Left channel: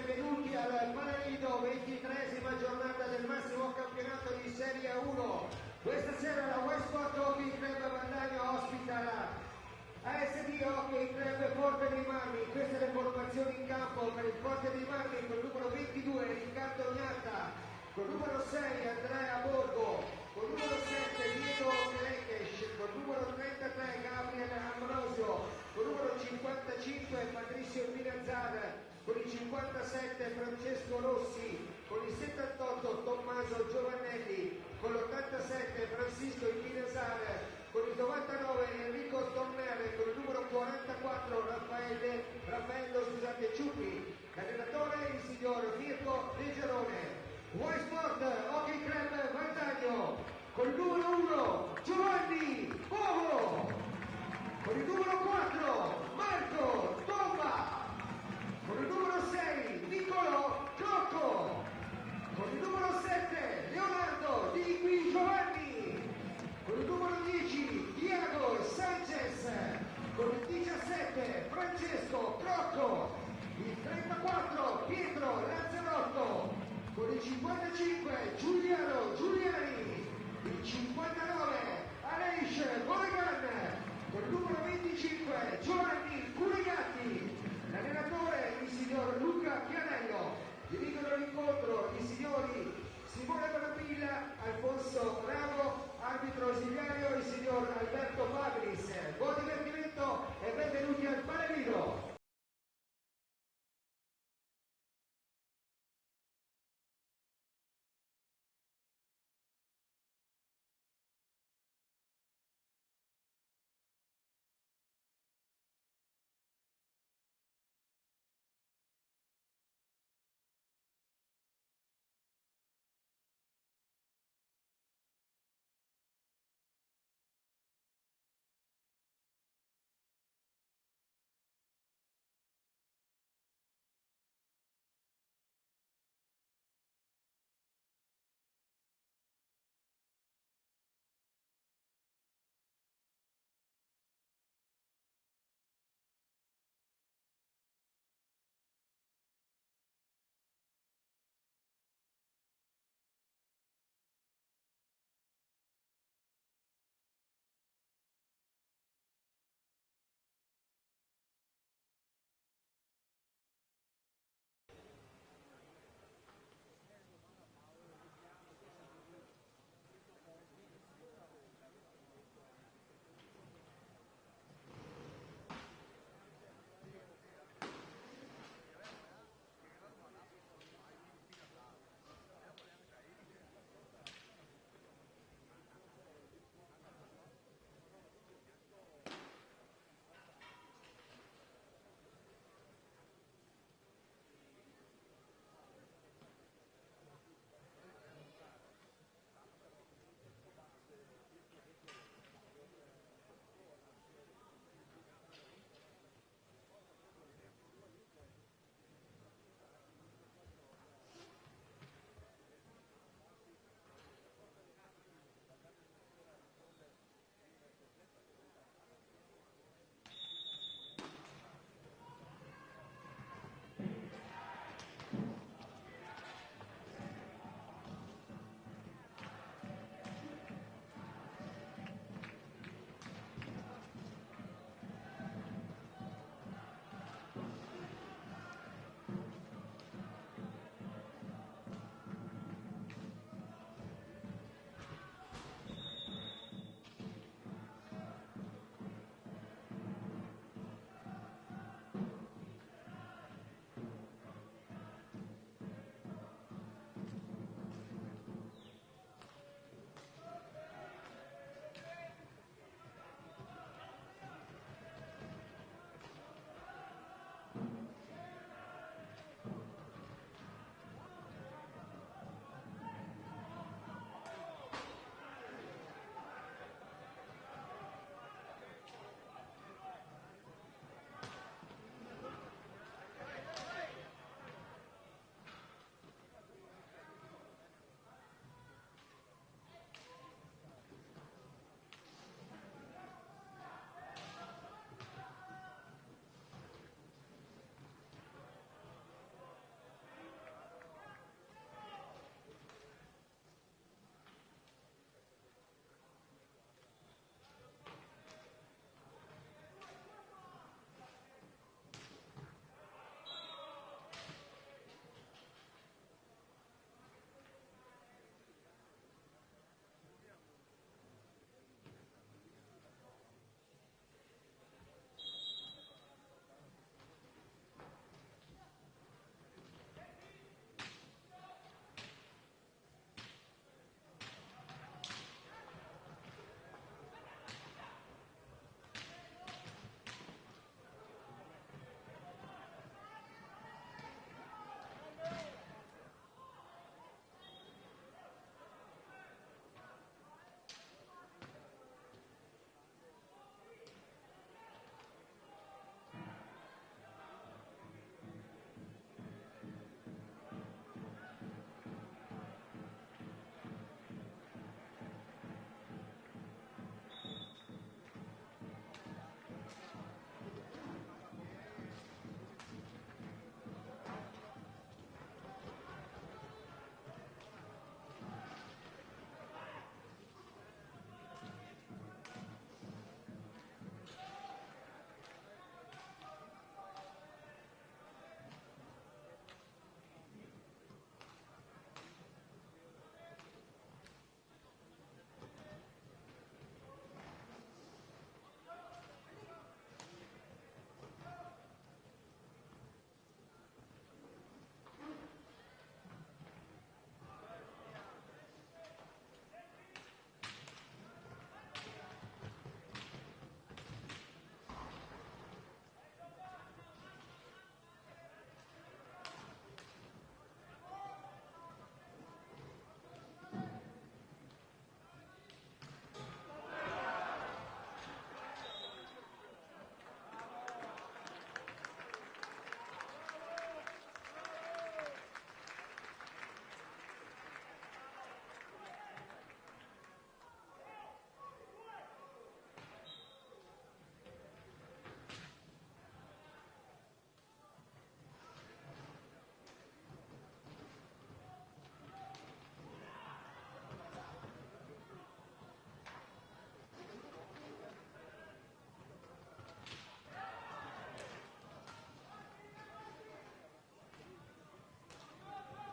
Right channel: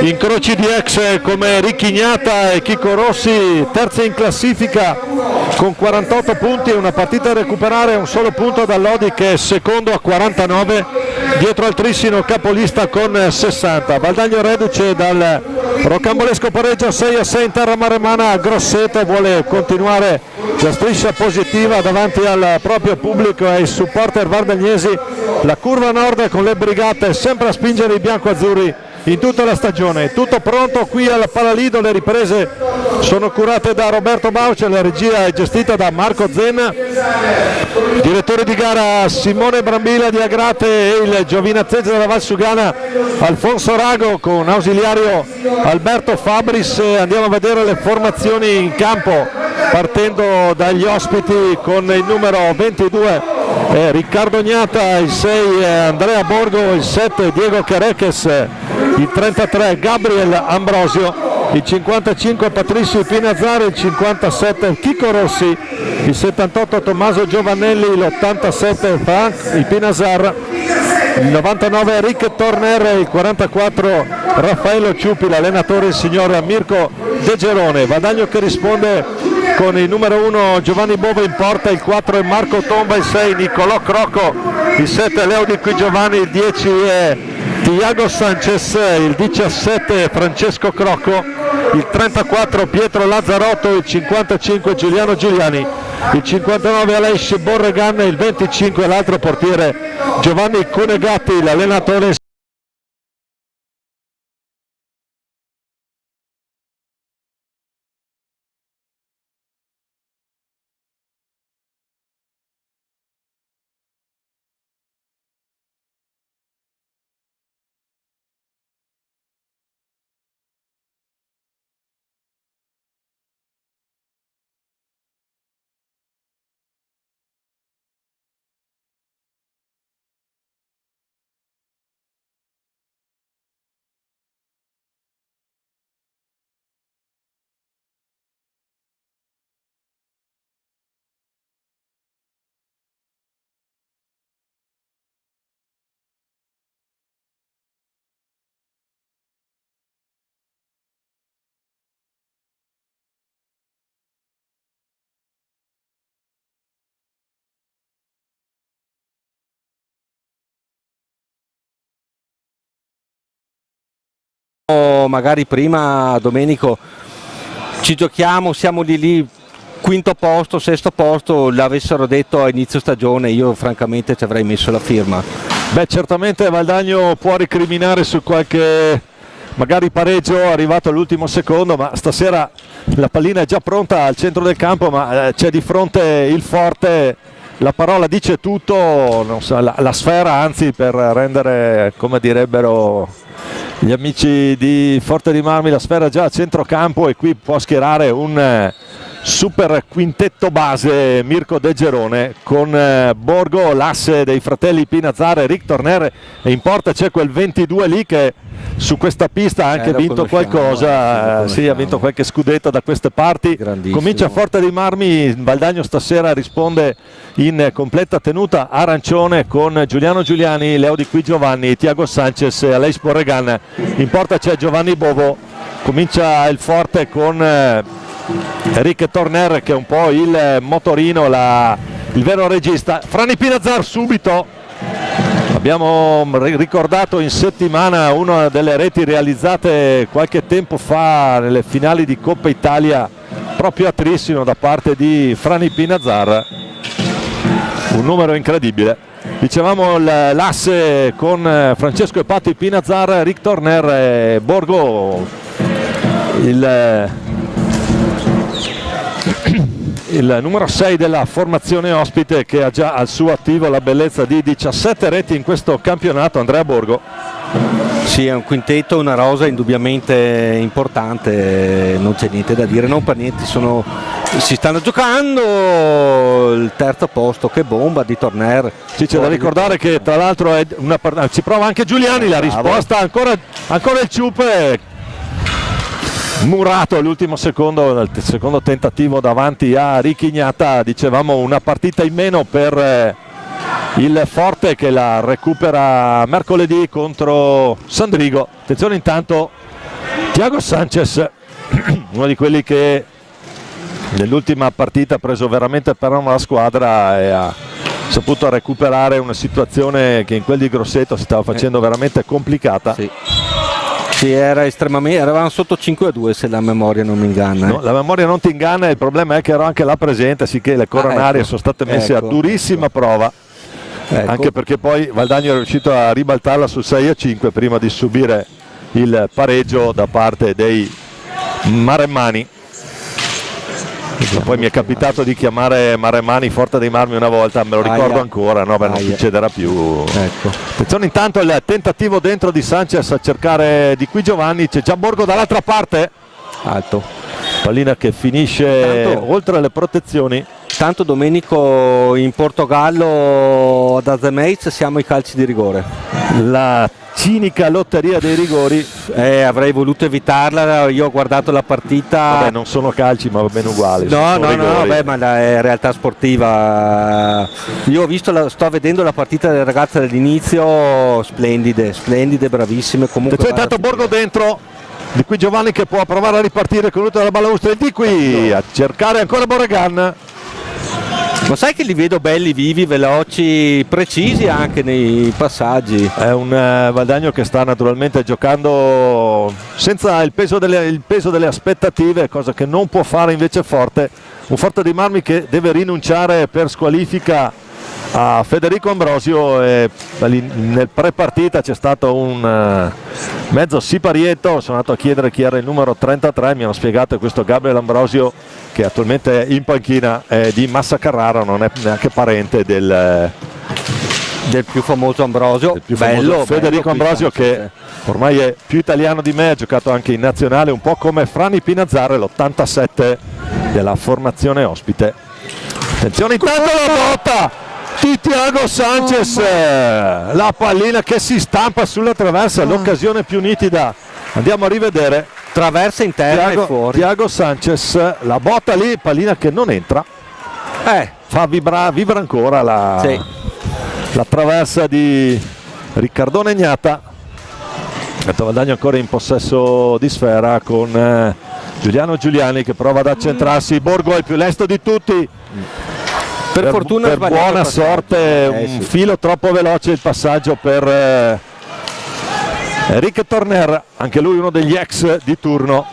Incroci di ex come Ricchignata e Chico Rossi, terza in classifica con 48 punti, una partita da recuperare, un solo punto da Lodi che è secondo a 49, dietro al Trissino capolista con 60. Valdagno reduce dal rocambolesco pareggio 6-6 in terra maremana a Grosseto, vuole continuare la striscia positiva davanti al proprio pubblico e ai supporter vardagnesi. La curva nord con le brigate sempre a spingere i biancoazzurri in tutta la stagione. Tutto pronto qui al Palalido, le riprese sono curate da Roberto Bauce, la regia è gestita da Marco Zenna, direttore di gara Simone Brambilla di Agrate e il giovinazzese della Valsugana Alfonso Rago con ausiliario Alberto Fabris. Andiamo a vedere le formazioni in campo partendo dagli ospiti con il numero 22 Riccardo Gnata, il 6 Andrea Borgo, il 7 Diego Careques, il 33 Gabriel Ambrosio, il 55 Patricio Pinazzari, il 57 Chico Rossi, il 78 Tommaso Giovannelli, l'87 Frank Pinazzar, il 99 Rick Torner, il 44 Raffaello Ciupi, l'allenatore il signor Mirko De Gerone. Valdagno che risponde con il numero 1 Giovanni Bove in porta, il 4 è Marco Tomba, il 6 Nicolò Crocco, il 7 Leo Di Qui Giovanni, il 10 è Tiago Sanchez, il 17 è Francesco Crocco, il 34 Pietro Lazzarotto, il 55 Giuliano Giuliani, il 59 Aleix Borregan, il 25 l'altro portiere Giovanni Conegatti, l'allenatore magari prima Domenico ci giochiamo, siamo lì quinto posto, sesto posto, l'avessero detto a inizio stagione io francamente ci avrei messo la firma. Beh, certamente Valdagno può ricriminare su qualche magari pareggio arrivato all'ultimo secondo, ma stasera la pallina è già pronta al centro del campo, ma c'è di fronte il forte. La parola dice tutto, non so, la sfera anzi, per rendere, come direbbero gli amici di Forte dei Marmi, la sfera già a centrocampo, e qui può schierare un super quintetto base Mirko De Gerone con Borgo, l'asse dei fratelli Pinazzare, Rick Torner, e in porta c'è quel 22 lì che su questa pista ha anche vinto qualcosa, sì, ha vinto qualche scudetto da queste parti. Comincia Forte dei Marmi, Valdagno stasera risponde in completa tenuta arancione con Giuliano Giuliani, Leo Di Qui Giovanni, Tiago Sanchez e Aleix Borregan. In porta c'è Giovanni Bovo, comincia il forte con Rick Torner che è un po' il motorino, il vero regista. Frani Pinazzar subito, abbiamo ricordato in settimana una delle reti realizzate qualche tempo fa nelle finali di Coppa Italia proprio a Trissino da parte di Frani Pinazzar, un numero incredibile. Dicevamo l'asse con Francesco e Patti Pinazzar, Rick Torner e Borgo, il numero 6 della formazione ospite, che ha già al suo attivo la bellezza di 17 reti in questo campionato, Andrea Borgo. Sì, è un quintetto, una rosa indubbiamente importante, non c'è niente da dire, non per niente si stanno giocando il terzo posto. Che bomba di Torner. Sì, c'è da ricordare che tra l'altro ci prova anche Giuliani, la risposta ancora il Ciupe, murato all'ultimo secondo, il secondo tentativo davanti a Ricchignata. Dicevamo una partita in meno per il Forte che la recupera mercoledì contro Sandrigo. Attenzione intanto Thiago Sanchez, uno di quelli che nell'ultima partita ha preso veramente per mano la squadra e ha saputo recuperare una situazione che in quel di Grosseto si stava facendo veramente complicata. Sì, era estremamente, eravamo sotto 5-2 se la memoria non mi inganna. No, la memoria non ti inganna, il problema è che ero anche là presente, sicché le coronarie sono state messe a durissima prova, anche perché poi Valdagno è riuscito a ribaltarla sul 6-5 prima di subire il pareggio da parte dei maremmani. Poi mi è capitato di chiamare Maremmani Forte dei Marmi una volta, me lo ricordo ancora, no, non succederà più. Attenzione intanto il tentativo dentro di Sanchez a cercare di qui Giovanni, c'è già Borgo dall'altra parte, alto, pallina che finisce oltre le protezioni. Tanto Domenico in Portogallo ad Azemeiz siamo ai calci di rigore. La cinica lotteria dei rigori, avrei voluto evitarla, io ho guardato la partita. Vabbè, non sono calci ma va bene uguali. No, beh, ma è realtà sportiva. Io sto vedendo la partita delle ragazze dall'inizio, splendide, bravissime. Comunque c'è tanto Borgo dentro, di qui Giovanni che può provare a ripartire con l'ultima della balaustra, di qui a cercare ancora Borregan. Ma sai che li vedo belli, vivi, veloci, precisi anche nei passaggi. È un Valdagno che sta naturalmente giocando senza il peso delle aspettative, cosa che non può fare invece Forte. Un Forte dei Marmi che deve rinunciare per squalifica a Federico Ambrosio e nel pre-partita c'è stato un mezzo siparietto. Sono andato a chiedere chi era il numero 33, mi hanno spiegato che questo Gabriel Ambrosio, che attualmente è in panchina, è di Massa Carrara, non è neanche parente del più famoso Ambrosio, bello Federico Ambrosio, che ormai è più italiano di me, ha giocato anche in nazionale, un po' come Frani Pinazzare, l'87 della formazione ospite. Attenzione intanto la botta di Thiago Sanchez, la pallina che si stampa sulla traversa, l'occasione più nitida, andiamo a rivedere. Traversa interna e fuori. Thiago Sanchez, la botta lì, pallina che non entra, fa vibra ancora la traversa di Riccardone Gnata. Valdagno ancora in possesso di sfera con Giuliano Giuliani che prova ad accentrarsi. Borgo è il più lesto di tutti, per fortuna, per buona sorte un filo troppo veloce il passaggio per Enrique Torner, anche lui uno degli ex di turno.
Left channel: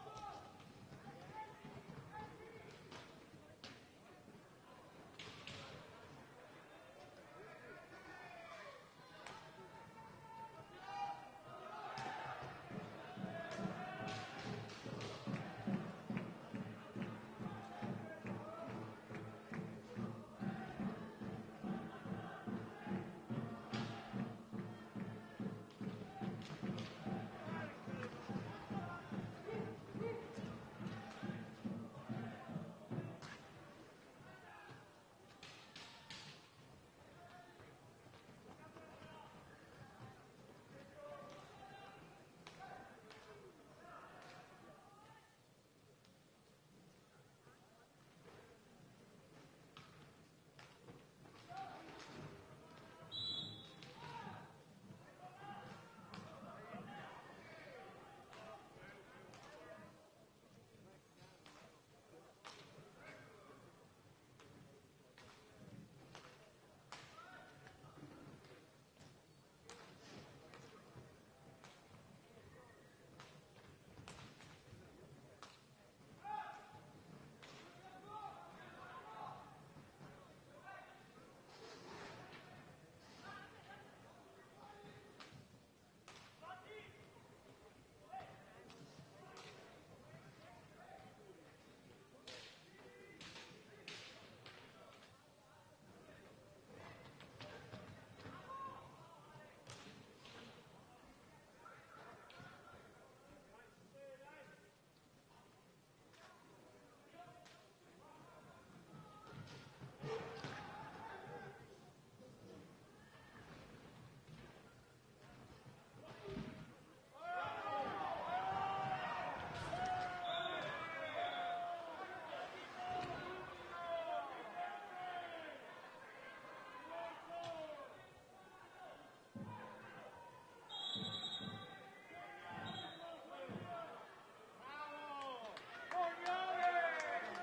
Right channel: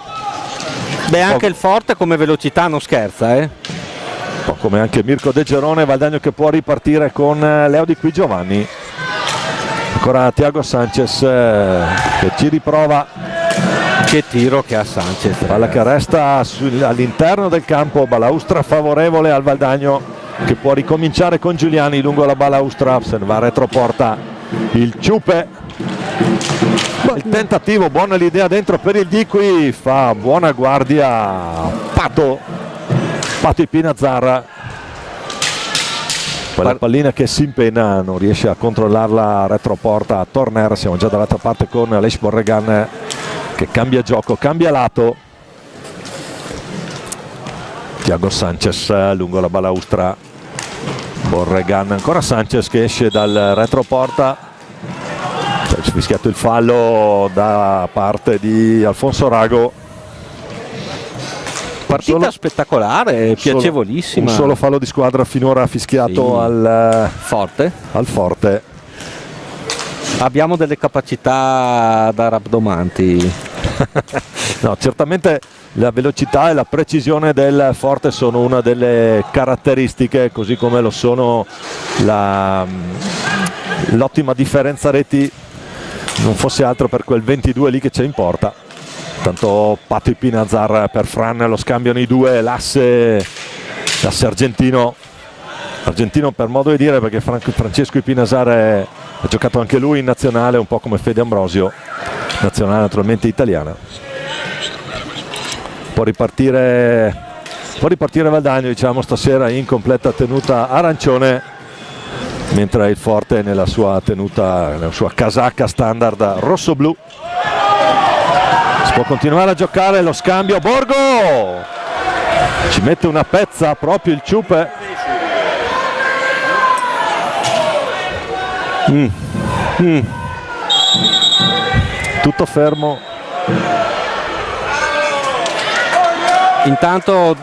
Beh, anche il Forte come velocità non scherza, un po' come anche Mirko De Gerone. Valdagno che può ripartire con Leo Di Qui Giovanni, ancora Thiago Sanchez che ci riprova. Che tiro che ha Sanchez, palla che resta all'interno del campo, balaustra favorevole al Valdagno che può ricominciare con Giuliani lungo la balaustra, se ne va a retroporta il Ciupe. Il tentativo, buona l'idea dentro per il Di Qui, fa buona guardia Pato Pinazzarra, quella pallina che si impenna, non riesce a controllarla a retroporta a Torner. Siamo già dall'altra parte con Aleix Borregan che cambia gioco, cambia lato. Thiago Sanchez lungo la balaustra, Borregan, ancora Sanchez che esce dal retroporta. C'è fischiato il fallo da parte di Alfonso Rago. Partita spettacolare, piacevolissima. Un solo fallo di squadra finora fischiato al Forte. Abbiamo delle capacità da rabdomanti. No, certamente la velocità e la precisione del Forte sono una delle caratteristiche, così come lo sono l'ottima differenza reti, non fosse altro per quel 22 lì che c'è in porta. Tanto Pato Pinazzar per Fran, lo scambiano i due, l'asse argentino per modo di dire, perché Francesco Pinazzar ha giocato anche lui in nazionale, un po' come Fede Ambrosio, nazionale naturalmente italiana. Può ripartire Valdagno, diciamo, stasera in completa tenuta arancione, mentre il Forte nella sua tenuta, nella sua casacca standard rosso-blu. Si può continuare a giocare, lo scambio, Borgo ci mette una pezza proprio il Ciupe. Tutto fermo. Intanto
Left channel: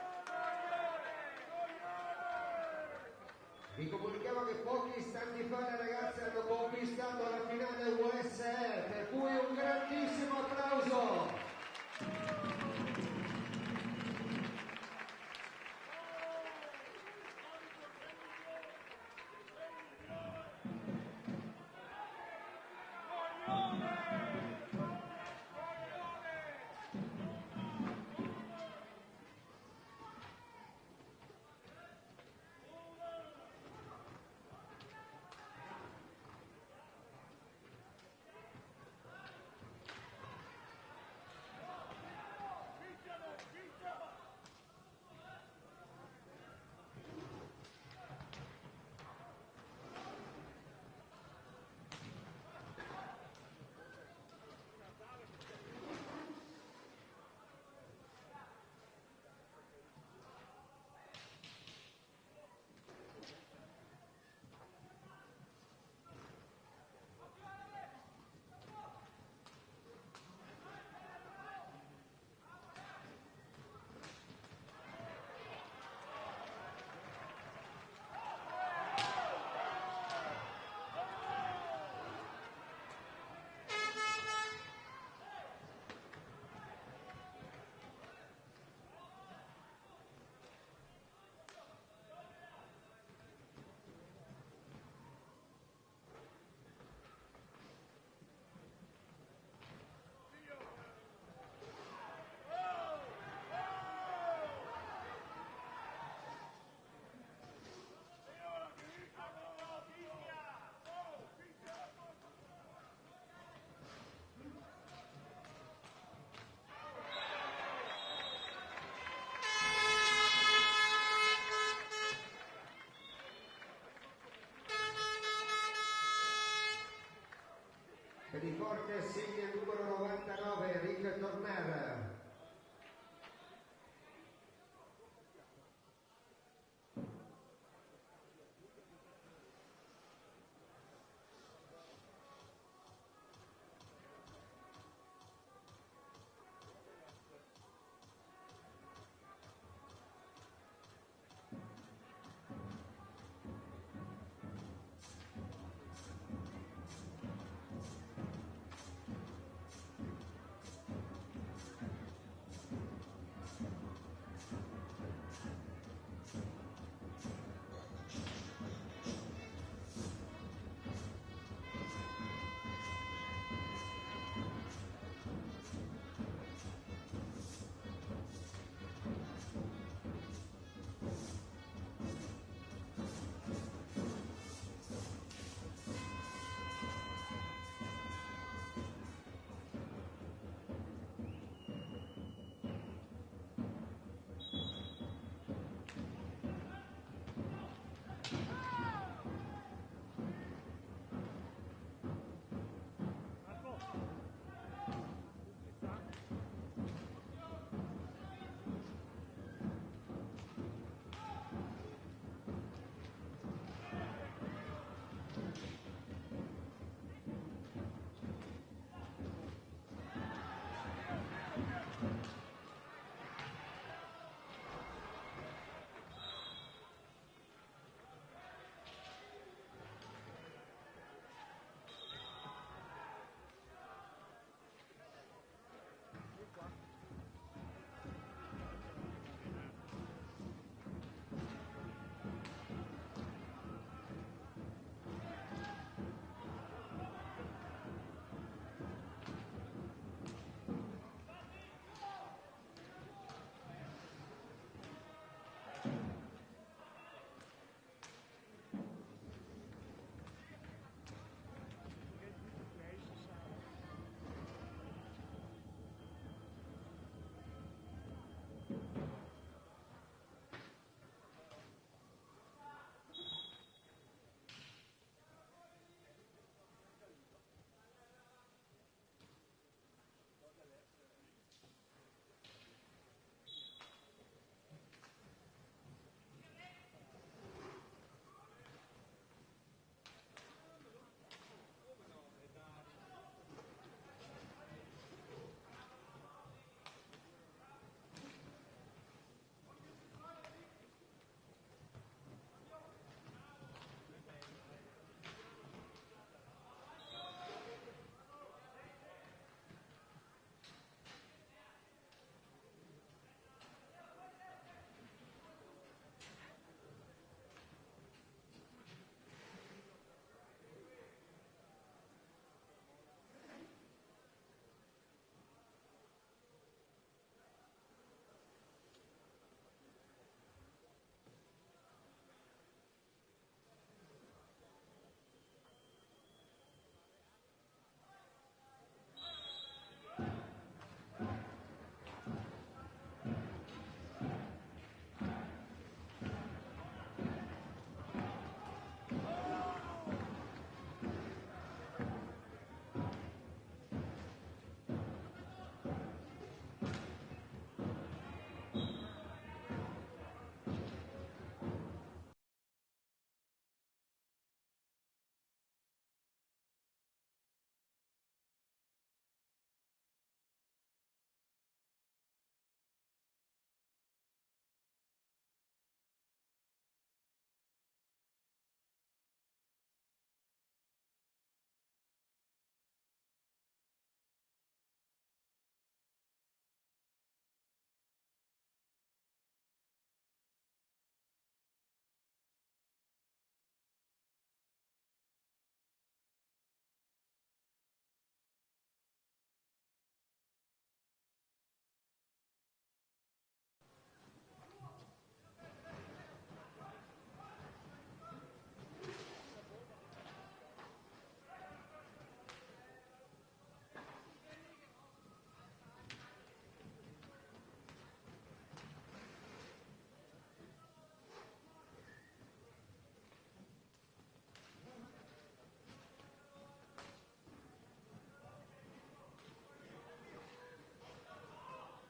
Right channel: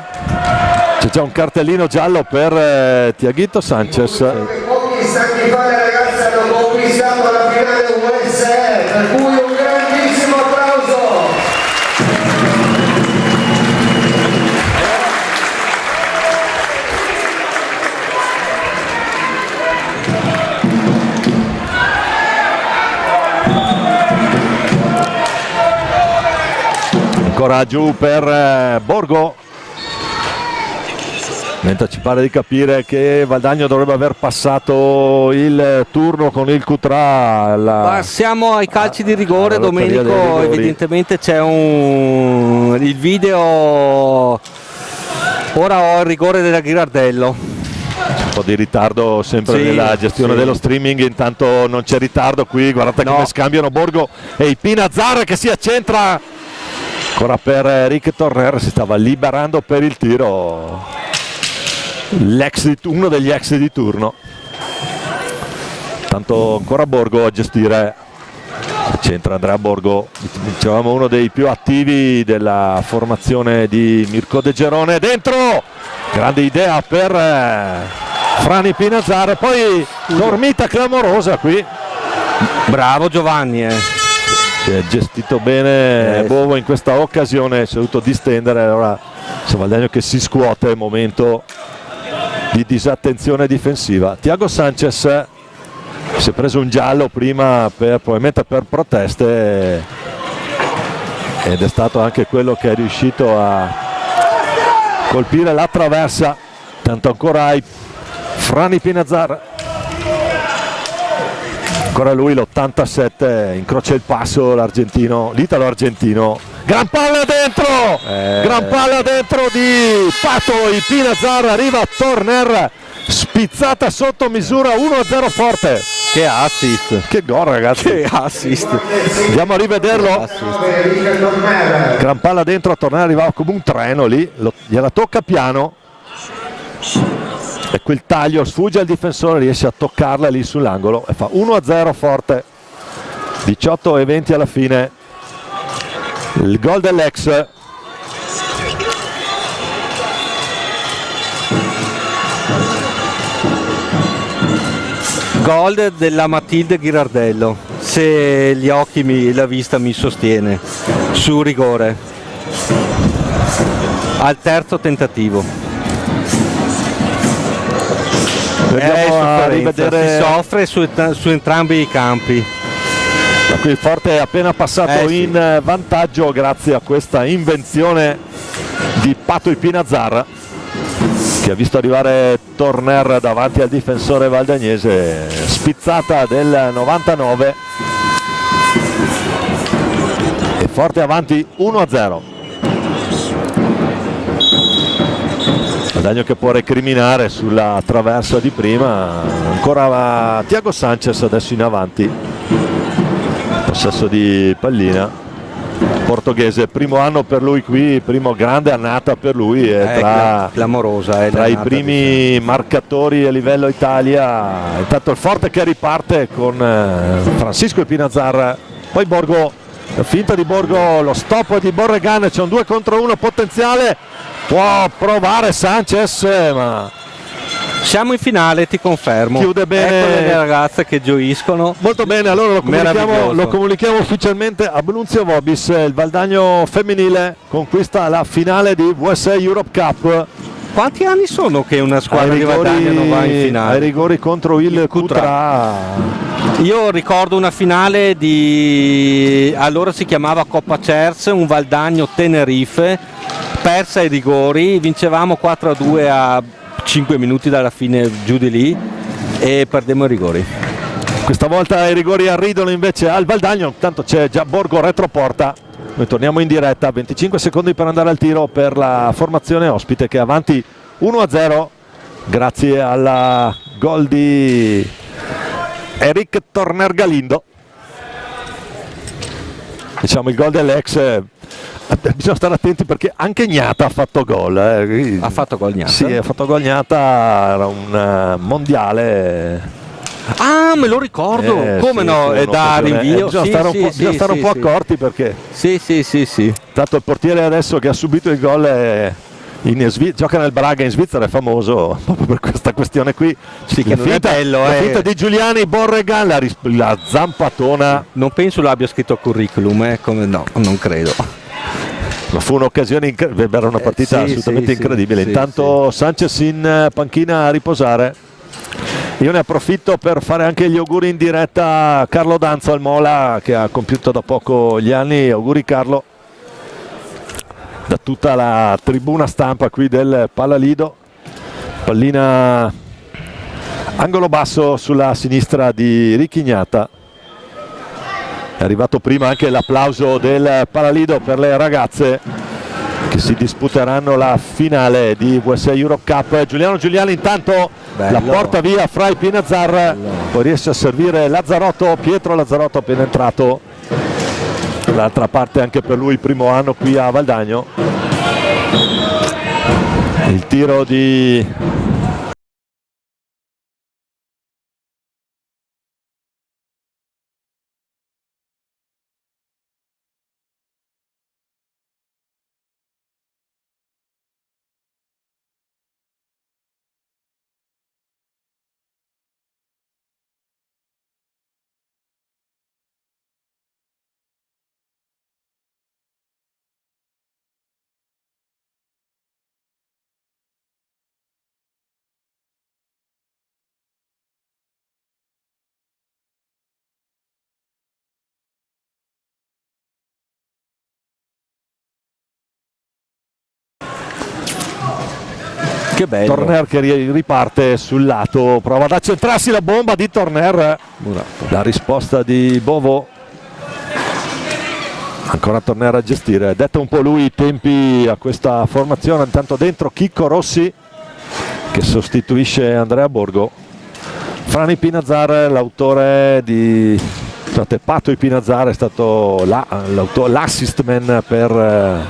c'è già un cartellino giallo per Tiaguito Sanchez. Pochi istanti fa le ragazze hanno conquistato la finale USE, per cui un grandissimo applauso. Ancora giù per Borgo, mentre ci pare di capire che Valdagno dovrebbe aver passato il turno con il Cutrà. ma siamo ai calci di rigore, Domenico. Evidentemente c'è il video. Ora ho il rigore della Ghirardello. Un po' di ritardo sempre nella gestione dello streaming, intanto non c'è ritardo qui, guardate come scambiano Borgo e il Pinazzar che si accentra ancora per Eric Torner, si stava liberando per il tiro uno degli ex di turno. Tanto ancora Borgo a gestire, centra Andrea Borgo, dicevamo uno dei più attivi della formazione di Mirko De Gerone. Dentro, grande idea per Frani Pinazzar, poi dormita clamorosa qui. Bravo Giovanni, Si è gestito bene Bovo in questa occasione, si è dovuto distendere, allora c'è Valdagno che si scuote, momento di disattenzione difensiva. Thiago Sanchez si è preso un giallo prima probabilmente per proteste, ed è stato anche quello che è riuscito a colpire la traversa. Tanto ancora hai Frani Pinazzar, ancora lui l'87, incrocia il passo l'italo argentino, gran palla dentro di Patoi. Pinazzar, arriva Torner, spizzata sotto misura, 1-0 forte. Che assist, che gol ragazzi, che assist, andiamo a rivederlo. Gran palla dentro, a Torner arrivava come un treno lì, gliela tocca piano e quel taglio sfugge al difensore, riesce a toccarla lì sull'angolo e fa 1-0 forte. 18-20 alla fine, il gol dell'ex. gol della Matilde Ghirardello, se gli occhi la vista mi sostiene, su rigore al terzo tentativo. A rivedere... Si soffre su entrambi i campi. Da qui il Forte è appena passato in vantaggio grazie a questa invenzione di Patoi Pinazzar, che ha visto arrivare Torner davanti al difensore valdagnese. Spizzata del 99 e Forte avanti 1-0. Valdagno che può recriminare sulla traversa di prima, ancora Thiago Sanchez adesso in avanti, possesso di pallina, portoghese, primo anno per lui qui, primo grande annata per lui, clamorosa, tra i primi marcatori a livello Italia. Intanto il Forte che riparte con Francisco Pinazzar, poi Borgo, finta di Borgo, lo stop di Borregan, c'è un 2 contro 1 potenziale, può provare Sanchez, ma siamo in finale, ti confermo. Chiude bene. Ecco le ragazze che gioiscono. Molto bene, allora lo comunichiamo ufficialmente. Abbrunzio Vobis, il Valdagno femminile conquista la finale di VSA Europe Cup. Quanti anni sono che una squadra di Valdagno non va in finale? Ai rigori contro il Cutrà. Io ricordo una finale di, allora si chiamava Coppa Cers, un Valdagno Tenerife, persa ai rigori, vincevamo 4-2 a 5 minuti dalla fine, giù di lì, e perdemmo i rigori. Questa volta i rigori arridono invece al Valdagno, intanto c'è già Borgo retroporta. Noi torniamo in diretta, 25 secondi per andare al tiro per la formazione ospite che è avanti 1-0 grazie alla gol di Eric Torner Galindo. Diciamo il gol dell'ex, bisogna stare attenti perché anche Gnata ha fatto gol. Ha fatto gol Gnata? Sì, ha fatto gol Gnata, era un mondiale Ah, me lo ricordo, come sì, no, sì, è da un'occasione. rinvio. Bisogna stare un po' accorti, perché Sì. tanto il portiere adesso che ha subito il gol gioca nel Braga in Svizzera, è famoso proprio per questa questione qui. Sì, che non è bello, la finta di Giuliani, Borrega, la zampatona. Non penso l'abbia scritto al curriculum, come no, non credo. Ma fu un'occasione era una partita assolutamente incredibile. Intanto Sanchez in panchina a riposare. Io ne approfitto per fare anche gli auguri in diretta a Carlo Danzo al Mola, che ha compiuto da poco gli anni. Auguri Carlo, da tutta la tribuna stampa qui del Palalido. Pallina angolo basso sulla sinistra di Ricchignata. È arrivato prima anche l'applauso del Palalido per le ragazze che si disputeranno la finale di USA Europe Cup. Giuliano Giuliani intanto la porta via fra i Pinazzar, poi riesce a servire Lazzarotto, Pietro Lazzarotto appena entrato. D'altra parte anche per lui il primo anno qui a Valdagno. Il tiro di Che bello. Torner che riparte sul lato, prova ad accentrarsi la bomba di Torner. La risposta di Bovo. Ancora Torner a gestire, detta un po' lui i tempi a questa formazione. Intanto dentro Chicco Rossi che sostituisce Andrea Borgo. Frani Pinazzar, l'autore di Pato Pinazzar, è stato l'assist man per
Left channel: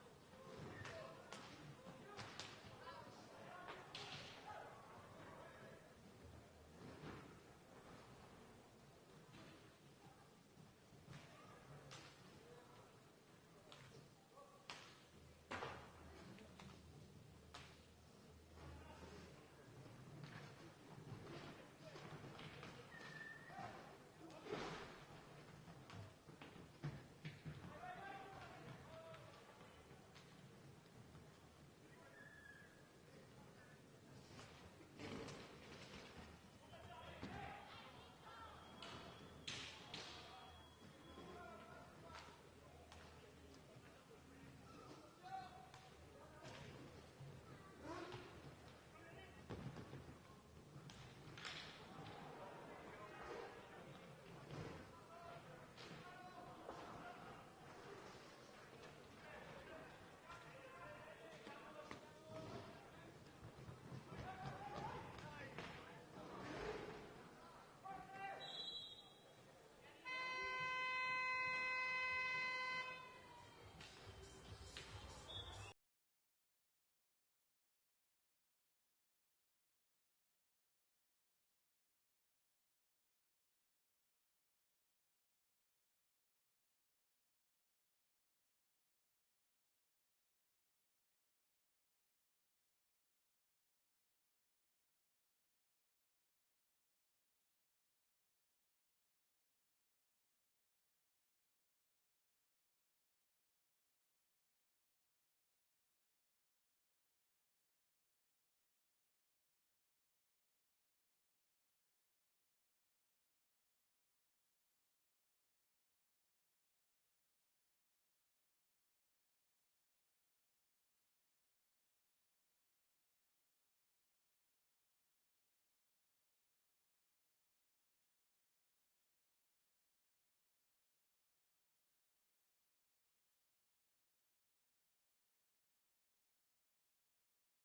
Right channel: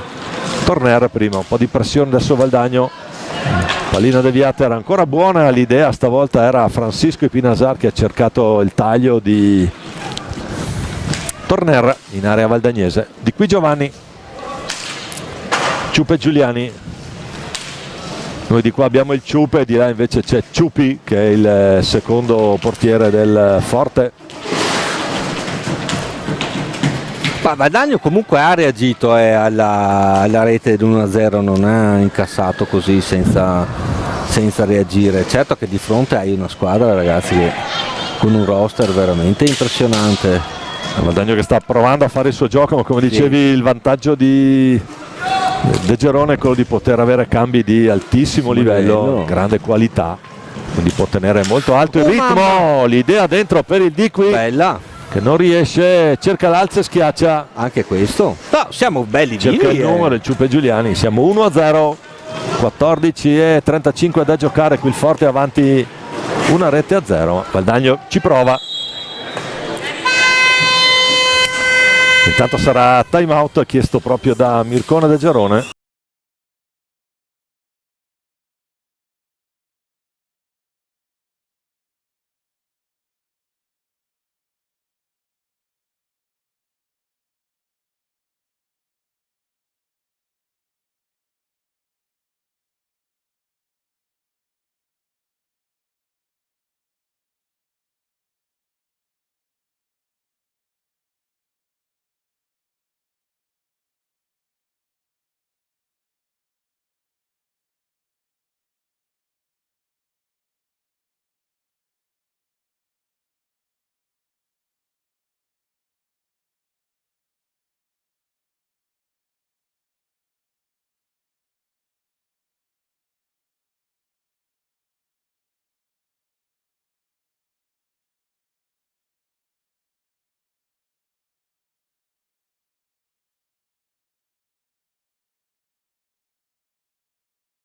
Torner prima. Un po' di pressione adesso Valdagno. Pallina deviata, era ancora buona l'idea, stavolta era Francisco Pinazzar che ha cercato il taglio di Torner in area valdagnese. Di qui Giovanni, Ciupe Giuliani. Noi di qua abbiamo il Ciupe, di là invece c'è Ciupi che è il secondo portiere del Forte. Ma Valdagno comunque ha reagito alla rete dell'1-0, non ha incassato così senza reagire. Certo che di fronte hai una squadra, ragazzi, che con un roster veramente impressionante. Valdagno che sta provando a fare il suo gioco, ma come dicevi il vantaggio di De Gerone è quello di poter avere cambi di altissimo livello, grande qualità, quindi può tenere molto alto il ritmo. L'idea dentro per il Di qui. Bella. Che non riesce, cerca l'alza e schiaccia. Anche questo. No, siamo belli cerca vivi, il numero, il Ciupe Giuliani. Siamo 1-0, 14:35 da giocare, qui il Forte avanti una rete a 0. Valdagno ci prova. Intanto sarà time out chiesto proprio da Mircone De Gerone.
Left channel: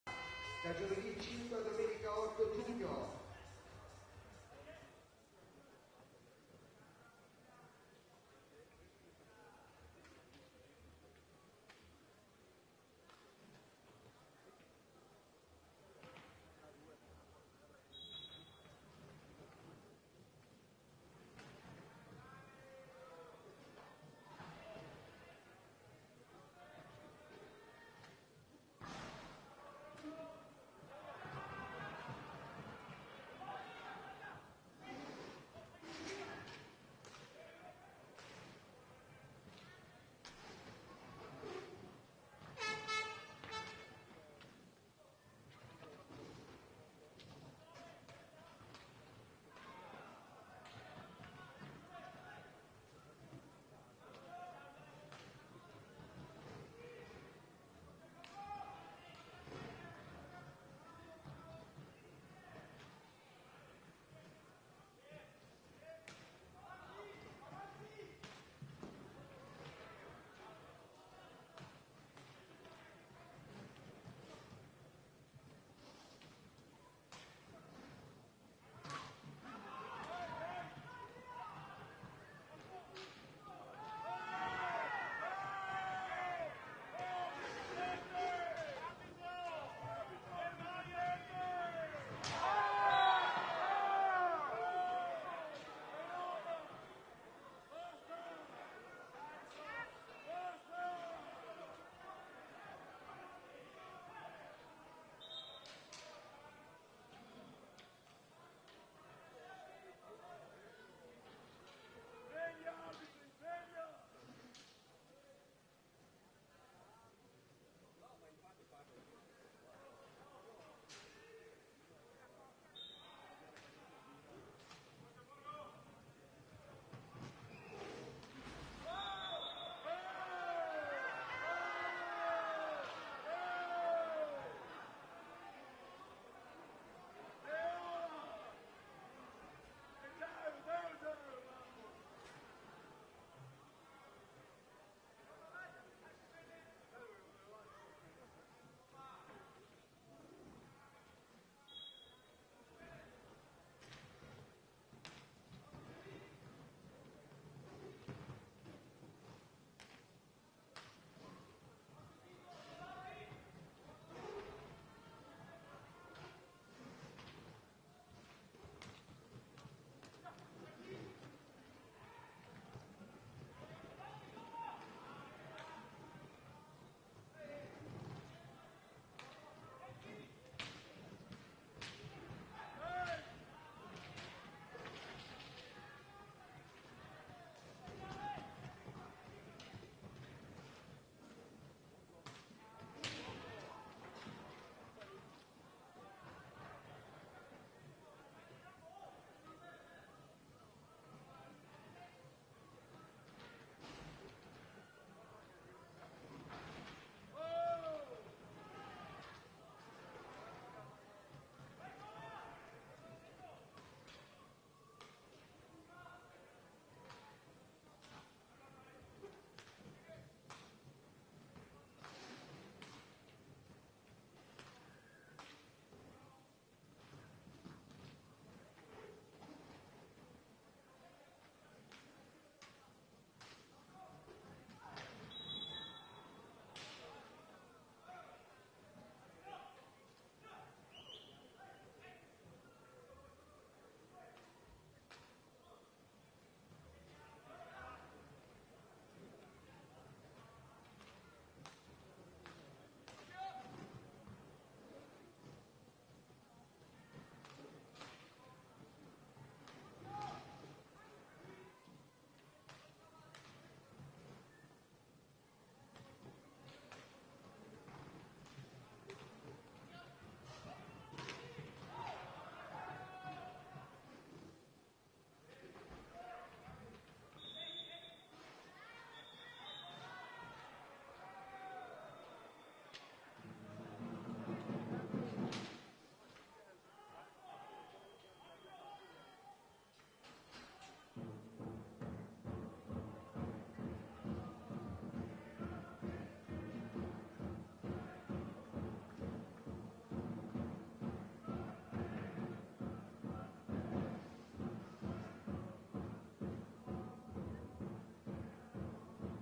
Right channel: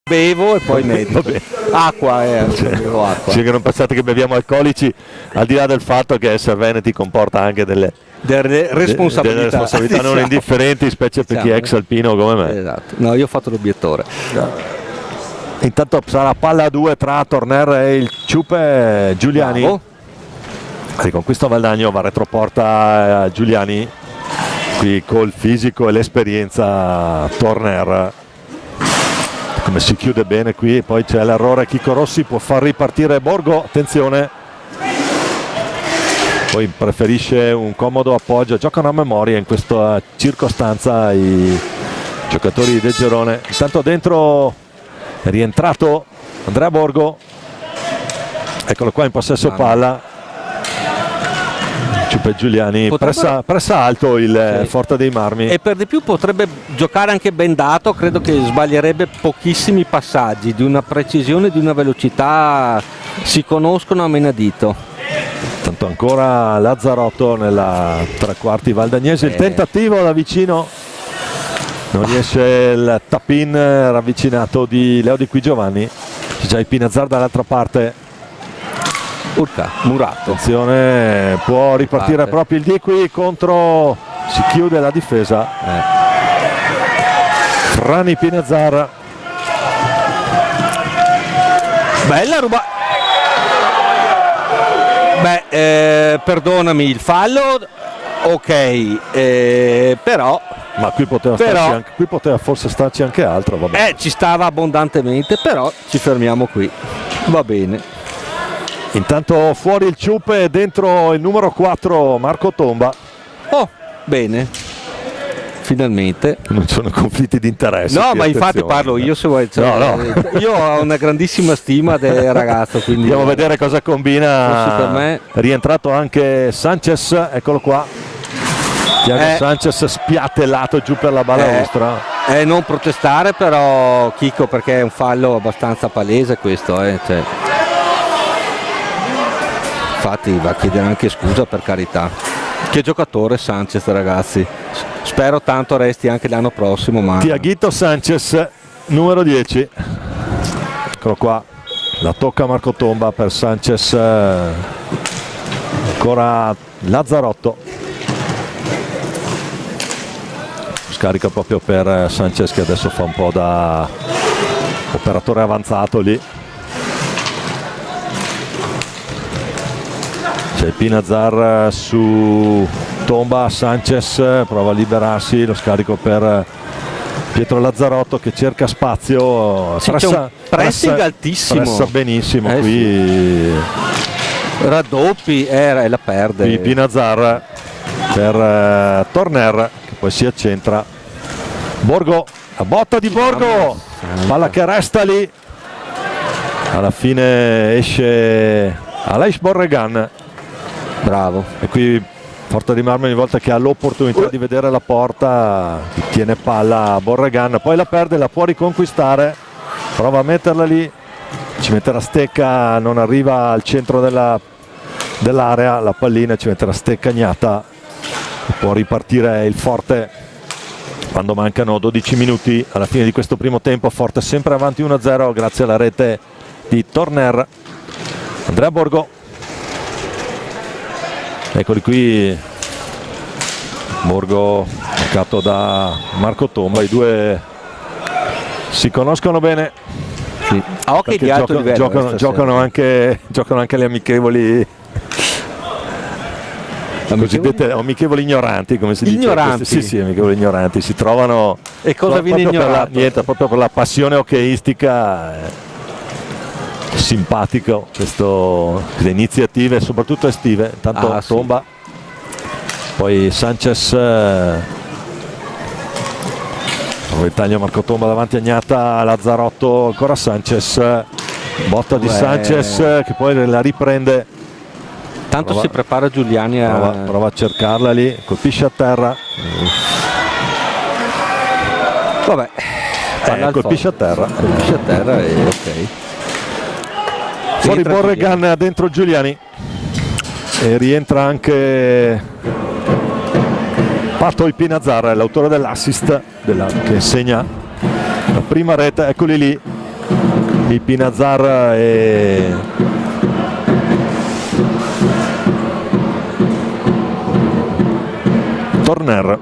Bevo e poi metto acqua, acqua. Sì, che non pensate che beviamo alcolici, al di là del fatto che essere veneti comporta anche delle responsabilità non indifferenti, specie per chi è ex alpino come me. Esatto. No, io ho fatto l'obiettore. Intanto sarà palla a 2 tra Torner e il Ciupe Giuliani. Bravo. Riconquista Valdagno, va retroporta Giuliani, qui col fisico e l'esperienza Torner, come si chiude bene qui. Poi c'è l'errore, Chico Rossi può far ripartire Borgo, attenzione, poi preferisce un comodo appoggio, giocano a memoria in questa circostanza i giocatori del Girone. Intanto dentro è rientrato Andrea Borgo, eccolo qua in possesso palla, Ciupe Giuliani, pressa alto il Forte dei Marmi, e per di più potrebbe giocare anche bendato, credo che sbaglierebbe pochissimi passaggi, di una precisione, di una velocità, si conoscono a menadito. Tanto ancora Lazzarotto nella tre quarti valdagnese, il tentativo da vicino, non riesce il tap-in ravvicinato di Leo Di Qui Giovanni, c'è già il Pinazzar dall'altra parte. Urca, Murato. Attenzione, può ripartire proprio il Di Qui contro, si chiude la difesa. Frani Pinazzar. Bella ruba. Perdonami il fallo, ok, però. Ma qui poteva forse starci anche altro, vabbè. Ci stava abbondantemente, però ci fermiamo qui. Va bene. Intanto fuori il Ciupe, dentro il numero 4 Marco Tomba. Oh, bene. Finalmente. Non sono conflitti di interesse. No, ma infatti parlo io, se vuoi. Cioè, no. Io ho una grandissima stima del ragazzo, quindi andiamo a vedere cosa combina. Per me. Rientrato anche Sanchez, eccolo qua. Thiago Sanchez spiattellato giù per la balaustra. Non protestare però, Chico, perché è un fallo abbastanza palese questo. Cioè. Infatti va a chiedere anche scusa, per carità. Che giocatore Sanchez, ragazzi. Spero tanto resti anche l'anno prossimo. Ma Tiaguito Sanchez, numero 10. Eccolo qua. La tocca Marco Tomba per Sanchez. Ancora Lazzarotto. Scarica proprio per Sanchez, che adesso fa un po' da operatore avanzato lì. C'è il Pinazzar su Tomba, Sanchez prova a liberarsi, lo scarico per Pietro Lazzarotto che cerca spazio, c'è un pressing altissimo, pressa benissimo qui, raddoppi e la perde. Qui Pinazzar per Torner, che poi si accentra. Borgo, la botta di Borgo, palla che resta lì, alla fine esce Aleix Borregan. Bravo. E qui Forte dei Marmi, ogni volta che ha l'opportunità di vedere la porta tiene palla a Borregan, poi la perde, la può riconquistare, prova a metterla lì, ci mette la stecca, non arriva al centro dell'area, la pallina ci mette la stecca Gnata, può ripartire il Forte quando mancano 12 minuti alla fine di questo primo tempo. Forte sempre avanti 1-0 grazie alla rete di Torner. Andrea Borgo, eccoli qui, Borgo marcato da Marco Tomba, i due si conoscono bene, sì. Di alto livello, giocano anche le amichevoli, cosiddette amichevoli ignoranti, come si dice. Sì, amichevoli ignoranti, si trovano. E cosa viene ignorato? Proprio per la passione hockeyistica. Simpatico queste iniziative, soprattutto estive. Intanto Tomba, poi Sanchez, il taglio Marco Tomba davanti a Gnata, Lazzarotto, ancora Sanchez, botta di Sanchez che poi la riprende. Tanto si prepara Giuliani prova a cercarla lì, colpisce a terra. Vabbè, colpisce a terra e ok. Fuori Borregan, dentro Giuliani e rientra anche Patoi Pinazzar, l'autore dell'assist che segna la prima rete. Eccoli lì i Pinazzar e Torner.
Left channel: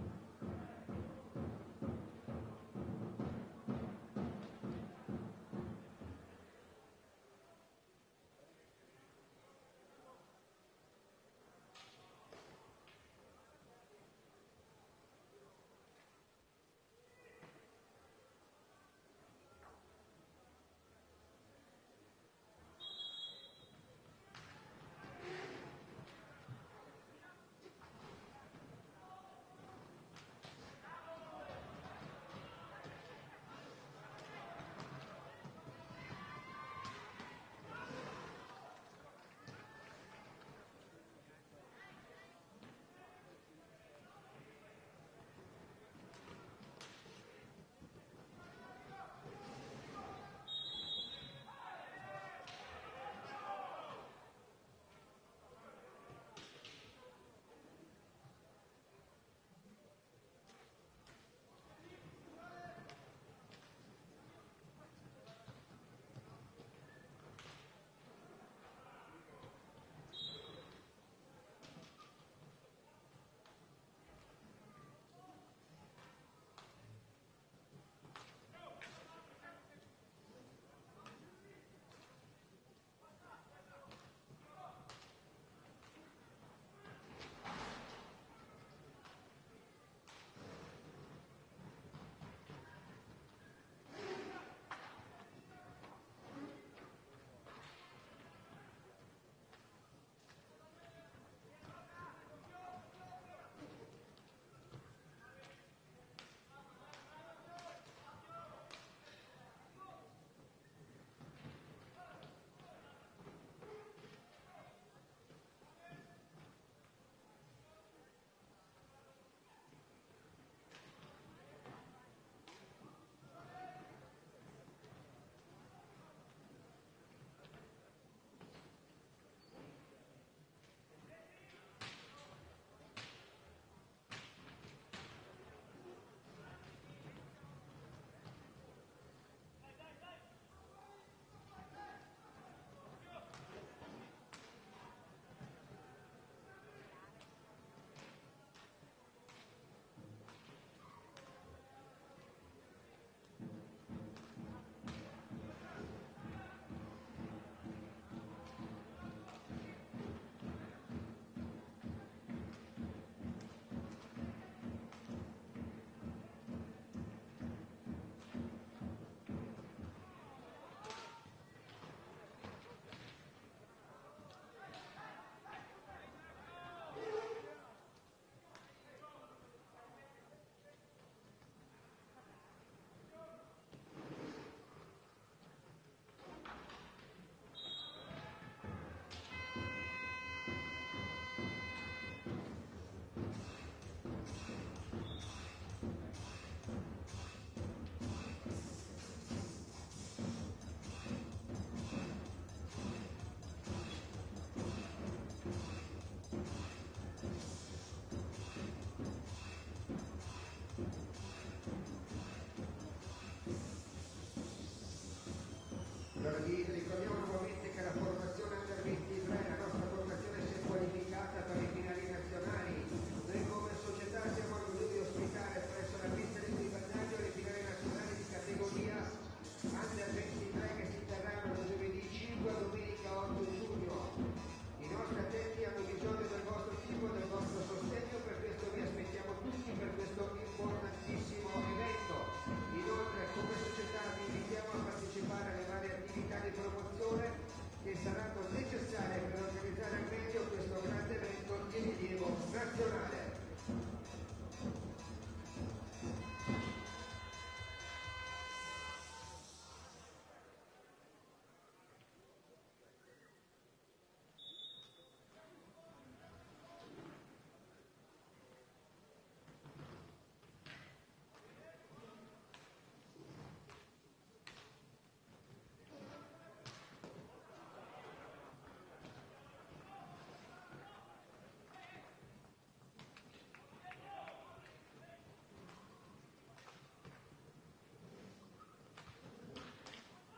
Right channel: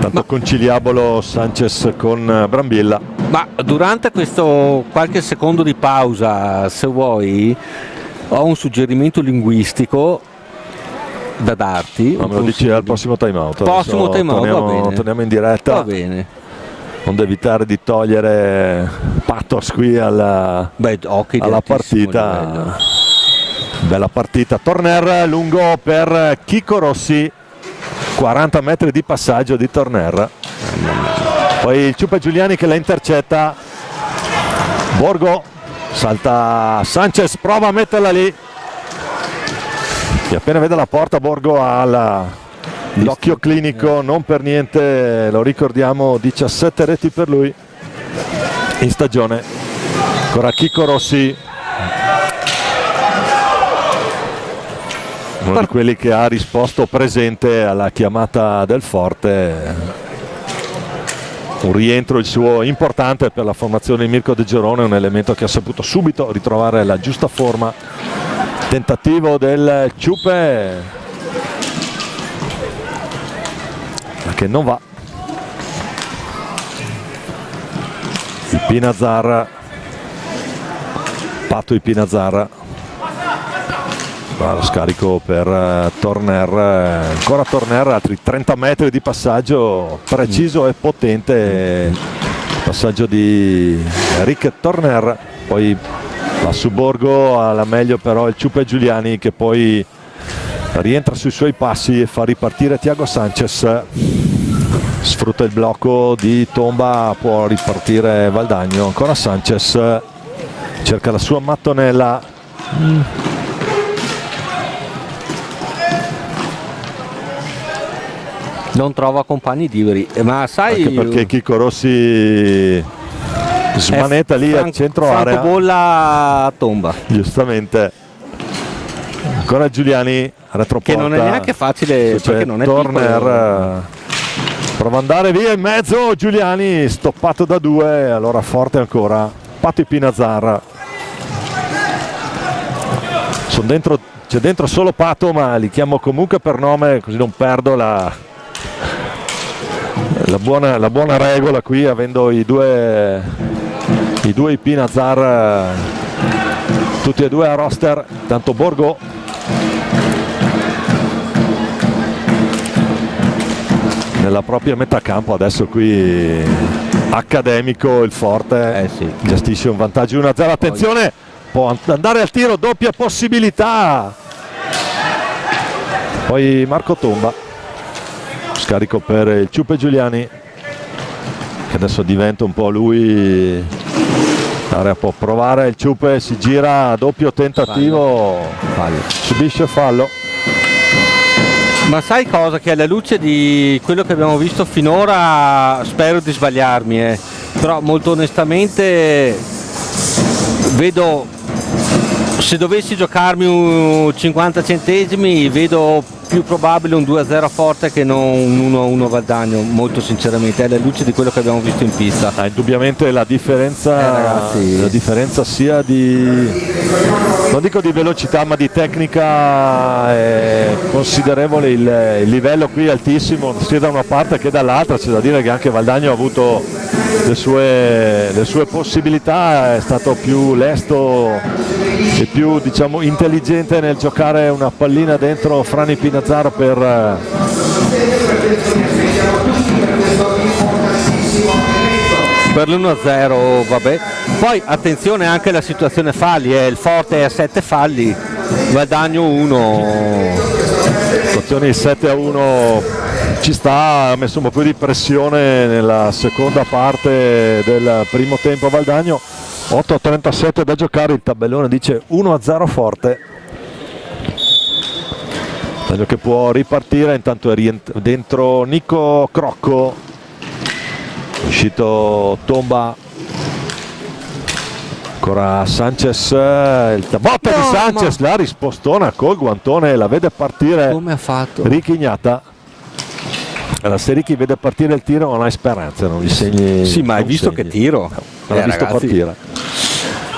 Tanto conciliabolo Sanchez con Brambilla. Ma durante questo qualche secondo di pausa, se vuoi, Ho un suggerimento linguistico da darti. No, me lo dici al prossimo time out. Prossimo Adesso time out, va bene. torniamo in diretta. Va bene. Non devo evitare di togliere pathos qui alla partita. Livello. Bella partita. Torner lungo per Chico Rossi, 40 metri di passaggio di Torner. Poi il Ciupa Giuliani che la intercetta. Borgo salta Sanchez, prova a metterla lì. E appena vede la porta Borgo ha l'occhio clinico, non per niente, lo ricordiamo, 17 reti per lui in stagione. Ancora Chico Rossi, uno di quelli che ha risposto presente alla chiamata del Forte. Un rientro il suo importante per la formazione di Mirko De Gerone, un elemento che ha saputo subito ritrovare la giusta forma. Tentativo del Ciupe che non va. Il Pinazar, Pato il Pinazar, lo scarico per Torner, ancora Torner, altri 30 metri di passaggio preciso e potente, passaggio di Rick Torner, poi va su Borgo, alla meglio però il Ciupa Giuliani che poi rientra sui suoi passi e fa ripartire Thiago Sanchez, sfrutta il blocco di Tomba, può ripartire Valdagno, ancora Sanchez, cerca la sua mattonella, non trova compagni liberi, ma sai, anche perché Chico Rossi smanetta lì a centro area, bolla a Tomba, giustamente. Ancora Giuliani retroporta, che non è neanche facile perché non è Turner piccolo. Prova ad andare via in mezzo, Giuliani stoppato da due, allora Forte ancora, Pato Pinazar, c'è dentro solo Pato, ma li chiamo comunque per nome così non perdo la buona regola qui, avendo i due Pinazar tutti e due a roster. Tanto Borgo nella propria metà campo, adesso qui accademico il Forte, gestisce un vantaggio 1-0, attenzione, può andare al tiro, doppia possibilità, poi Marco Tomba, scarico per il Ciupe Giuliani che adesso diventa un po' lui l'area, può provare il Ciupe, si gira, doppio tentativo, subisce fallo. Ma sai cosa? Che alla luce di quello che abbiamo visto finora, spero di sbagliarmi, però molto onestamente vedo, se dovessi giocarmi un 50 centesimi, vedo più probabile un 2-0 Forte che non un 1-1 Valdagno, molto sinceramente, alla luce di quello che abbiamo visto in pista. Indubbiamente la differenza sia di, non dico di velocità, ma di tecnica è considerevole, il livello qui è altissimo sia da una parte che dall'altra. C'è da dire che anche Valdagno ha avuto le sue possibilità, è stato più lesto e più, diciamo, intelligente nel giocare una pallina dentro Frani Pinazar per l'1-0, vabbè. Poi attenzione anche alla situazione falli, il Forte è a 7 falli, Valdagno 1. Situazioni 7-1 ci sta, ha messo un po' più di pressione nella seconda parte del primo tempo Valdagno. 8:37 da giocare, il tabellone dice 1-0 Forte. Valdagno che può ripartire, intanto è dentro Nico Crocco, uscito Tomba, ancora Sanchez, il botta di Sanchez, la rispostona col guantone, la vede partire. Come ha fatto? Richignata. Allora, se Ricky vede partire il tiro non hai speranze, non gli segni. Sì, ma hai visto segni. Che tiro? Non l'ha visto partire.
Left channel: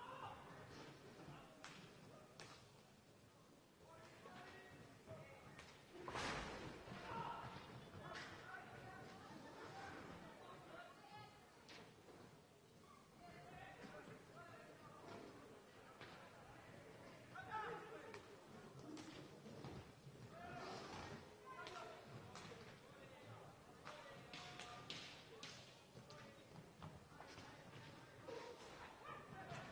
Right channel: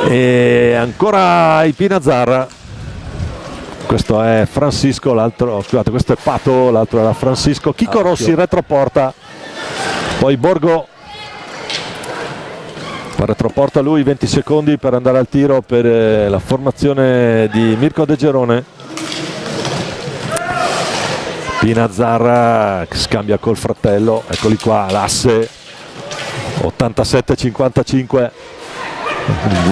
E ancora il Pinazar, questo è Francisco, l'altro, scusate, questo è Pato, l'altro era Francisco. Chico Rossi retroporta, poi Borgo fa retroporta lui, 20 secondi per andare al tiro per la formazione di Mirko De Gerone. Pinazzar che scambia col fratello, eccoli qua, l'asse 87-55,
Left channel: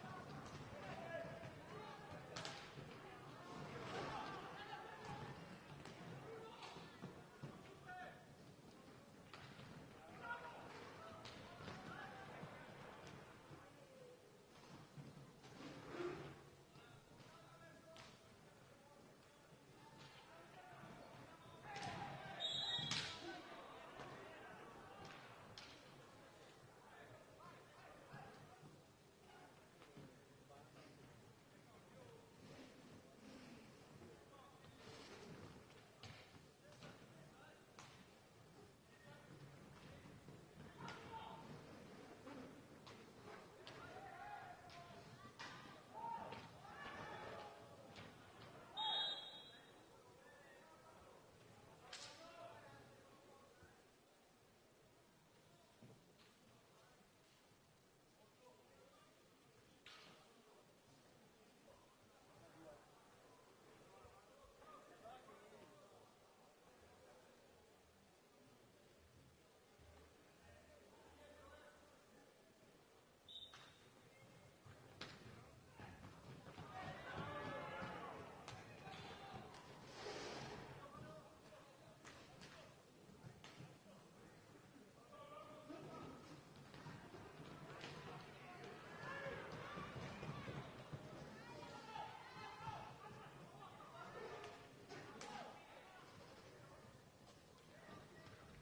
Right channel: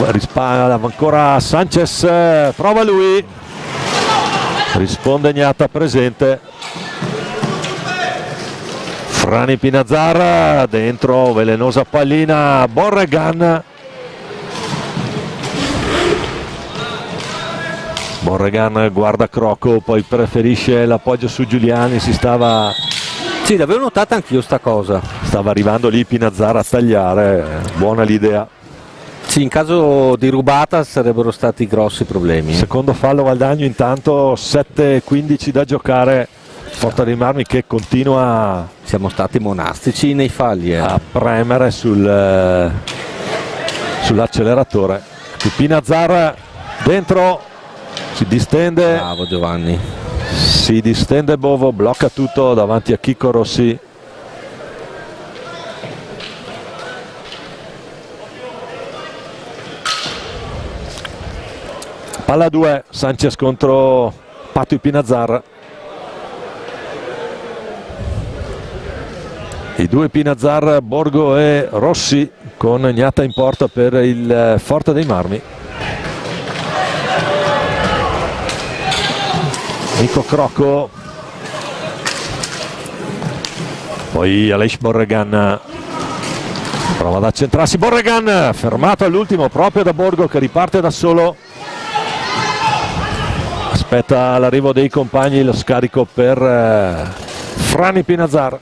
risparmia ancora Sanchez, prova lui, risponde Gnata presente. Frani Pinazzar dentro, velenosa pallina, Borregan. Borregan guarda Crocco, poi preferisce l'appoggio su Giuliani, Sì, l'avevo notata anch'io sta cosa. Stava arrivando lì Pinazzar a tagliare, buona l'idea. Sì, in caso di rubata sarebbero stati grossi problemi. Secondo fallo Valdagno, intanto 7-15 da giocare. Porta di Marmi che continua, siamo stati monastici nei falli a premere sull'acceleratore. Pinazzar dentro, si distende. Bravo Giovanni. Si distende Bovo, blocca tutto davanti a Chicco Rossi. Palla 2, Sanchez contro Patui Pinazzar. I due Pinazzar, Borgo e Rossi, con Gnata in porta per il Forte dei Marmi. Nico Crocco, poi Aleix Borregan prova ad accentrarsi, Borregan fermato all'ultimo proprio da Borgo che riparte da solo, aspetta l'arrivo dei compagni, lo scarico per Frani Pinazzar,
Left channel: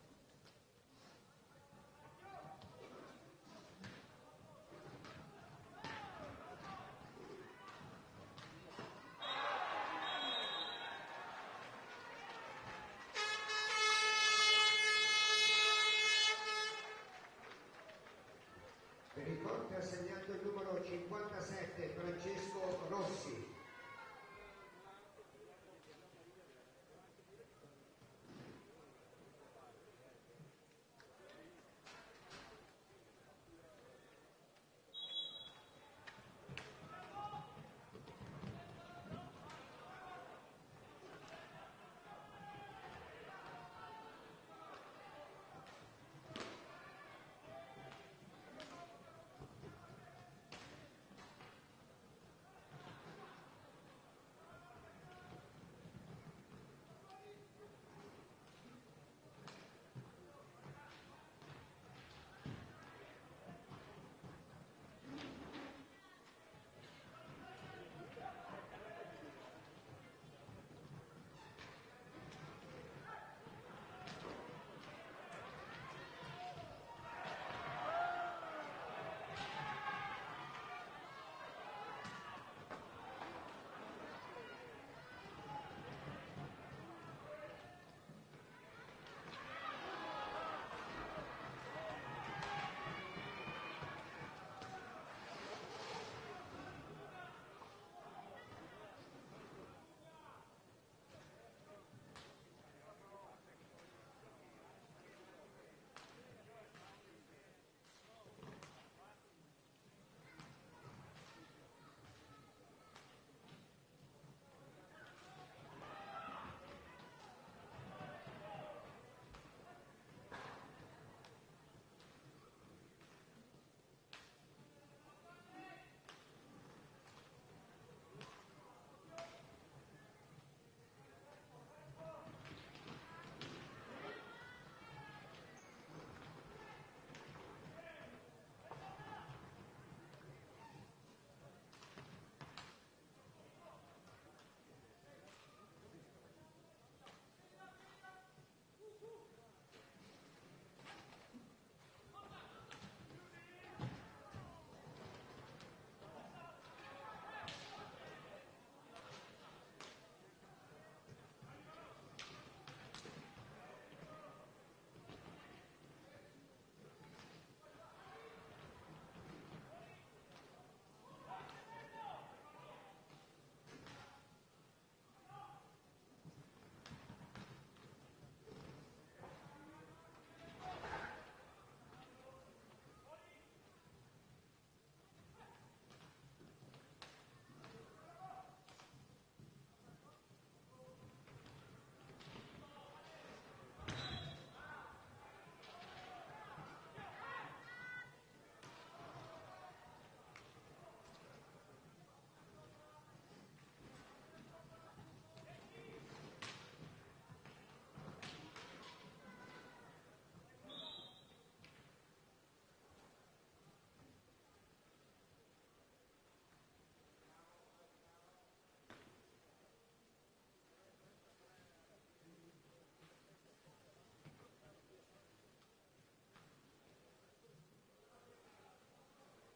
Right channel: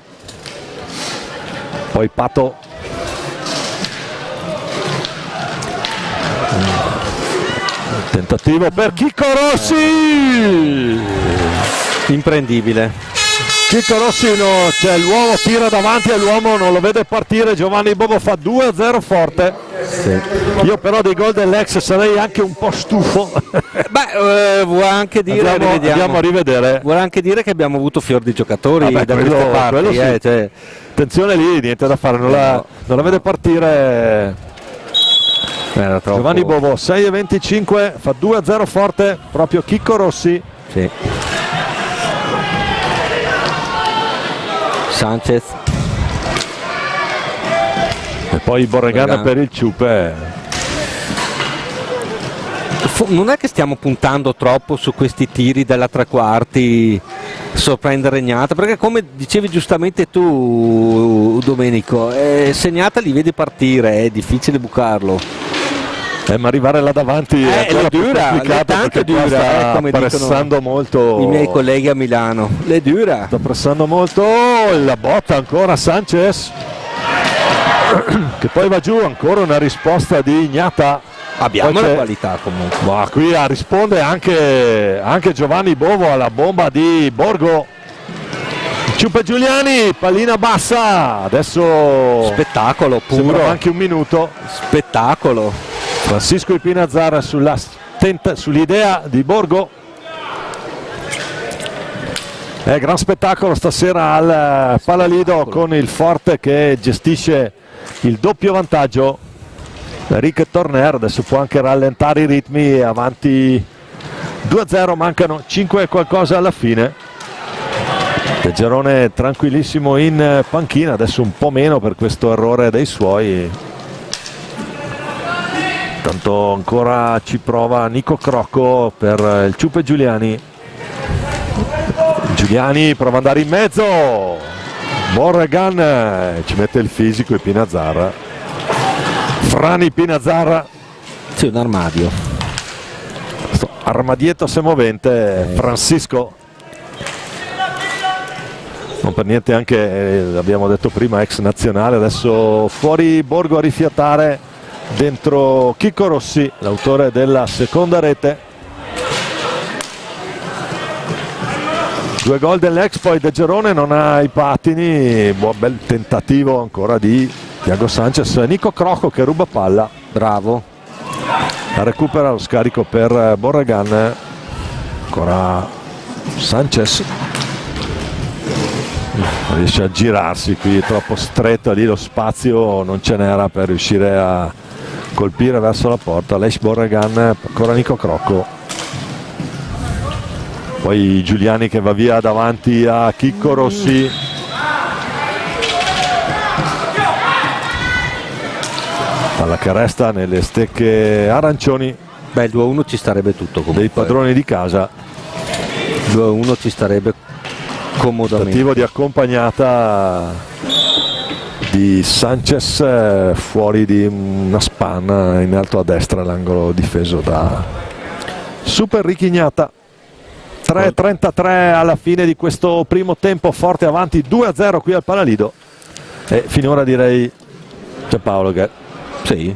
poi Pato, tentativo per Chicco Rossi, imprendibile. Chicco Rossi cioè l'uomo tira davanti all'uomo, non lo vede partire, Giovanni Bovo fa 2-0 forte. Sì. Io però dei gol dell'ex sarei anche un po' stufo. Vuole anche dire andiamo a rivedere. Vuole anche dire che abbiamo avuto fior di giocatori da queste parti, sì. Cioè... Attenzione lì, niente da fare, non la vede partire. Era troppo... Giovanni Bovo 6-25, fa 2-0 forte proprio Chicco Rossi. Sì. Sanchez e poi Borregan per il Ciupe. Non è che stiamo puntando troppo su questi tiri dalla tre quarti, sorprendere Gnata, perché come dicevi giustamente tu Domenico, se Gnata li vedi partire è difficile bucarlo. Ma arrivare là davanti è ancora più complicato, perché dura, sta come pressando molto i miei colleghi a Milano. Le dura. Sta pressando molto, la botta ancora Sanchez che poi va giù, ancora una risposta di Gnata. Abbiamo la qualità comunque. Ma qui risponde anche Giovanni Bovo alla bomba di Borgo. Ciupe Giuliani, pallina bassa, adesso spettacolo puro. Sembra anche un minuto. Spettacolo. Francisco Pinazzar sull'idea di Borgo. Gran spettacolo stasera al Palalido con il Forte che gestisce il doppio vantaggio. Rick Torner adesso può anche rallentare i ritmi, avanti 2-0, mancano 5 e qualcosa alla fine. De Gerone tranquillissimo in panchina, adesso un po' meno per questo errore dei suoi. Tanto ancora ci prova Nico Crocco per il Ciupe Giuliani. Giuliani prova ad andare in mezzo, Borregan ci mette il fisico e Pinazzar. Frani Pinazzar. Sì, un armadio. Armadietto semovente, Francisco. Non per niente anche, l'abbiamo detto prima, ex nazionale, adesso fuori Borgo a rifiatare, dentro Chicco Rossi, l'autore della seconda rete. 2 gol dell'ex, poi De Gerone non ha i pattini, buon bel tentativo ancora di Thiago Sanchez. Nico Crocco che ruba palla, bravo, la recupera, lo scarico per Borregan, ancora Sanchez. riesce a girarsi, qui è troppo stretto, lì lo spazio non ce n'era per riuscire a colpire verso la porta. Aleix Borregan, ancora Nico Crocco, poi Giuliani che va via davanti a Chicco Rossi. Palla che resta nelle stecche arancioni. Beh, il 2-1 ci starebbe tutto comunque. Dei padroni di casa. 2-1 ci starebbe comodamente. Tentativo di accompagnata di Sanchez fuori di una spanna in alto a destra, l'angolo difeso da Super Richignata. 3:33 alla fine di questo primo tempo, Forte avanti 2-0 qui al Palalido, e finora direi c'è Paolo che sì,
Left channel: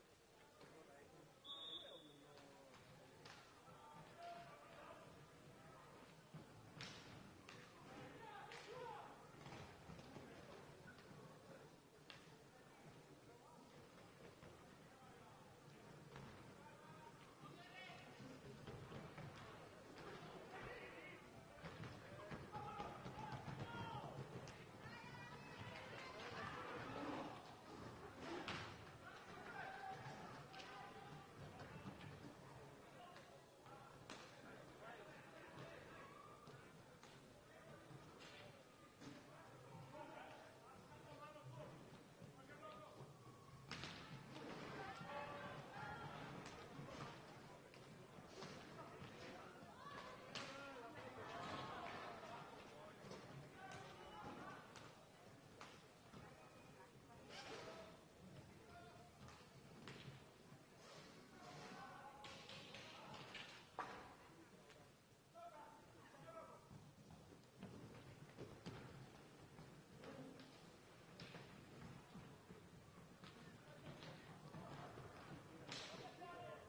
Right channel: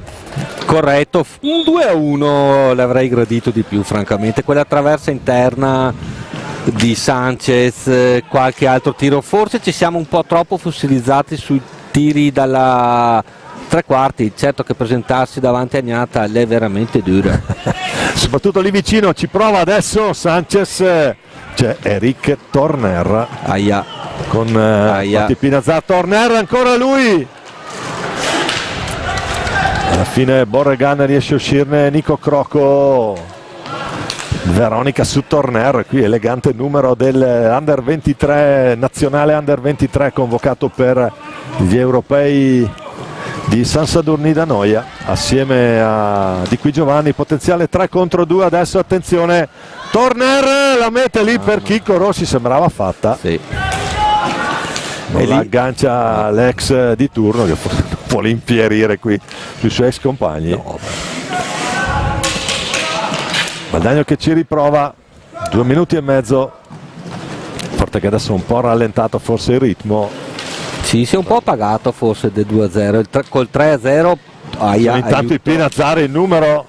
corretto. Un 2-1 l'avrei gradito di più francamente, quella traversa interna di Sanchez, qualche altro tiro, forse ci siamo un po' troppo fossilizzati sui tiri dalla tre quarti. Certo che presentarsi davanti a Gnata è veramente dura. soprattutto lì vicino. Ci prova adesso Sanchez, c'è Eric Torner Aia. con Pinazza. Torner ancora lui, alla fine Borregan riesce a uscirne. Nico Crocco, Veronica su Torner, qui elegante numero del Under 23, nazionale Under 23 convocato per gli europei di San Sadurni da Noia assieme a Di Qui Giovanni. Potenziale 3 contro 2 adesso, attenzione, Torner la mette lì per Chicco Rossi, sembrava fatta, Sì. non la aggancia l'ex di turno che vuole impierire qui sui suoi ex compagni. No. Valdagno che ci riprova, 2 minuti e mezzo. Forte che adesso un po' rallentato forse il ritmo. Sì, si è un po' apagato forse del 2-0, col 3-0 Intanto il Pinazzari il numero,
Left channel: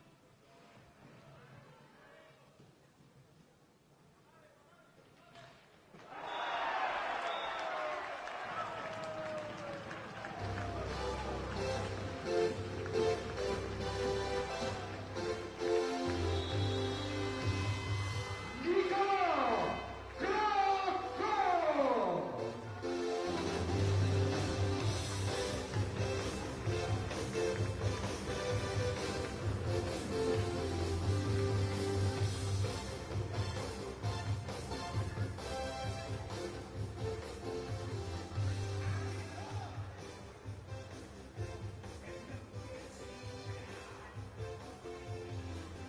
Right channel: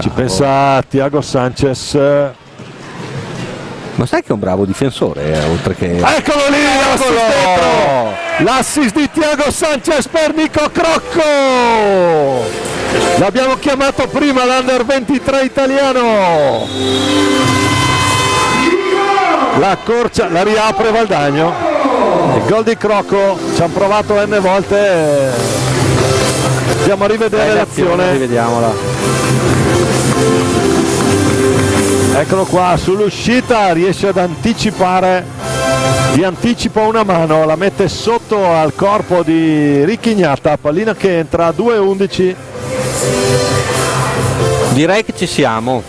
ci pensa Thiago Sanchez. Ma sai che è un bravo difensore, oltre che... Eccolo lì, l'assist di Thiago Sanchez per Nico Crocco. L'abbiamo chiamato prima l'Under 23 italiano. La corcia, la riapre Valdagno. Il gol di Crocco, ci hanno provato n volte. Andiamo a rivedere l'azione. Rivediamola. Eccolo qua, sull'uscita riesce ad anticipare, di anticipo una mano, la mette sotto al corpo di Richignata, pallina che entra a 2:11. Direi che ci siamo.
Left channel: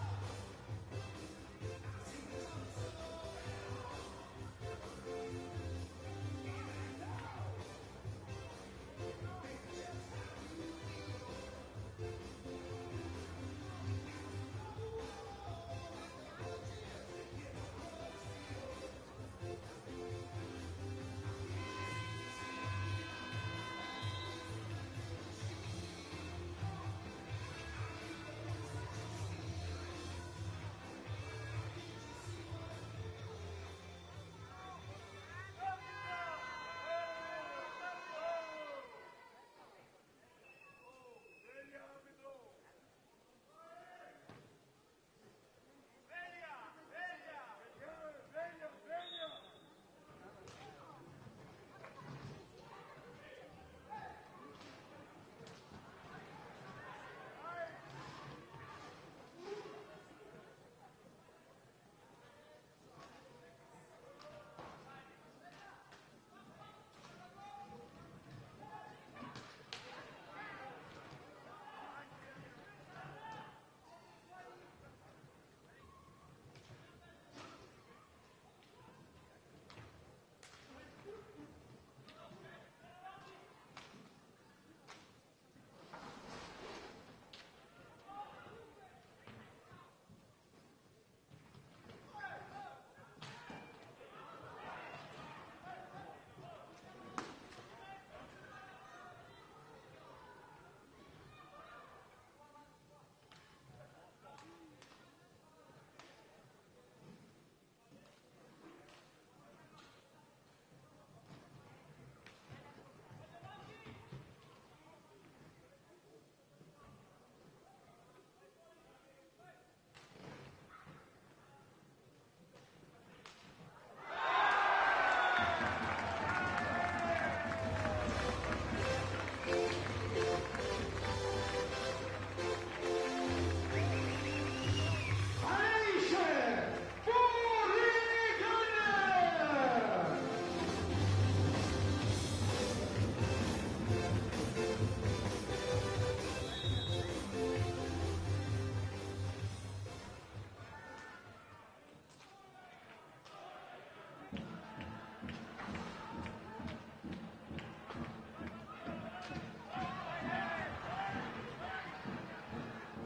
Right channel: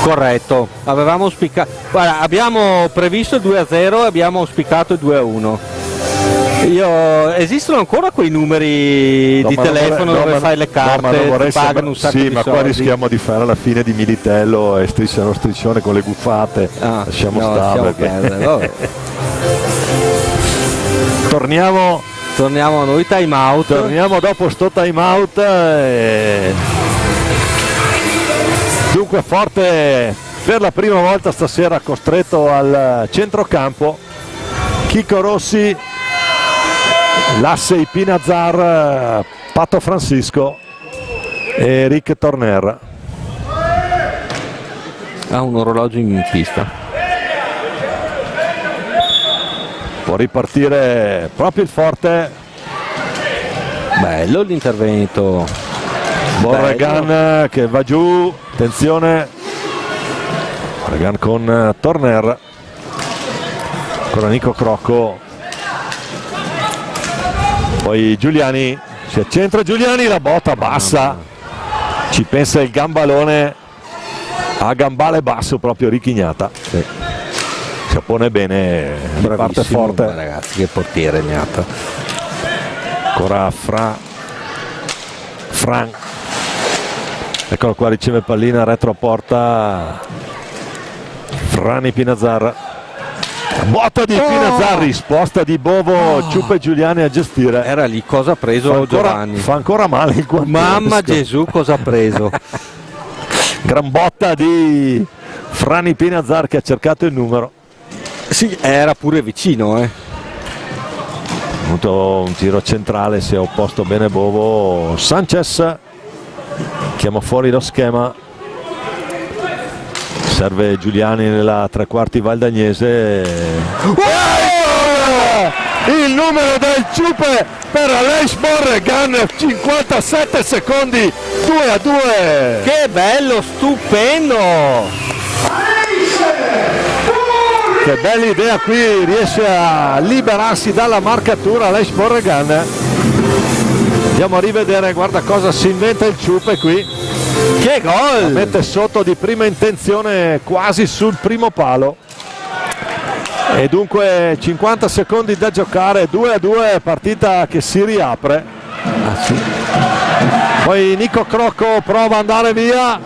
Corretto, avevamo auspicato, guarda, abbiamo previsto il 2-0 e abbiamo auspicato il 2-1. Esistono ancora quei numeri di telefono dove fai le carte, pagano un sacco di soldi. Sì, ma qua rischiamo di fare la fine di Militello e strisciano striscione con le buffate. Lasciamo stare. Torniamo a noi, time out. Torniamo dopo sto time out. Dunque Forte per la prima volta stasera costretto al centrocampo. Chicco Rossi, Lassei Pinazzar, Pato Francisco e Rick Torner. Ha un orologio in pista. Può ripartire proprio il Forte. Bello l'intervento. Borregan che va giù, attenzione. Borregan con Torner. Ancora Nico Crocco. Poi Giuliani, si accentra Giuliani, la botta bassa, ci pensa il gambalone a gambale basso proprio Richignata. Sì. Si oppone bene, parte forte. Ragazzi, che portiere Gnata. Ancora Fran. Eccolo qua, riceve pallina retro a porta Frani Pinazzar. Botta di Pinazzar, risposta di Bovo, Ciuppe Giuliani a gestire. Era lì, cosa ha preso Giovanni? Fa ancora male il guantesco. Mamma Gesù, cosa ha preso? Gran botta di Frani Pinazzar che ha cercato il numero. Sì, era pure vicino, Avuto un tiro centrale, si è opposto bene Bovo. Sanchez chiama fuori lo schema. Serve Giuliani nella tre quarti valdagnese. il numero del Ciupe per Aleix Borregan, 57 secondi, 2-2. Che bello, stupendo! Che bella idea, qui riesce a liberarsi dalla marcatura Aleix Borregan. Andiamo a rivedere, guarda cosa si inventa il Ciupe qui. Che gol! Mette sotto di prima intenzione quasi sul primo palo. E dunque 50 secondi da giocare, 2-2, partita che si riapre. Poi Nico Crocco prova ad andare via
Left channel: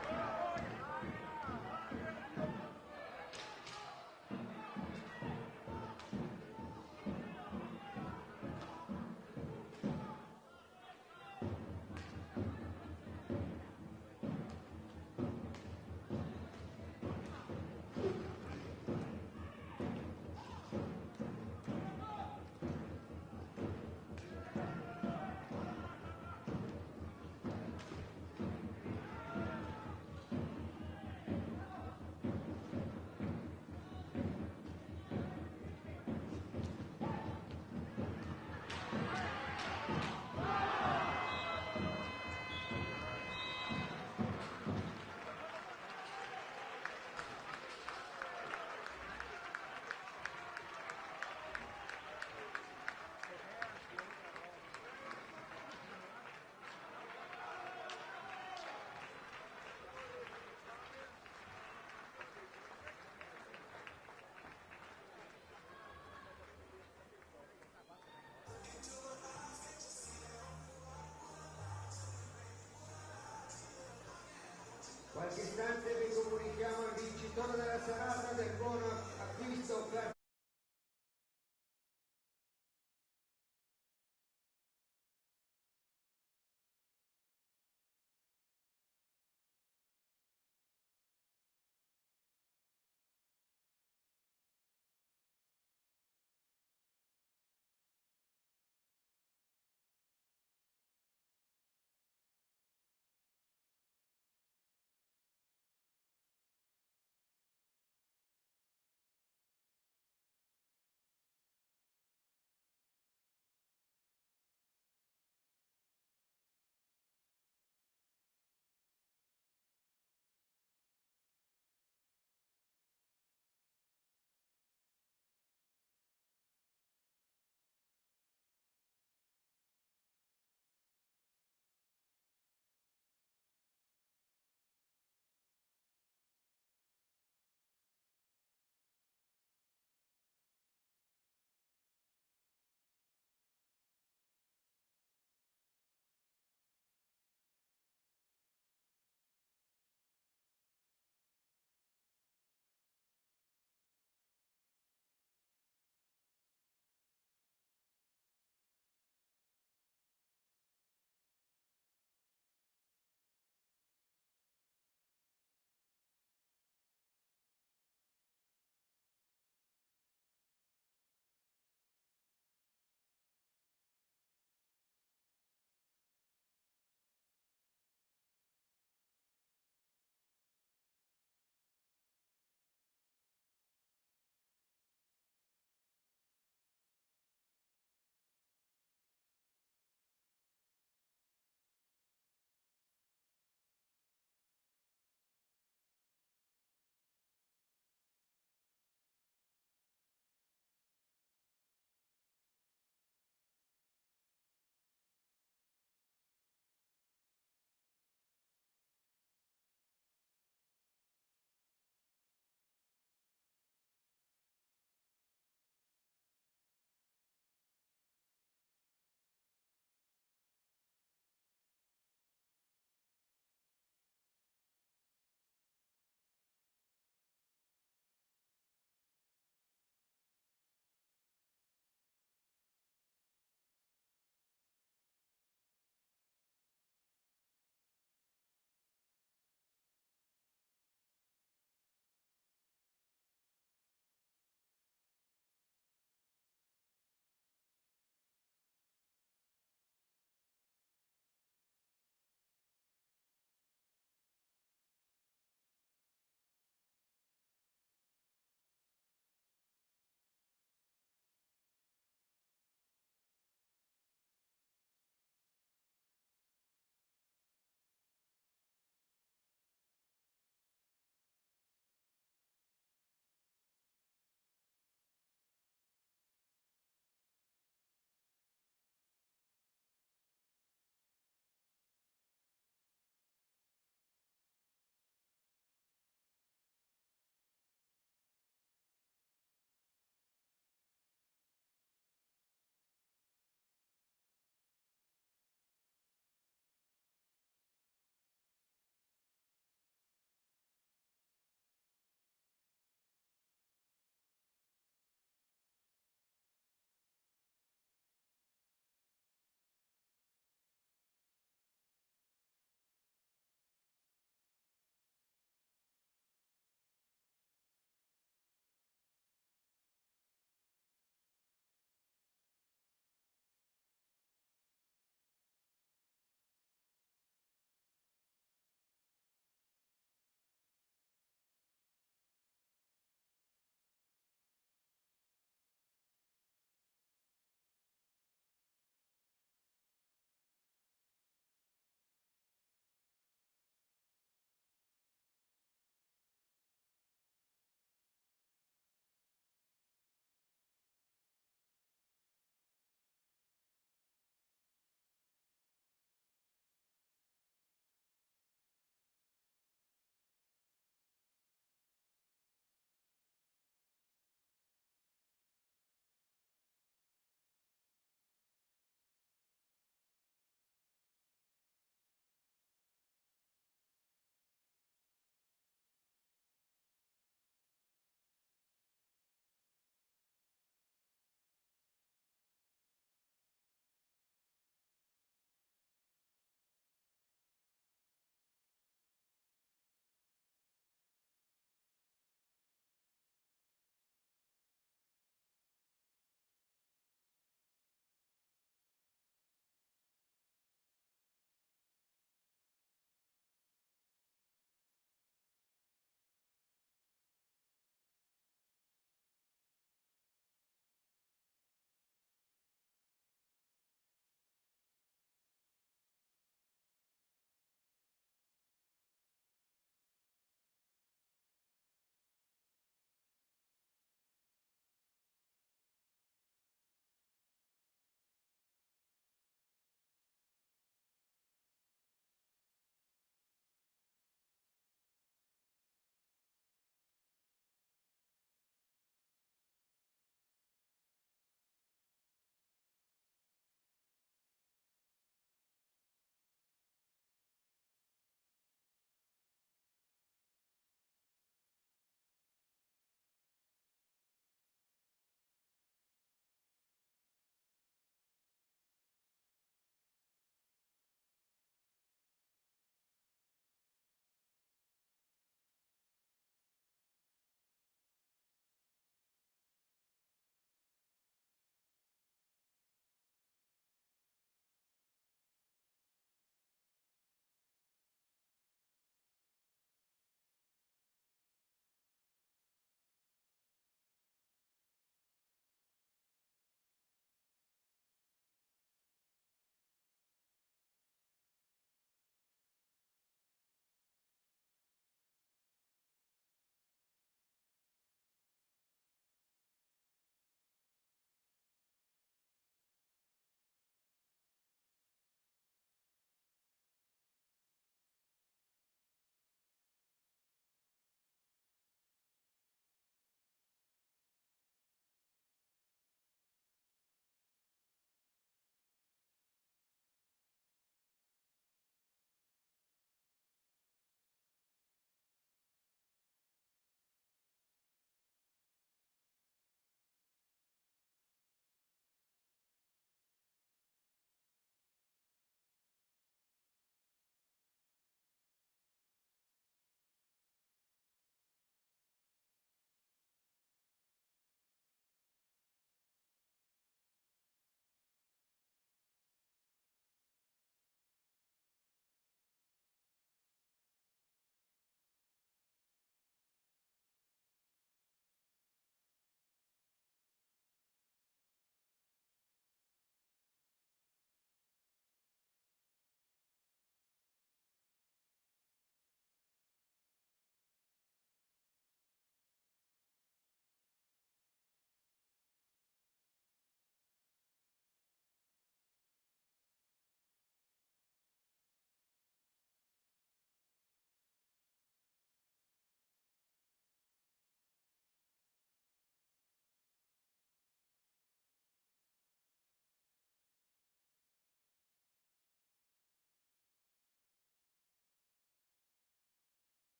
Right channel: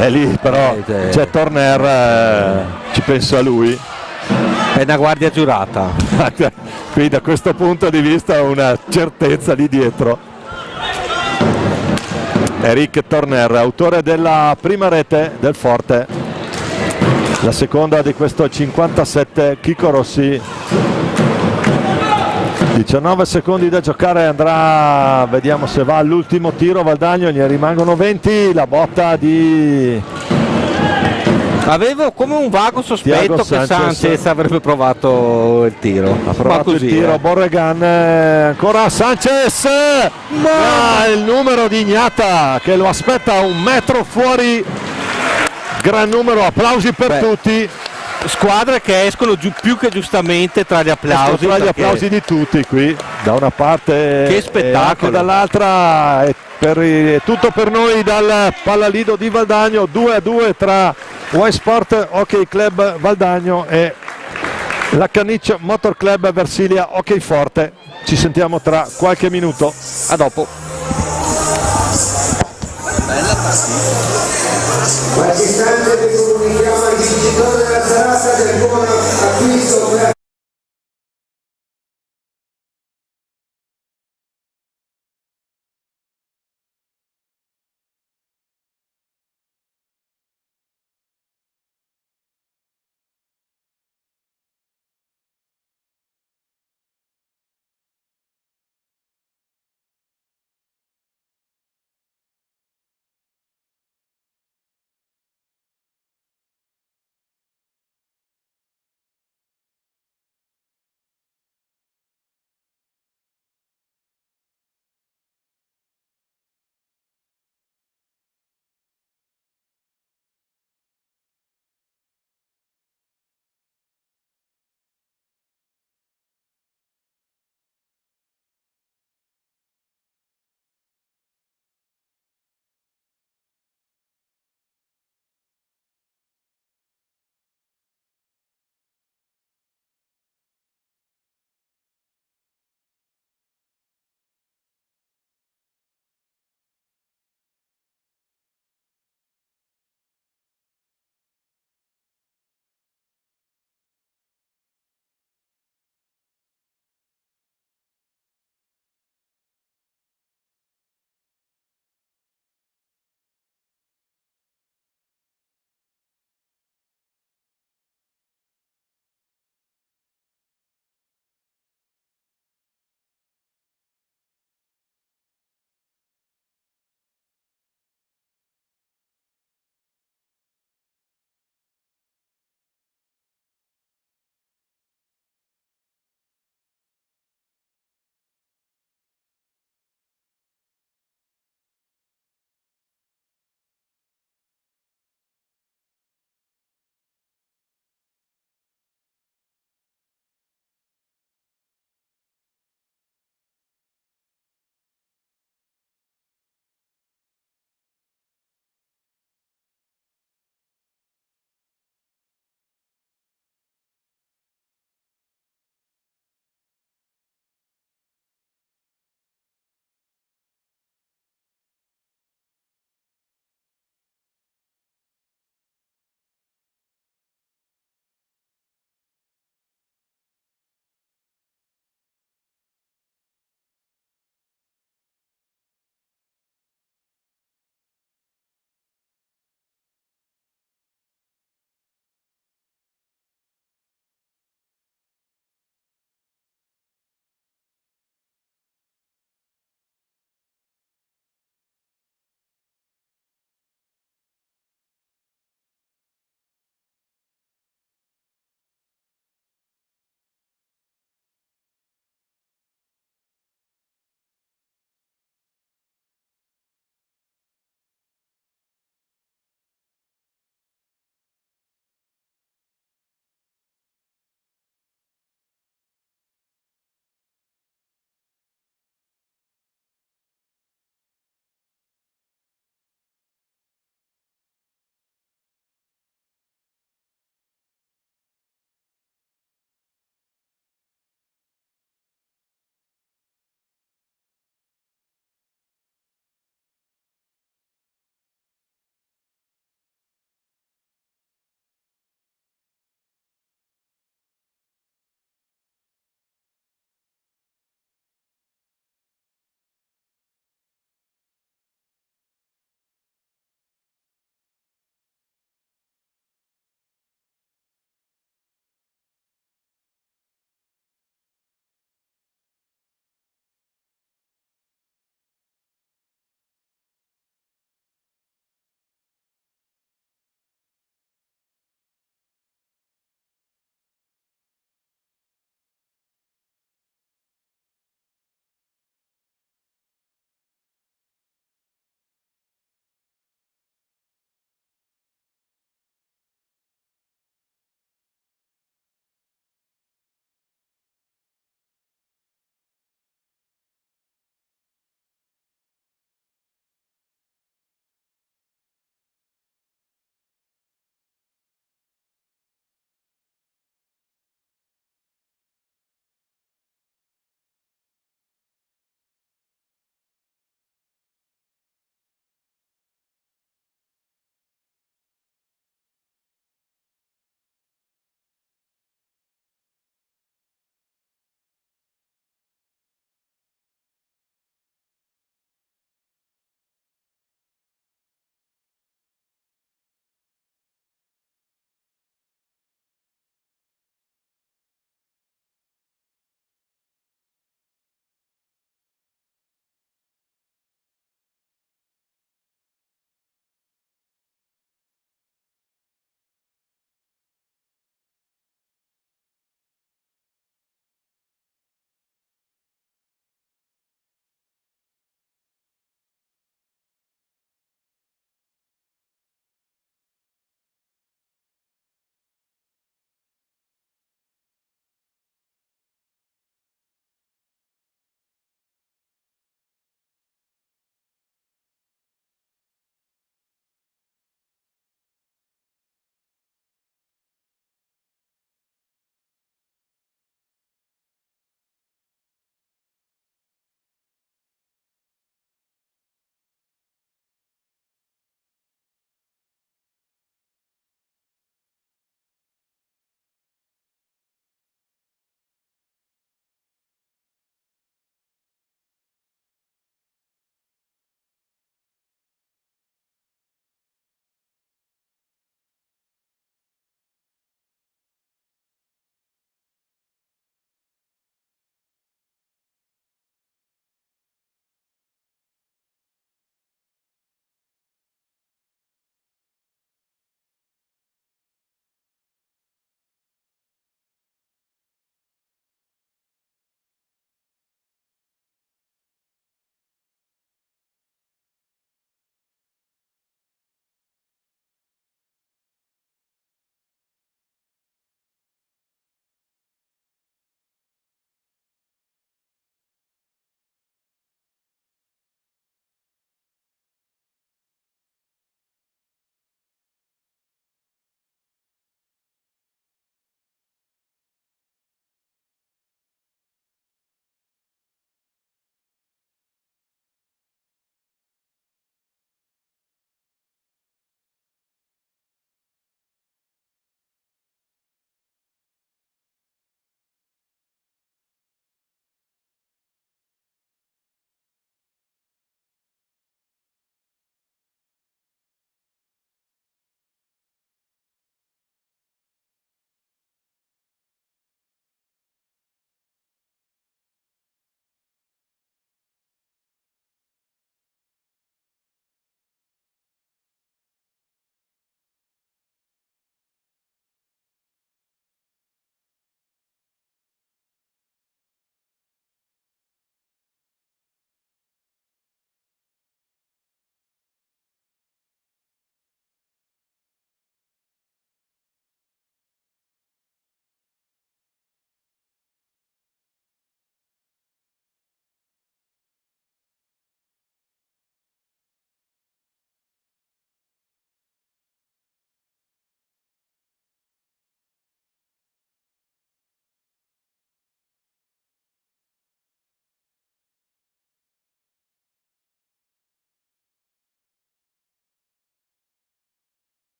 e lì però c'è Torner, ci pensa lui. È una guardia giurata. Qui da questo punto di vista una certezza lì dietro. Eric Torner, autore della prima rete del Forte, la seconda di questo 57 Chico Rossi. 19 secondi da giocare, andrà, vediamo se va all'ultimo tiro Valdagno, gli rimangono 20, la botta di... Avevo come un vago sospetto che Sanchez avrebbe provato il tiro. Ha provato il tiro, Borregan, ancora Sanchez, ma il numero di Ignata che lo aspetta un metro fuori, gran numero, applausi per tutti. Squadre che escono più che giustamente tra gli applausi. Tra gli applausi di tutti qui, da una parte che spettacolo, e anche dall'altra, è tutto per noi dal Pallalido di Valdagno, 2-2 tra Y-Sport Hockey Club Valdagno e la Canniccio Motor Club Versilia Hockey Forte. Ci sentiamo tra qualche minuto, a dopo. Bella partita.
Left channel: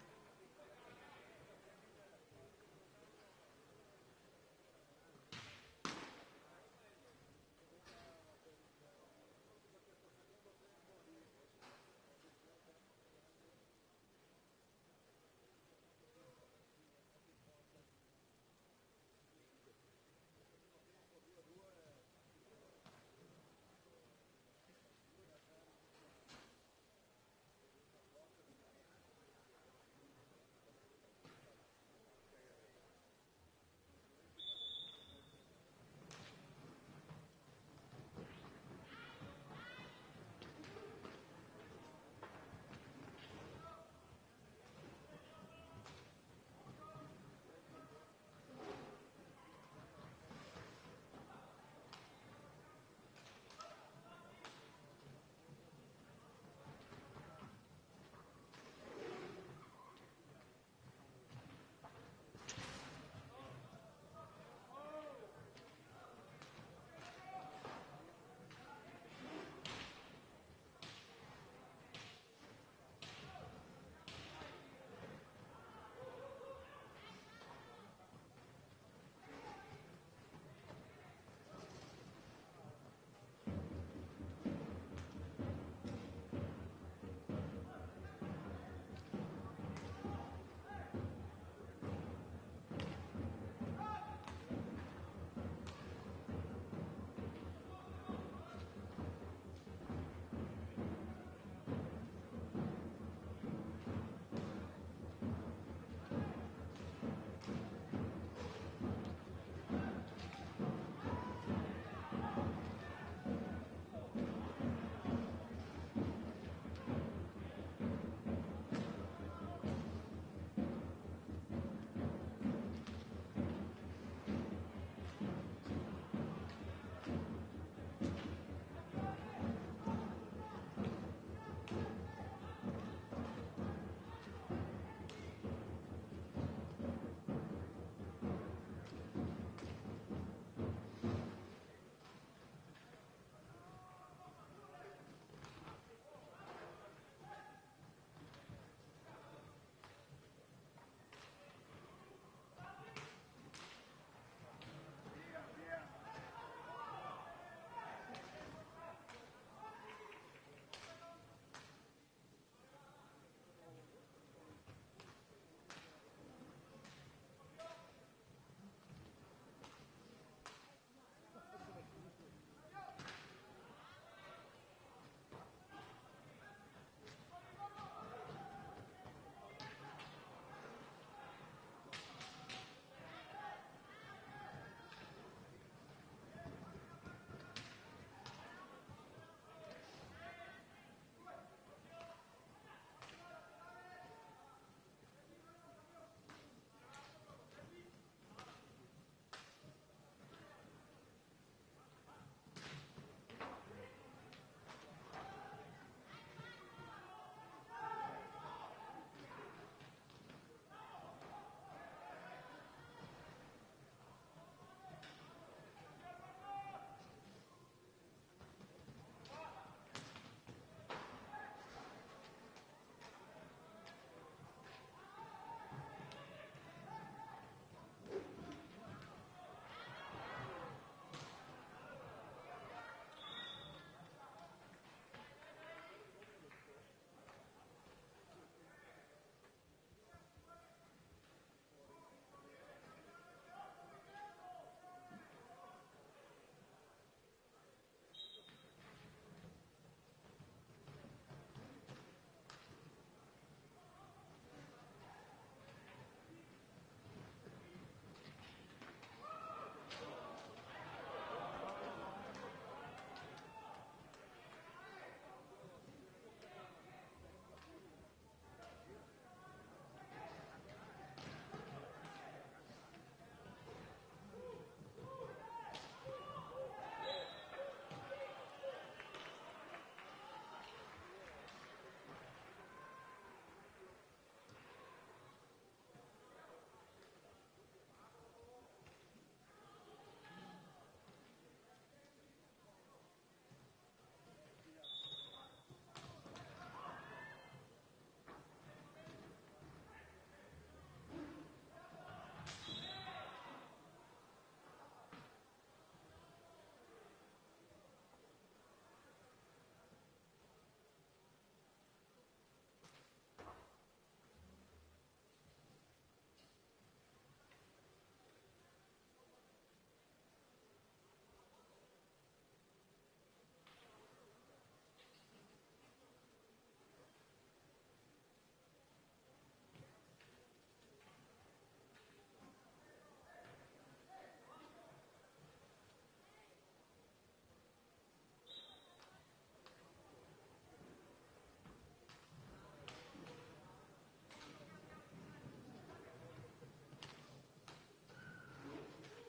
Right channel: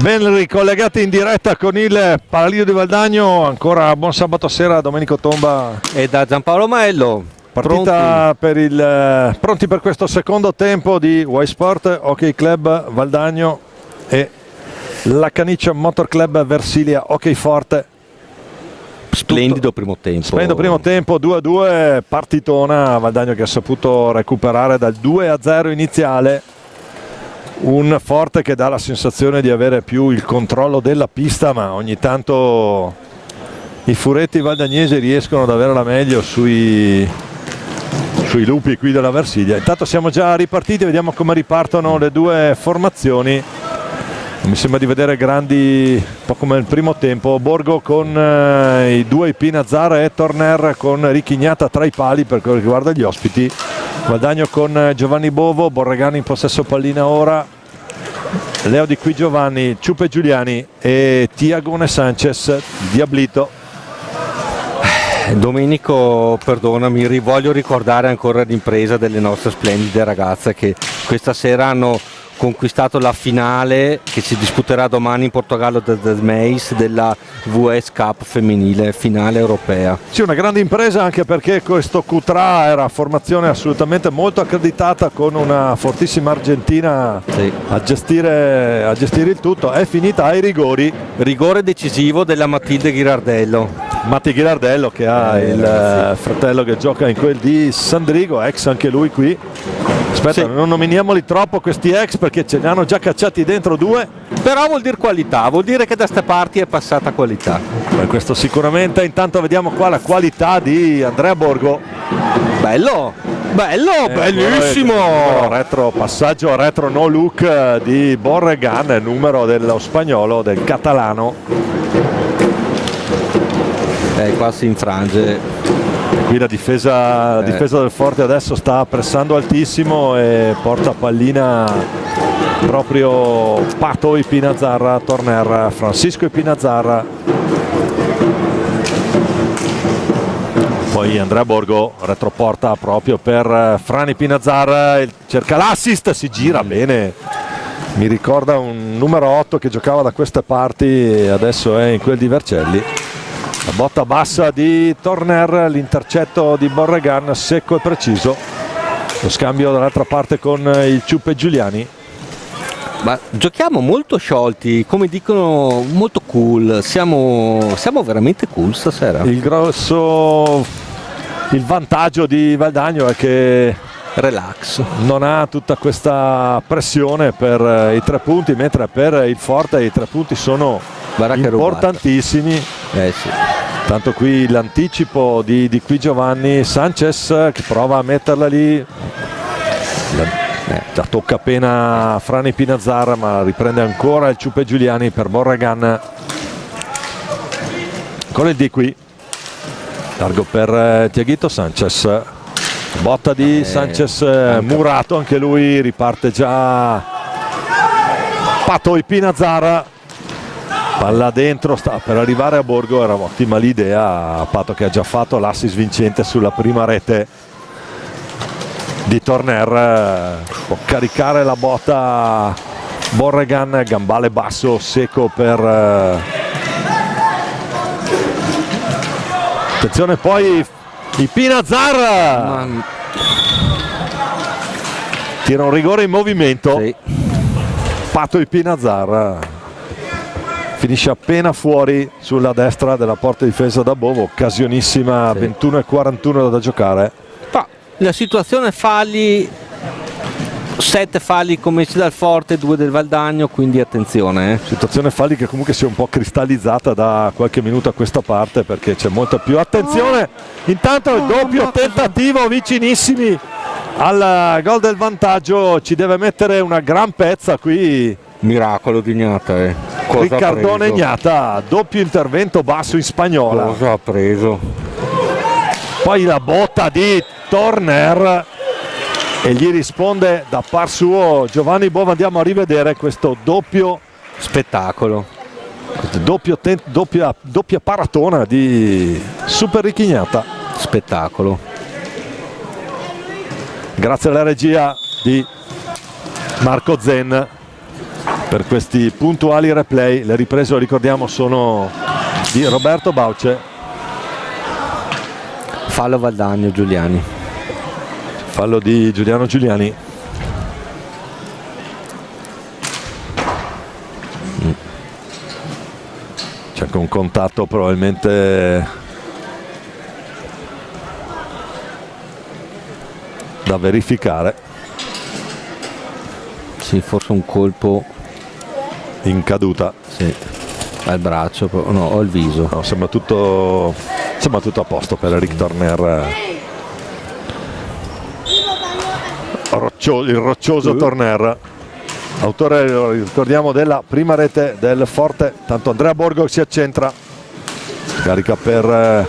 Ben ricollegati in diretta con il Paralido di Valdagno, ancora buon sabato sera a Domenico Tomba e da Giampaolo Maello. Partita pronti per questo secondo tempo di Y Sport Hockey Club Valdagno e la Caniccia Motor Club Versilia Hockey Forte. Splendido primo tempo. Splendido primo tempo, 2-2, partitona. Valdagno che ha saputo recuperare dal 2-0 iniziale. Un Forte che dà la sensazione di avere più il controllo della pista, ma ogni tanto i furetti valdagnesi riescono ad avere la meglio sui lupi qui della Versilia. Intanto siamo già ripartiti, vediamo come ripartono le due formazioni. Mi sembra di vedere grandi, un po' come il primo tempo. Borgo con i due Pinazzar e Torner con Ricchignata tra i pali per quello che riguarda gli ospiti. Guadagno con Giovanni Bovo, Borregani in possesso pallina ora, Leo Di Qui Giovanni, Ciupe Giuliani e Tiagone Sanchez, Diablito. Domenico, perdonami, voglio ricordare ancora l'impresa delle nostre splendide ragazze che questa sera hanno conquistato la finale che si disputerà domani in Portogallo da Meis della VS Cup femminile, finale europea. Sì, una grande impresa anche perché questo Q3 era formazione assolutamente molto accreditata con una fortissima argentina a gestire il tutto. È finita ai rigori. Rigore decisivo della Matilde Ghirardello. Matti Ghirardello che ha il fratello che gioca in quel di Sandrigo, ex anche lui qui. Aspetta, non nominiamoli troppo questi ex perché ce ne hanno già cacciati dentro due. Però vuol dire qualità, vuol dire che da ste parti è passata qualità. Questo sicuramente. Intanto vediamo qua la qualità di Andrea Borgo. Bello, bellissimo! Passaggio retro no look di Borregan, numero dello spagnolo, del catalano. Qua si infrange. Qui la difesa del Forte adesso sta pressando altissimo e porta pallina proprio Pato Ipinazzarra, Torner, Francisco Ipinazzarra. Poi Andrea Borgo retroporta proprio per Frani Pinazzarra, cerca l'assist, si gira bene. Mi ricorda un numero 8 che giocava da queste parti e adesso è in quel di Vercelli. La botta bassa di Torner, l'intercetto di Borregan secco e preciso. Lo scambio dall'altra parte con il Ciuppe Giuliani. Ma giochiamo molto sciolti, come dicono, molto cool. Siamo veramente cool stasera. Il vantaggio di Valdagno è che relax, non ha tutta questa pressione per i 3 punti, mentre per il Forte i 3 punti sono importantissimi. Sì. Tanto qui l'anticipo di Qui Giovanni, Sanchez che prova a metterla lì, la tocca appena Frani Pinazzarra, ma riprende ancora il Ciuppe Giuliani per Borregan. Ancora il di qui, largo per Tiaghito Sanchez, botta di Sanchez, murato anche lui, riparte già Pato Pinazzarra. Palla dentro, sta per arrivare a Borgo, era ottima l'idea, Pato che ha già fatto l'assist vincente sulla prima rete di Torner. Può caricare la botta Borregan, gambale basso, secco per... Attenzione poi i Pinazzarra! Tira un rigore in movimento. Sì. Pato Pinazzarra. Finisce appena fuori sulla destra della porta difesa da Bovo, occasionissima, 21:41 da giocare. La situazione falli, 7 falli commessi dal Forte, 2 del Valdagno, quindi attenzione. Situazione falli che comunque si è un po' cristallizzata da qualche minuto a questa parte perché c'è molta più attenzione. Intanto il doppio tentativo, vicinissimi al gol del vantaggio, ci deve mettere una gran pezza qui. Miracolo di Gnata, Riccardone Gnata, doppio intervento basso in spagnola. Cosa ha preso? Poi la botta di Torner e gli risponde da par suo Giovanni Bova. Andiamo a rivedere questo doppio spettacolo, doppia paratona di Super Ricchignata. Spettacolo. Grazie alla regia di Marco Zen. per questi puntuali replay. Le riprese, lo ricordiamo, sono di Roberto Bauce. Fallo Valdagno Giuliani. Fallo di Giuliano Giuliani. C'è anche un contatto probabilmente da verificare. Sì, forse un colpo In caduta. sì, al braccio, no, o al viso. No, sembra tutto a posto per Eric Torner. Il roccioso Torner, autore, lo ricordiamo, della prima rete del Forte. Tanto Andrea Borgo si accentra, carica per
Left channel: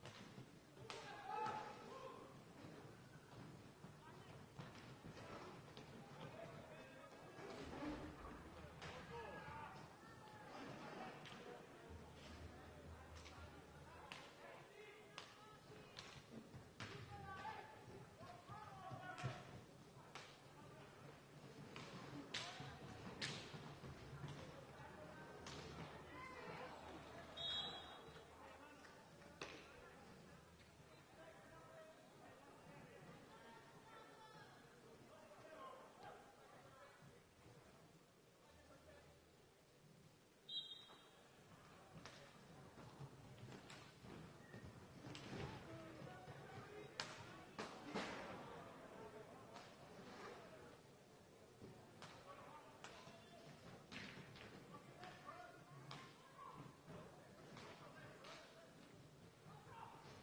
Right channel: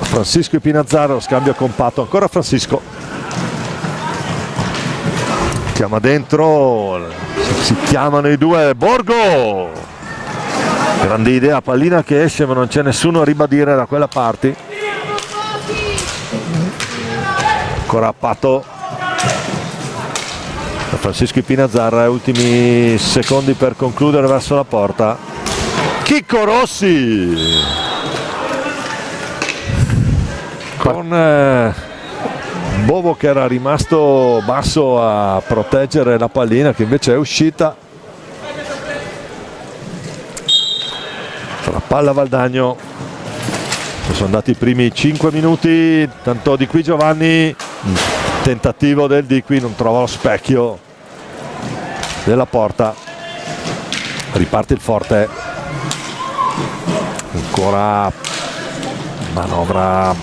Francisco Ipinazzaro, scambio compatto, ancora Francisco, chiama dentro, si chiamano i due. Borgo, grande idea, pallina che esce ma non c'è nessuno a ribadire da quella parte. Ancora Pato, Francisco Ipinazzarra, ultimi secondi per concludere verso la porta. Chicco Rossi con Bovo che era rimasto basso a proteggere la pallina, che invece è uscita. La palla Valdagno. Sono andati i primi 5 minuti, tanto Di Qui Giovanni, tentativo del Di Qui, non trova lo specchio della porta. Riparte il Forte, ancora manovra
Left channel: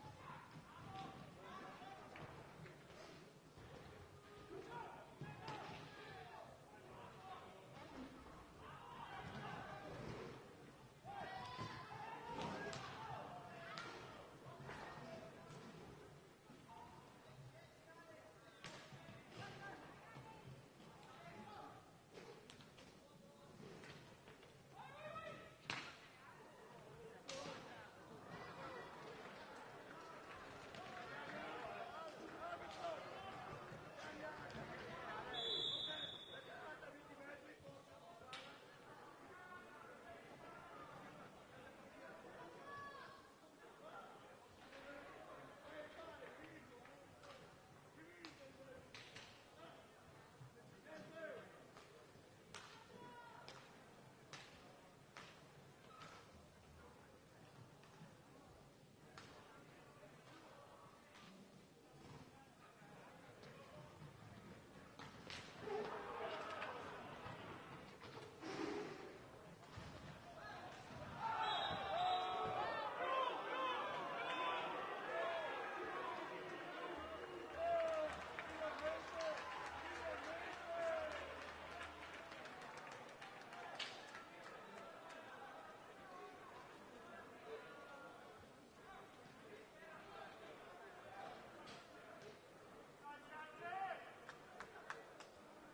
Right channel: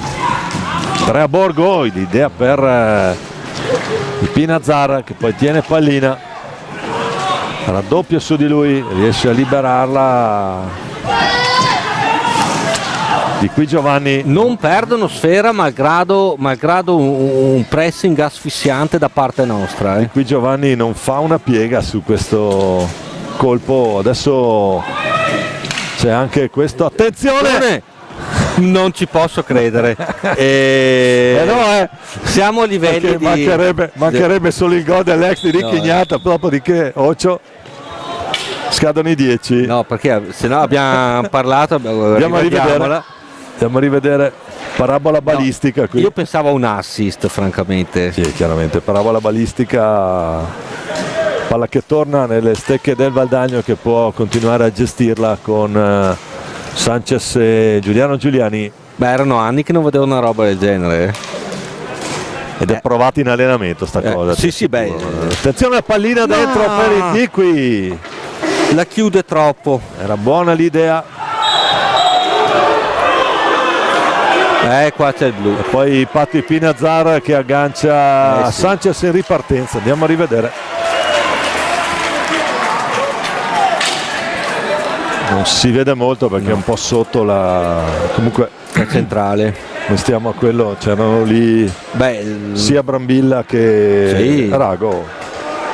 Andrea Borgo, l'idea per Ipinazzarra che poi tiene pallina, raddoppia su di lui, riesce a liberarla. Di Qui Giovanni, Non perdono sfera malgrado un pressing asfissiante da parte nostra. Di Qui Giovanni non fa una piega su questo colpo. Adesso c'è anche questo, attenzione, Non ci posso credere. Siamo a livelli perché mancherebbe solo il gol dell'ex di Ricchignata, dopodiché Ocio scadono i 10. No, perché se no abbiamo parlato, Andiamo a rivedere parabola balistica qui. Io pensavo a un assist, francamente. Sì, chiaramente parabola balistica, palla che torna nelle stecche del Valdagno, che può continuare a gestirla con Sanchez e Giuliano Giuliani. Beh, erano anni che non vedevo una roba del genere. Ed è provato in allenamento sta cosa. Sì, beh. Attenzione, la pallina dentro per il Di Qui. La chiude troppo. Era buona l'idea. Qua c'è il blu. E poi Pato Ipinazzarra che aggancia Sanchez in ripartenza. Andiamo a rivedere. Non si vede molto perché è un po' sotto la, comunque La centrale. noi stiamo a quello, c'erano lì sia Brambilla che Rago.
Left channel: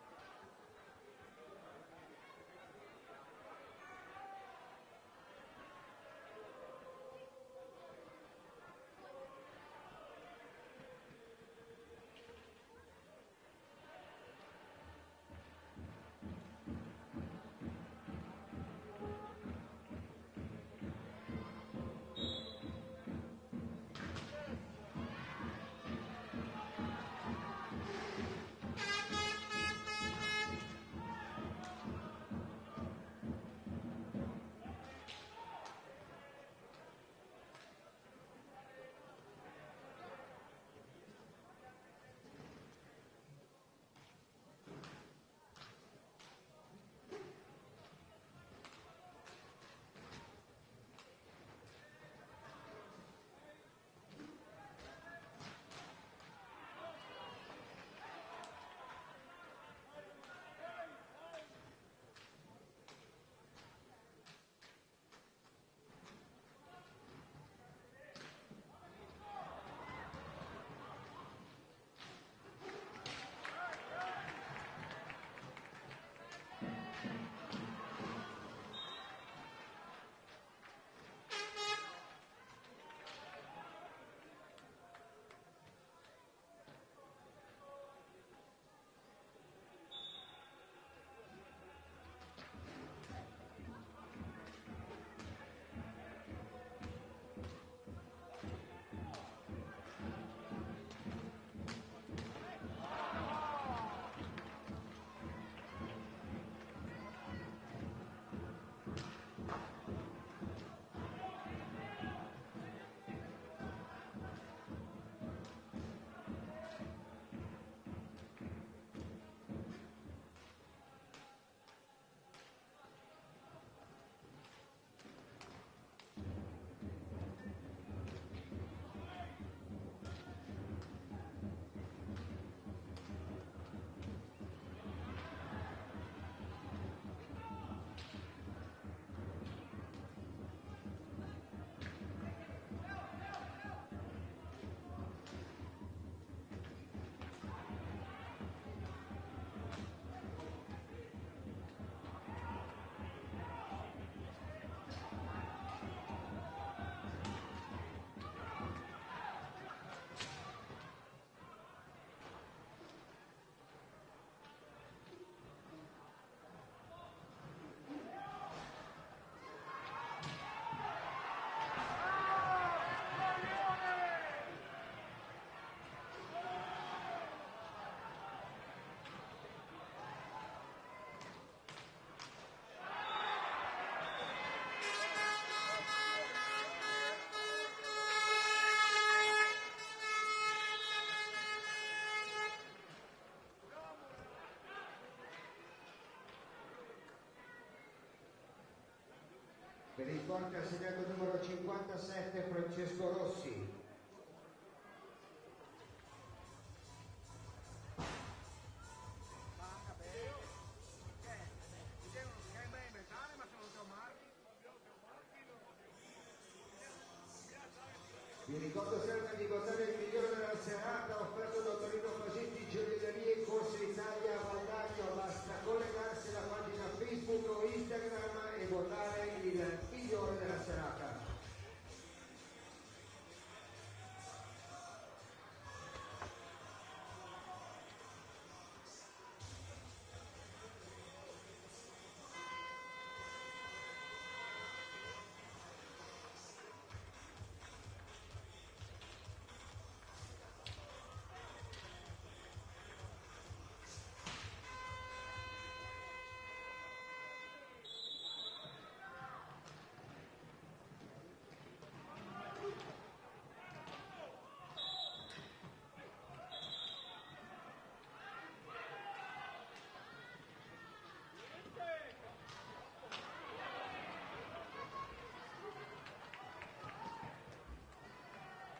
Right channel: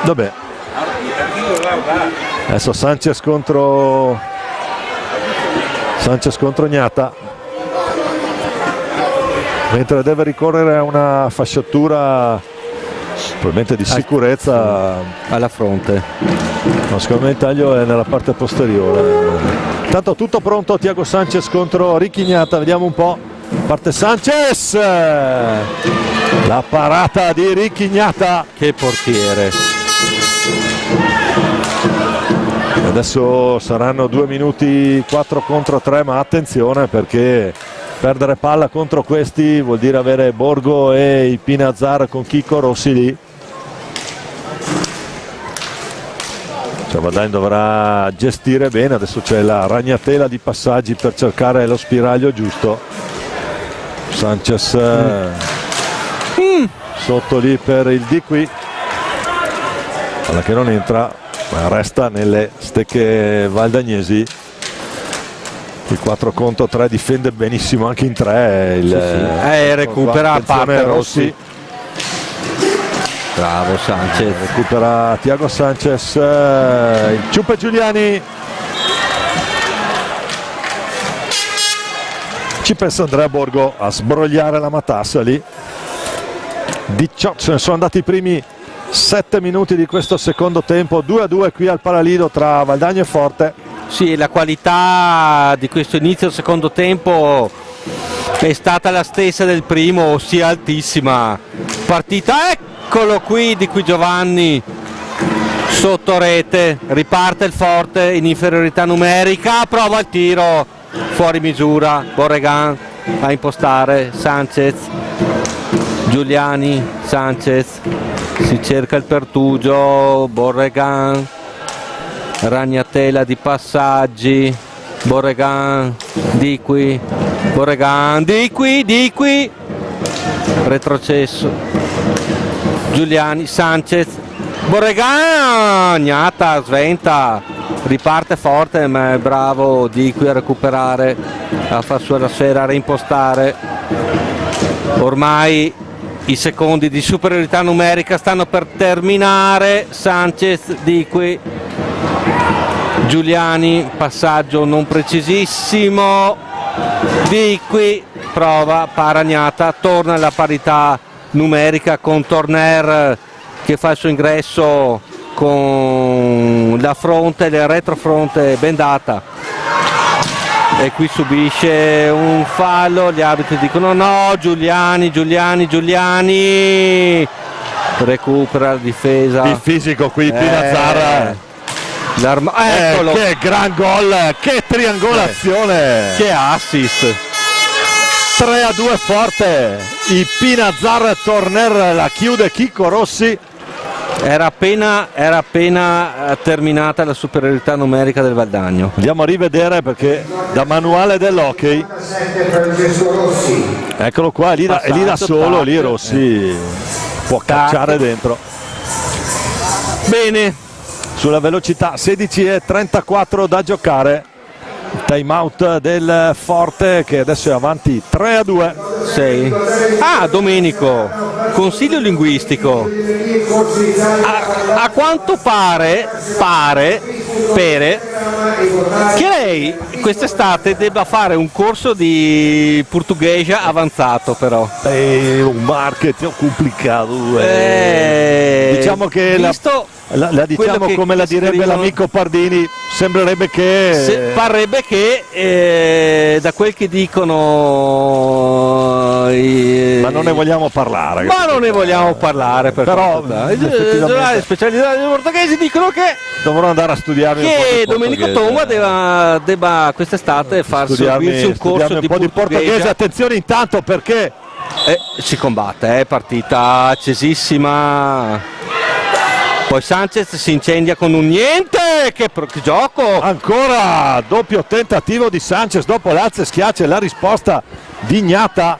Vabbè. Adesso Sanchez contro Gnata, mentre deve ricorrere a una fasciatura probabilmente di sicurezza alla fronte. No, secondo me il taglio è nella parte posteriore. Intanto tutto pronto, Thiago Sanchez contro Ricchignata, vediamo un po'. Parte Sanchez, la parata di Ricchignata. Che portiere. Adesso saranno 2 minuti 4 contro 3, ma attenzione perché perdere palla contro questi vuol dire avere Borgo e Ipinazzarra con Chicco Rossi lì. Valdagno dovrà gestire bene, adesso c'è la ragnatela di passaggi per cercare lo spiraglio giusto. Sanchez sotto lì per il Di Qui, palla che non entra ma resta nelle stecche valdagnesi. Il 4 contro 3, difende benissimo anche in 3 recupera a parte Rossi. Bravo Sanchez. Recupera Thiago Sanchez, il Ciuppe Giuliani. Ci pensa Andrea Borgo a sbrogliare la matassa lì. 18, se ne sono andati i primi 7 minuti di questo secondo tempo, 2-2 qui al Palalido tra Valdagno e Forte. Sì, la qualità di questo inizio del secondo tempo è stata la stessa del primo, ossia altissima. Partita, eccolo qui di qui Giovanni, sotto rete, riparte il Forte in inferiorità numerica, prova il tiro, fuori misura, Borregan a impostare, Sanchez, Giuliani, Sanchez, si cerca il pertugio, Borregan, ragnatela di passaggi, Borregan, di qui, Borregan, di qui, retrocesso, Giuliani, Sanchez, Borregan, Gnata, sventa, riparte Forte, ma è bravo di qui a recuperare, a far sua la sfera, a reimpostare. Ormai i secondi di superiorità numerica stanno per terminare, Sanchez di qui, Giuliani, passaggio non precisissimo, di qui prova, Paragnata, torna alla parità numerica con Torner che fa il suo ingresso con la fronte, la retrofronte bendata, e qui subisce un fallo, gli arbitri dicono no, Giuliani, recupera la difesa. Il fisico qui, Pinazzar. Eccolo. Che gran gol, che triangolazione, che assist. 3-2 Forte, il Pinazzar Torner la chiude Chicco Rossi. Era appena terminata la superiorità numerica del Valdagno. Andiamo a rivedere perché da manuale dell'hockey, eccolo qua, lì da solo, lì Rossi può cacciare dentro. Bene, sulla velocità, 16:34 da giocare, time out del Forte che adesso è avanti 3-2. 6. Domenico, consiglio linguistico, a quanto pare che lei quest'estate debba fare un corso di portoghese avanzato, però è un marketing complicato, diciamo che la diciamo come la direbbe l'amico Pardini, sembrerebbe che parrebbe che da quel che dicono ma non ne vogliamo parlare, però i giornali specializzati portoghesi dicono che dovrò andare a studiare Domenico Tomba debba quest'estate farsi un corso di portoghese. Attenzione intanto perché si combatte, partita accesissima. Poi Sanchez si incendia con un niente, che gioco! Ancora doppio tentativo di Sanchez dopo l'alza e schiaccia, la risposta di Gnata.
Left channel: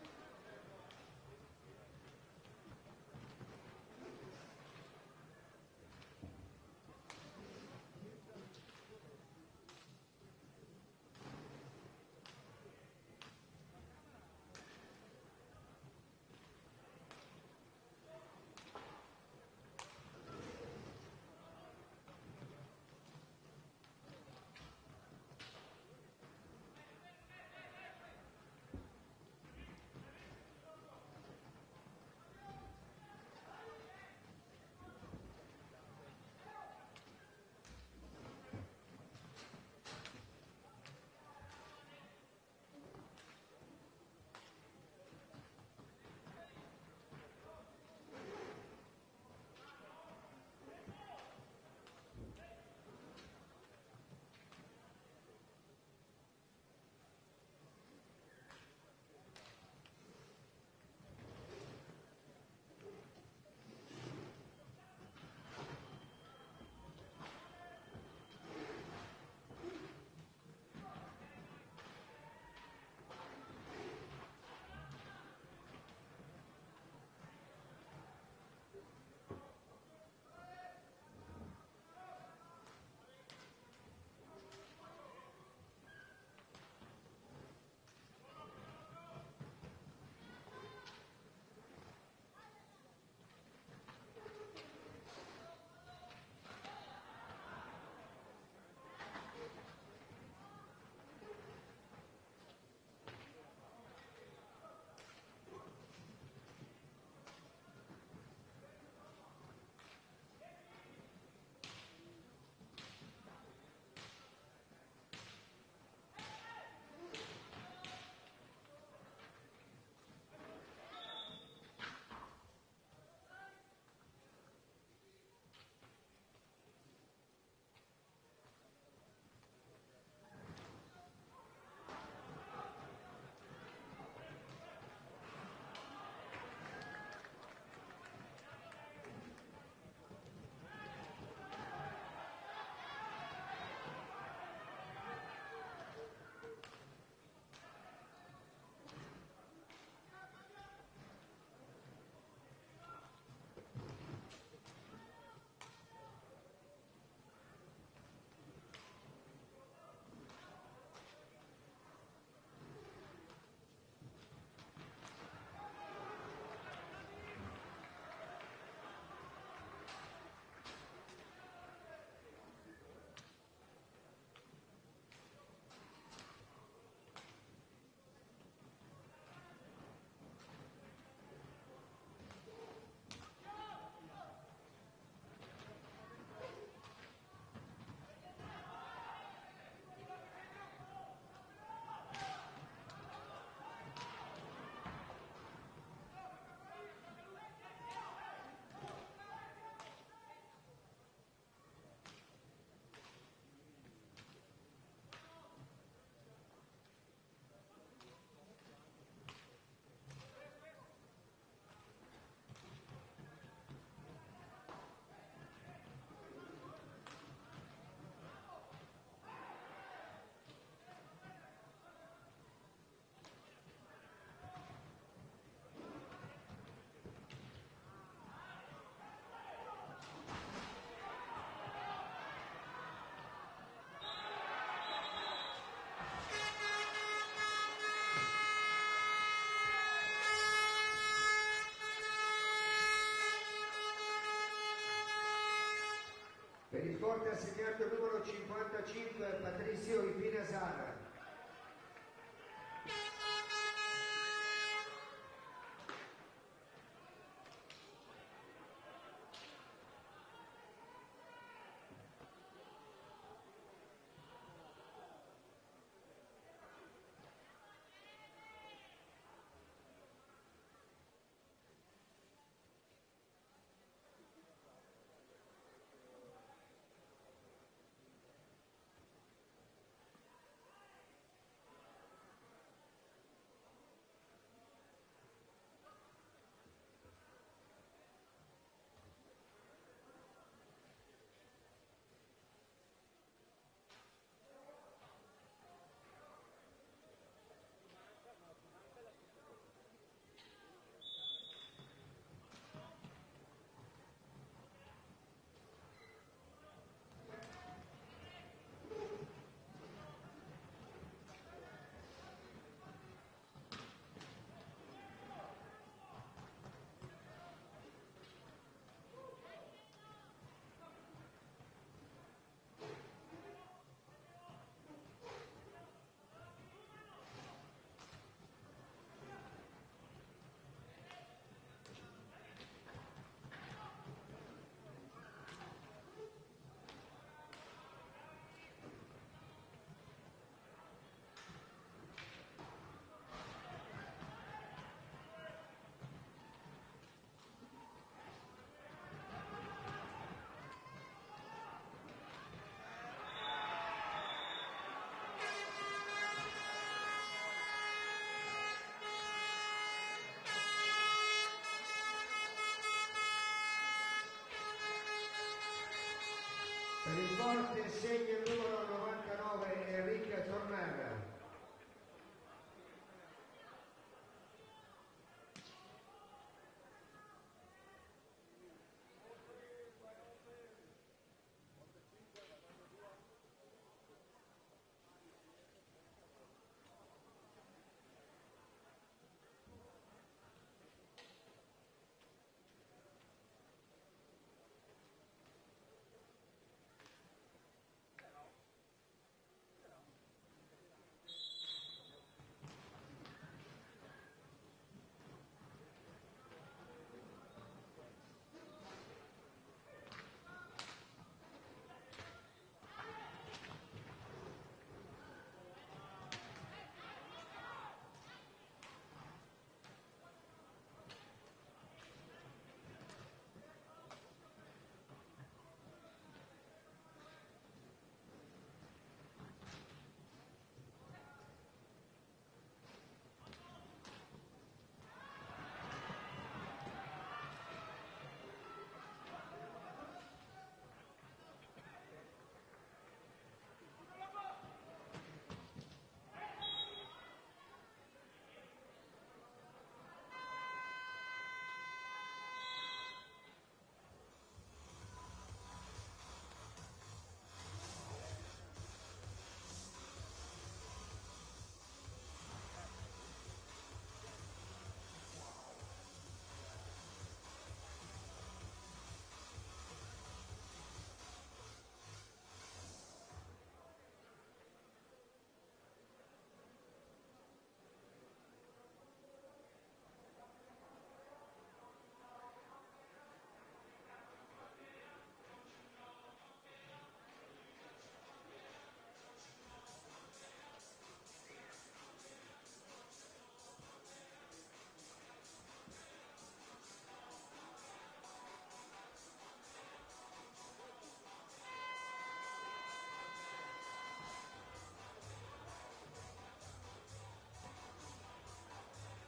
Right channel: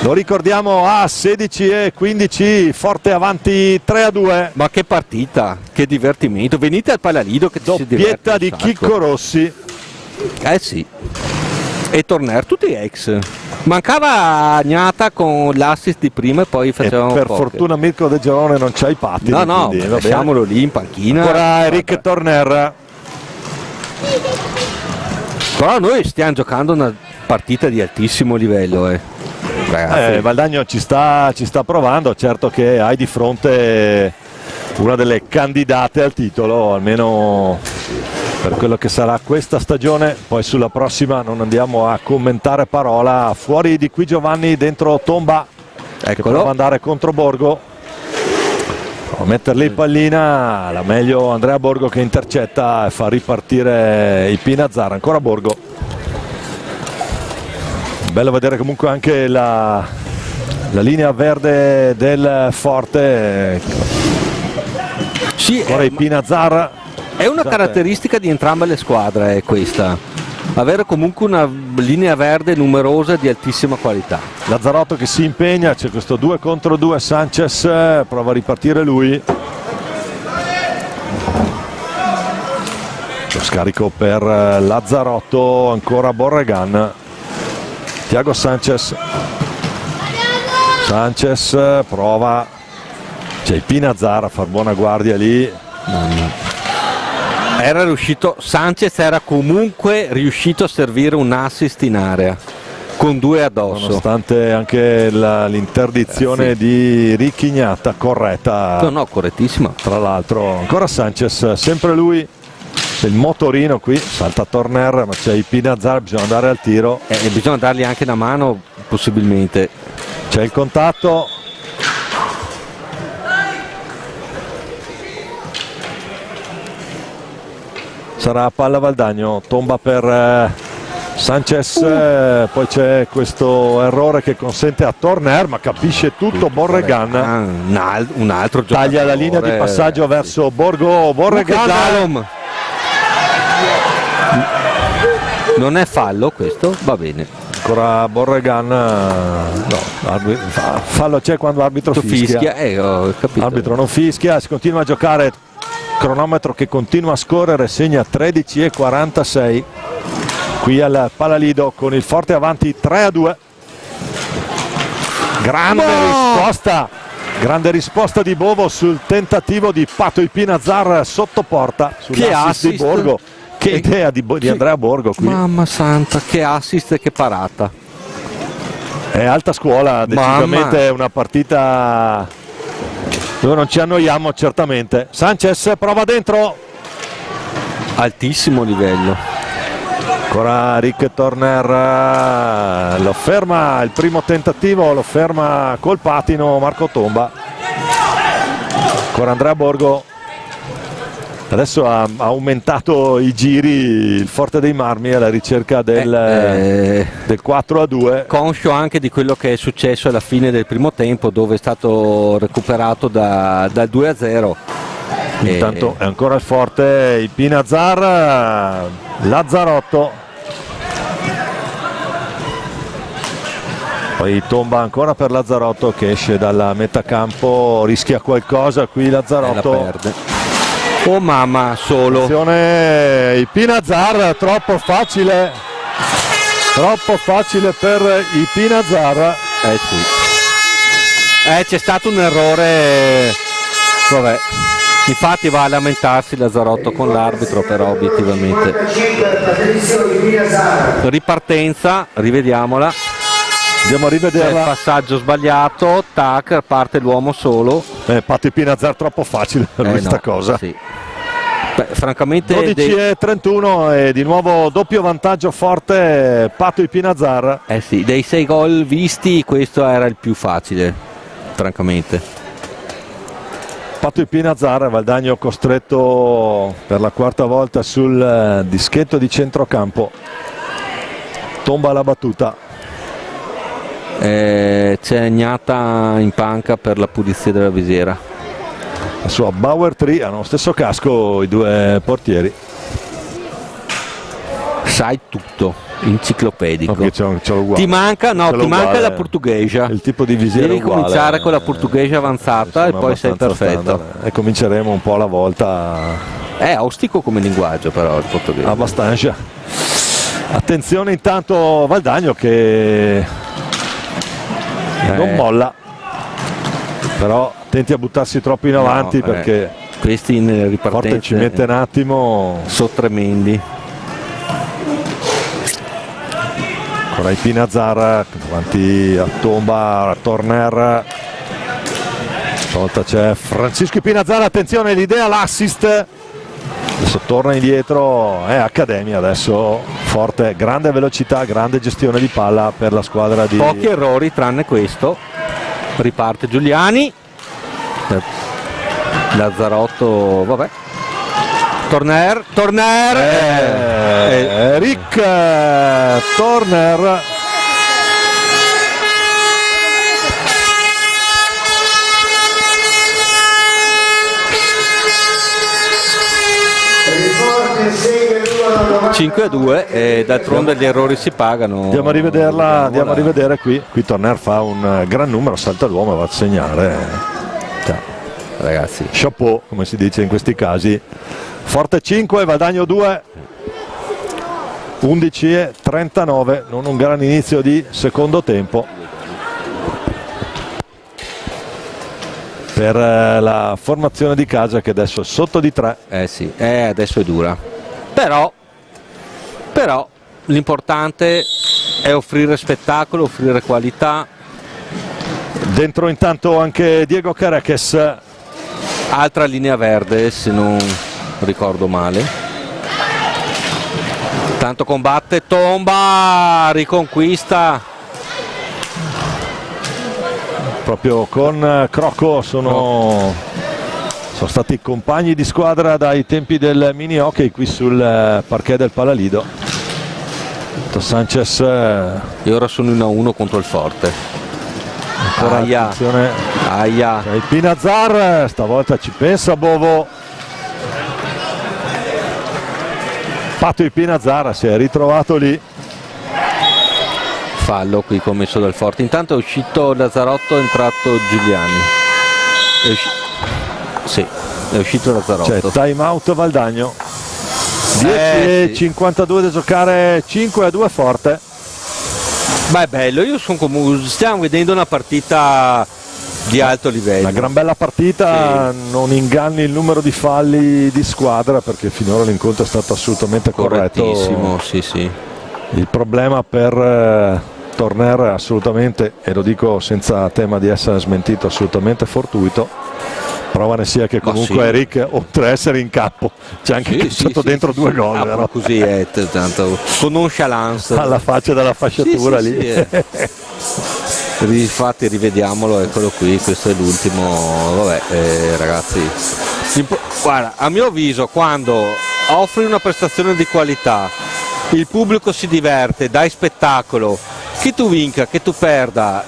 Lo ricordiamo a 16:15, Forte avanti 3-2. Ma che partita, che divertimento! Venite al Palalido che ci si diverte. Doppietta di Chicco Rossi. Sì. E Torner, tutti ex. Mancava Gnata con l'assist di prima e poi facevamo per fortuna Mirko De Giorone non c'ha i pattini. No, lasciamolo lì in panchina. Ancora Eric Torner. Però noi stiamo giocando una partita di altissimo livello. Valdagno ci sta provando, certo che hai di fronte una delle candidate al titolo, almeno per quello che sarà questa stagione. Poi sulla prossima non andiamo a commentare parola. Fuori di qui Giovanni, dentro Tomba, che prova ad andare contro Borgo, a metterli in pallina, la meglio Andrea Borgo che intercetta e fa ripartire il Pinazzar. Ancora Borgo, bello vedere comunque anche la linea verde del Forte. Ora il Pinazzar. È una caratteristica di entrambe le squadre questa, avere comunque una linea verde numerosa di altissima qualità. Lazzarotto che si impegna, c'è questo 2 contro 2, Sanchez prova a ripartire lui. Lo scarico per Lazzarotto, ancora Borregan. Thiago Sanchez prova, c'è il Pinazzar a far buona guardia lì. Sanchez era comunque riuscito a servire un assist in area. con 2 addosso, nonostante anche l'interdizione di Ricchignata corretta. no, correttissima. Tra l'altro ancora Sanchez, sempre lui, il motorino qui, salta Torner, ma c'è Pinazar, bisogna andare al tiro. E bisogna dargli anche una mano possibilmente. C'è il contatto. Sarà palla Valdagno, tomba per Sanchez, poi c'è questo errore che consente a Torner, ma capisce tutto Borregan. Un altro giocatore. Taglia la linea di passaggio verso Borgo. Borregan. Non è fallo questo? Va bene. Ancora Borregan. No, fallo c'è quando l'arbitro fischia. Ho capito. L'arbitro non fischia, si continua a giocare, cronometro che continua a scorrere, segna 13:46 qui al Palalido con il Forte avanti 3-2. Grande risposta di Bovo sul tentativo di Pato Ipinazar sotto porta sull'assist di Borgo. Che idea di Andrea Borgo qui. Mamma santa, che assist e che parata. È alta scuola, decisamente è una partita dove non ci annoiamo certamente. Sanchez prova dentro. Altissimo livello. Ancora Rick Torner, lo ferma il primo tentativo, lo ferma col patino Marco Tomba. Ancora Andrea Borgo. Adesso ha aumentato i giri il Forte dei Marmi alla ricerca del 4-2. Conscio anche di quello che è successo alla fine del primo tempo, dove è stato recuperato dal 2-0. Intanto è ancora il Forte, il Pinazar, Lazzarotto. Poi tomba ancora per Lazzarotto che esce dalla metà campo, rischia qualcosa qui Lazzarotto. La perde. Oh mamma, solo. Attenzione, il Pinazar, troppo facile per i Pinazar. Sì. C'è stato un errore, vabbè, infatti va a lamentarsi Lazzarotto con l'arbitro, però obiettivamente. Ripartenza, rivediamola. Andiamo a rivederla. C'è il passaggio sbagliato, tac, parte l'uomo solo. Pato Pinazar troppo facile per questa cosa. Sì. Beh, francamente 12:31 e di nuovo doppio vantaggio Forte, Pato Pinazar. Sì, dei 6 gol visti questo era il più facile, francamente. Pato Pinazar, Valdagno costretto per la quarta volta sul dischetto di centrocampo. Tomba la battuta. C'è Gnata in panca per la pulizia della visiera. La sua Bauer 3 hanno lo stesso casco i due portieri. Sai tutto, enciclopedico. Ti manca la portuguesa. Il tipo di visiera devi uguale. Cominciare con la portuguesa avanzata e poi sei perfetto. Standard. E cominceremo un po' alla volta. È ostico come linguaggio però il portoghese. Abbastanza. Attenzione intanto Valdagno che non molla. Però attenti a buttarsi troppo in avanti perché questi in ripartenza Forte ci mette un attimo. Sono tremendi. Ancora i Pinazar davanti a tomba, a Torner. Stavolta c'è Francisco Pinazar, attenzione l'idea, l'assist. Adesso torna indietro, è Accademia adesso. Forte, grande velocità, grande gestione di palla per la squadra di... Pochi errori tranne questo. Riparte Giuliani. Lazzarotto, vabbè. Torner. Rick Torner. Forte 5-2 e d'altronde gli errori si pagano. Andiamo a rivederla, andiamo a rivedere qui. Qui Torner fa un gran numero, salta l'uomo e va a segnare. Ragazzi, chapeau, come si dice in questi casi. Forte 5, Valdagno 2. 11:39, non un gran inizio di secondo tempo per la formazione di casa che adesso è sotto di 3. Sì, adesso è dura. Però l'importante è offrire spettacolo, offrire qualità. Dentro intanto anche Diego Careques. Altra linea verde, se non ricordo male. Tanto combatte, tomba, riconquista. Proprio con Crocco sono stati compagni di squadra dai tempi del mini hockey qui sul parquet del Palalido. Sanchez E ora sono 1-1 contro il Forte. ancora attenzione. Aia. C'è il Pinazar, stavolta ci pensa Bovo. Pato il Pinazar si è ritrovato lì. Fallo qui commesso dal Forte. Intanto è uscito Lazzarotto, è entrato Giuliani. Sì, è uscito Lazzarotto. C'è time out Valdagno. 10:52 da giocare, 5-2 Forte. Ma è bello, stiamo vedendo una partita di alto livello. Una gran bella partita, sì. Non inganni il numero di falli di squadra perché finora l'incontro è stato assolutamente corretto. Correttissimo, sì. Il problema per Torner assolutamente, e lo dico senza tema di essere smentito, assolutamente fortuito. Prova ne sia che comunque sì. Eric, oltre a essere in campo, c'è anche stato dentro 2 gol. No? Così è, tanto con nonchalance. Alla faccia della fasciatura lì. Infatti rivediamolo, eccolo qui, questo è l'ultimo. Vabbè, ragazzi, guarda, a mio avviso quando offri una prestazione di qualità, il pubblico si diverte, dai spettacolo, che tu vinca, che tu perda,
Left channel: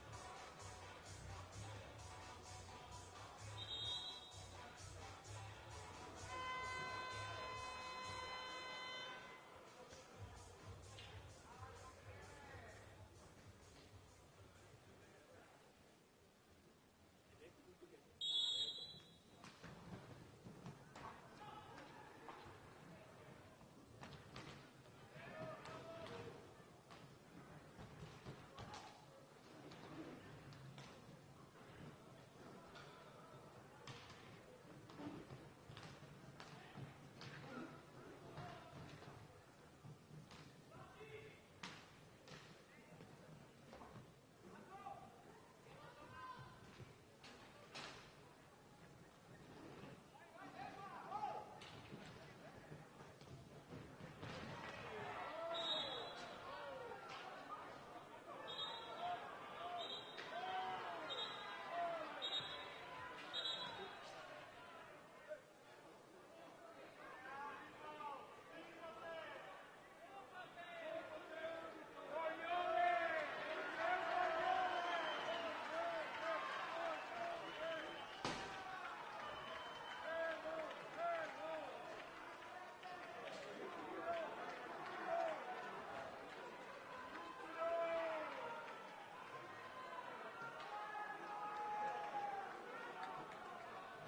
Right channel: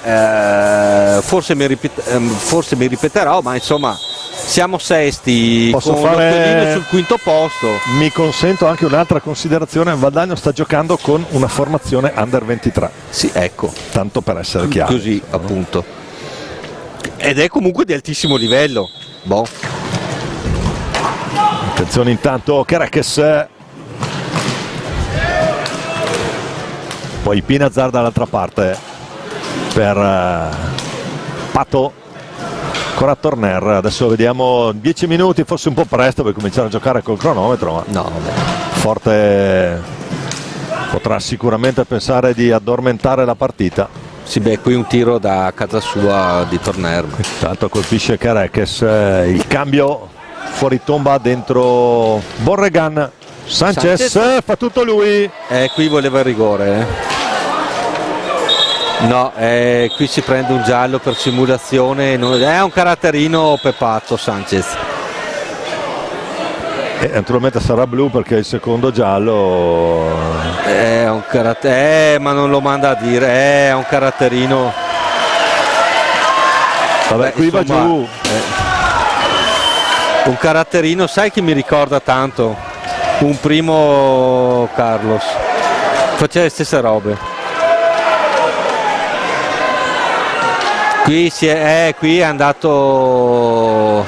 forse mi ripeterò, ma insomma siamo sesti. Posso con fare sul quinto posto. Mi consento anche un'altra considerazione: Valdagno sta giocando con una formazione under 23. Sì, ecco, tanto per essere chiaro. Così, appunto. Ed è comunque di altissimo livello. Boh. Attenzione intanto Careques. Poi Pinazar dall'altra parte per Pato. Ancora Torner, adesso vediamo 10 minuti, forse un po' presto per cominciare a giocare col cronometro, ma no, vabbè. Forte potrà sicuramente pensare di addormentare la partita. Sì, beh, qui un tiro da casa sua di Torner. Intanto colpisce Careques, il cambio fuori tomba dentro Borregan. Sanchez fa tutto lui. Qui voleva il rigore. No, qui si prende un giallo per simulazione, è un caratterino peppato Sanchez. E naturalmente sarà blu perché il secondo giallo è un carattere, ma non lo manda a dire, è un caratterino. Vabbè, qui insomma, va giù. Un caratterino, sai che mi ricorda tanto? Un primo Carlos. Faceva le stesse robe. Qui è andato,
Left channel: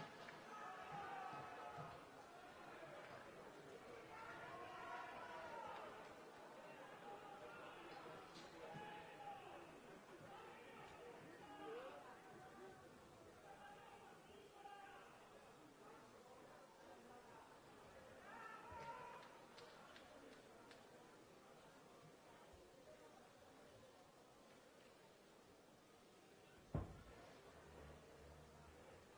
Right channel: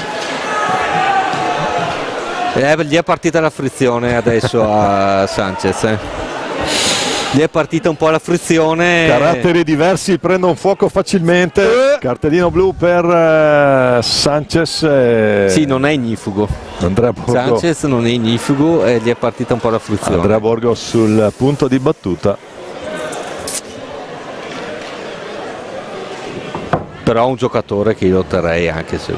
gli è partita la frizione adesso a Sanchez. Gli è partita un po' la frizione. Caratteri diversi prendono fuoco facilmente. Cartellino blu per Sanchez. Sì, non è ignifugo. Andrea Borgo. Sanchez non è ignifugo e gli è partita un po' la frizione. Andrea Borgo sul punto di battuta. Però un giocatore che io terrei anche se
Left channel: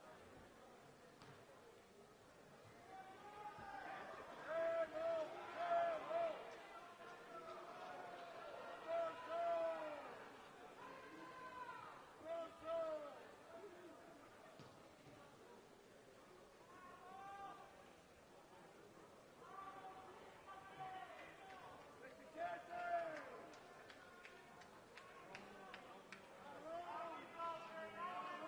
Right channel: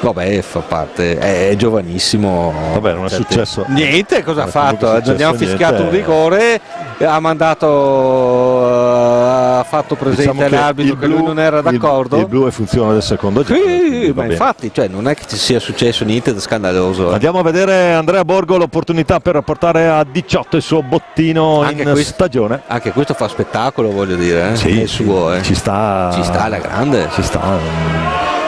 vabbè, fa parte, è giovanissimo. Vabbè, non è successo niente, cosa ha fatto? Abbiamo fischiato un rigore, ha fatto presente, diciamo, all'arbitro che lui non era d'accordo. Il blu è funzione del secondo giro. Sì, ma infatti, cioè, non è che ci sia successo niente di scandaloso. Andiamo a vedere Andrea Borgo, l'opportunità per portare a 18 il suo bottino anche in stagione. Anche questo fa spettacolo, voglio dire. Sì, è suo, ci sta alla grande. Ci sta.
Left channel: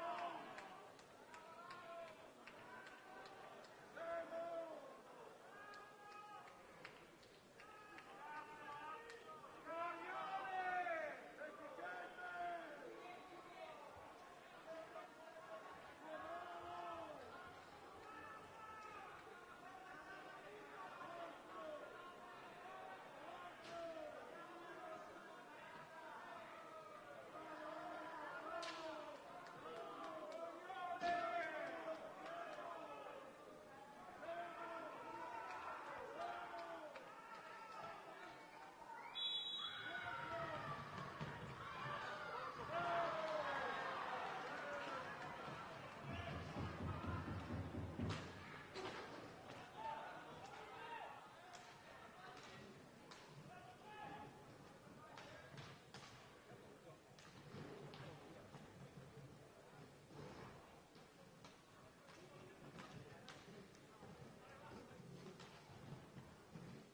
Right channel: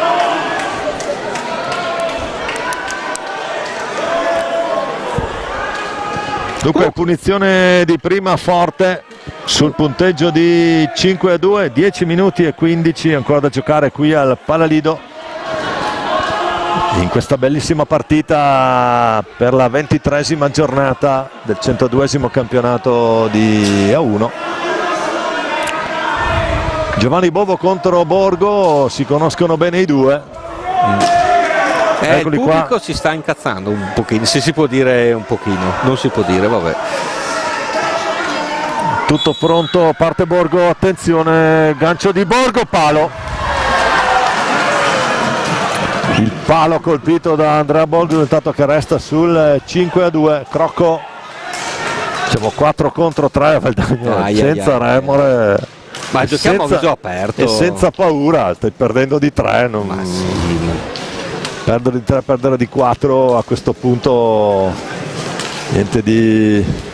Dunque punizione di prima Forte sul punteggio di 5-2, 10 minuti e 15 ancora da giocare qui al Palalido in questa bellissima partita per la 23esima giornata del 102esimo campionato di A1. Giovanni Bovo contro Borgo, si conoscono bene i due. Il pubblico si sta incazzando un pochino, se si può dire un pochino, non si può dire, vabbè. Tutto pronto, parte Borgo, attenzione, gancio di Borgo, palo. Il palo colpito da Andrea Borgo, intanto che resta sul 5-2. Crocco, diciamo 4 contro 3, Valdagno, senza remore. Ma giochiamo a viso aperto e senza paura, stai perdendo di 3, perdere di 3, perdere di 4 a questo punto niente di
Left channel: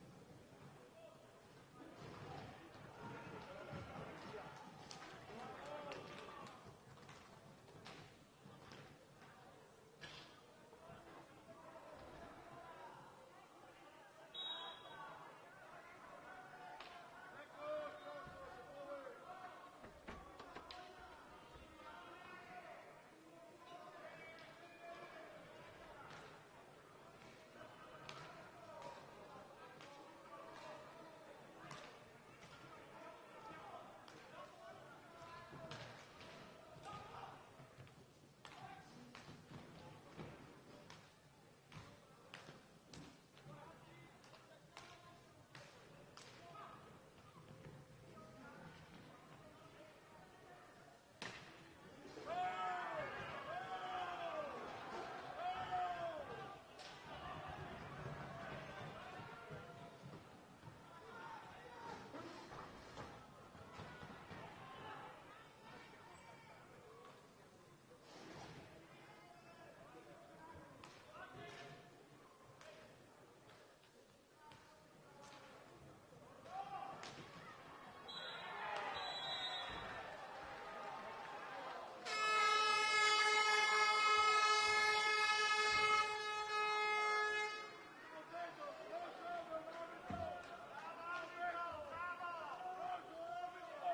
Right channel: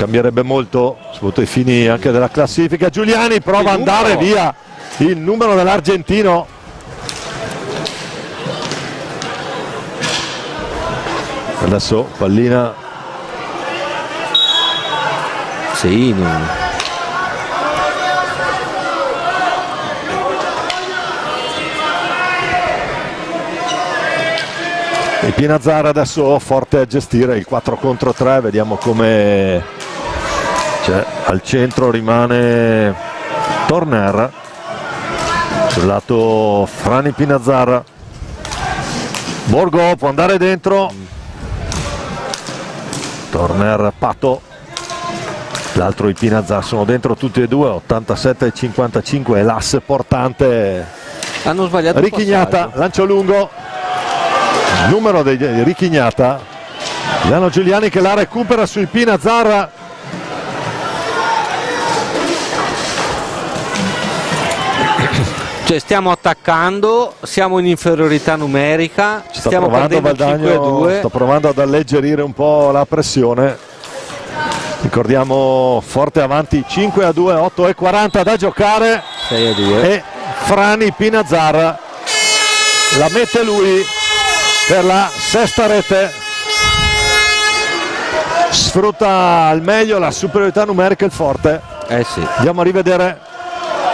cambierebbe molto, soprattutto ai fini anche della classifica. Giuliani prova ad andare via il numero dell'argentino. Adesso pallina. Sì, E Pinazzara adesso forte a gestire il 4 contro 3, vediamo come al centro rimane Torner, sul lato Frani Pinazzara. Borgo può andare dentro, Torner Pato, l'altro di Pinazzara, sono dentro tutti e due, 87 e 55 è l'asse portante. Hanno sbagliato Richignata, lancio lungo, numero di Richignata, Giuliano Giuliani che la recupera sui Pinazzara. Cioè stiamo attaccando, siamo in inferiorità numerica, stiamo perdendo 5-2. Sto provando ad alleggerire un po' la pressione. Ricordiamo forte avanti 5-2, 8-40 da giocare. 6-2. E Frani Pinazzara la mette lui per la sesta rete. Sfrutta al meglio la superiorità numerica il forte. Sì. Andiamo a rivedere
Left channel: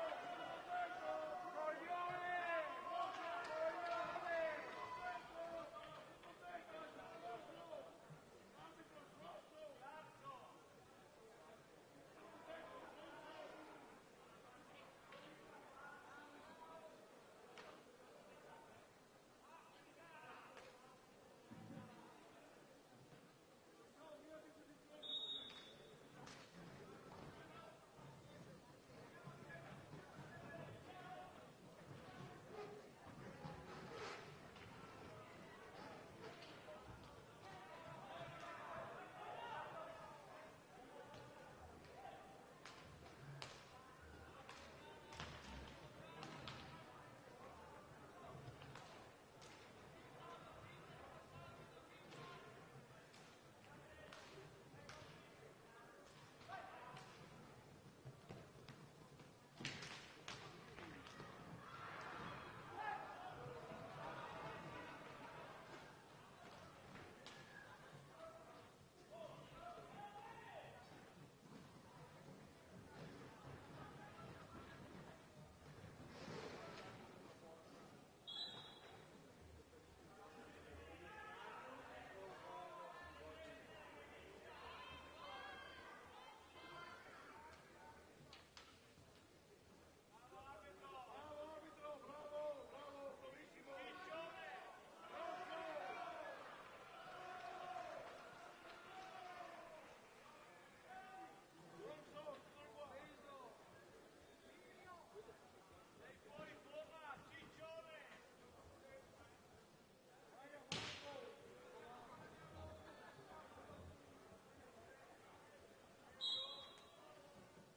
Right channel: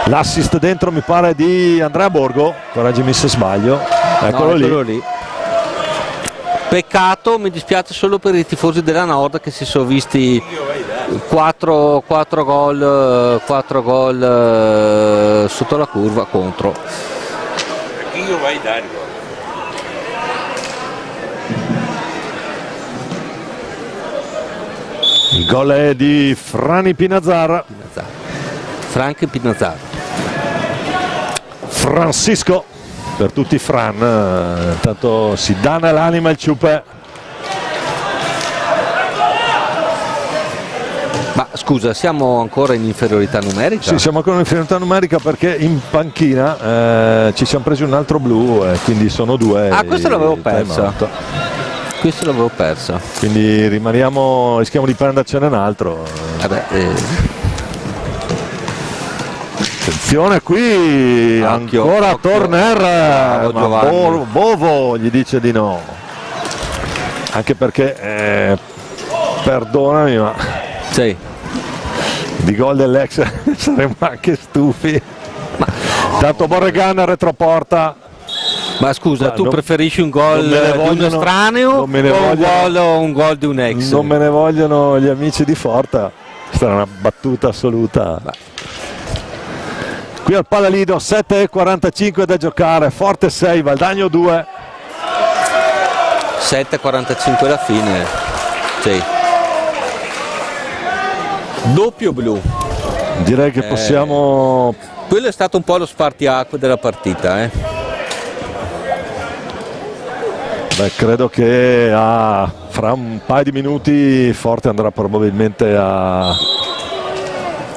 l'assist dentro, mi pare di Andrea Borgo, correggimi se sbaglio. Eccolo lì. Peccato, mi dispiace solo per i tifosi della Nord che si sono visti 4 gol sotto la curva contro. Il gol è di Frani Pinazzara. Frank Pinazzara. Francisco per tutti i Fran, intanto si dà nell'anima il Ciupe. Ma scusa, siamo ancora in inferiorità numerica? Sì, siamo ancora in inferiorità numerica perché in panchina ci siamo presi un altro blu, quindi sono 2. Questo l'avevo persa. Questo l'avevo persa. Quindi rischiamo di prendercene un altro. Attenzione qui, ancora Torner, ma Bovo gli dice di no, anche perché perdonami ma sì, di gol dell'ex saremmo anche stufi. Tanto Borregan retroporta. Ma scusa, tu preferisci un gol di un estraneo o un gol di un ex? Non me ne vogliono gli amici di Forta, questa è una battuta assoluta. Qui al Palalido 7:45 da giocare, Forte 6, Valdagno 2. 7:45 alla fine. Sì. Doppio blu. Direi che possiamo. Quello è stato un po' lo spartiacque della partita. Beh, credo che fra un paio di minuti Forte andrà probabilmente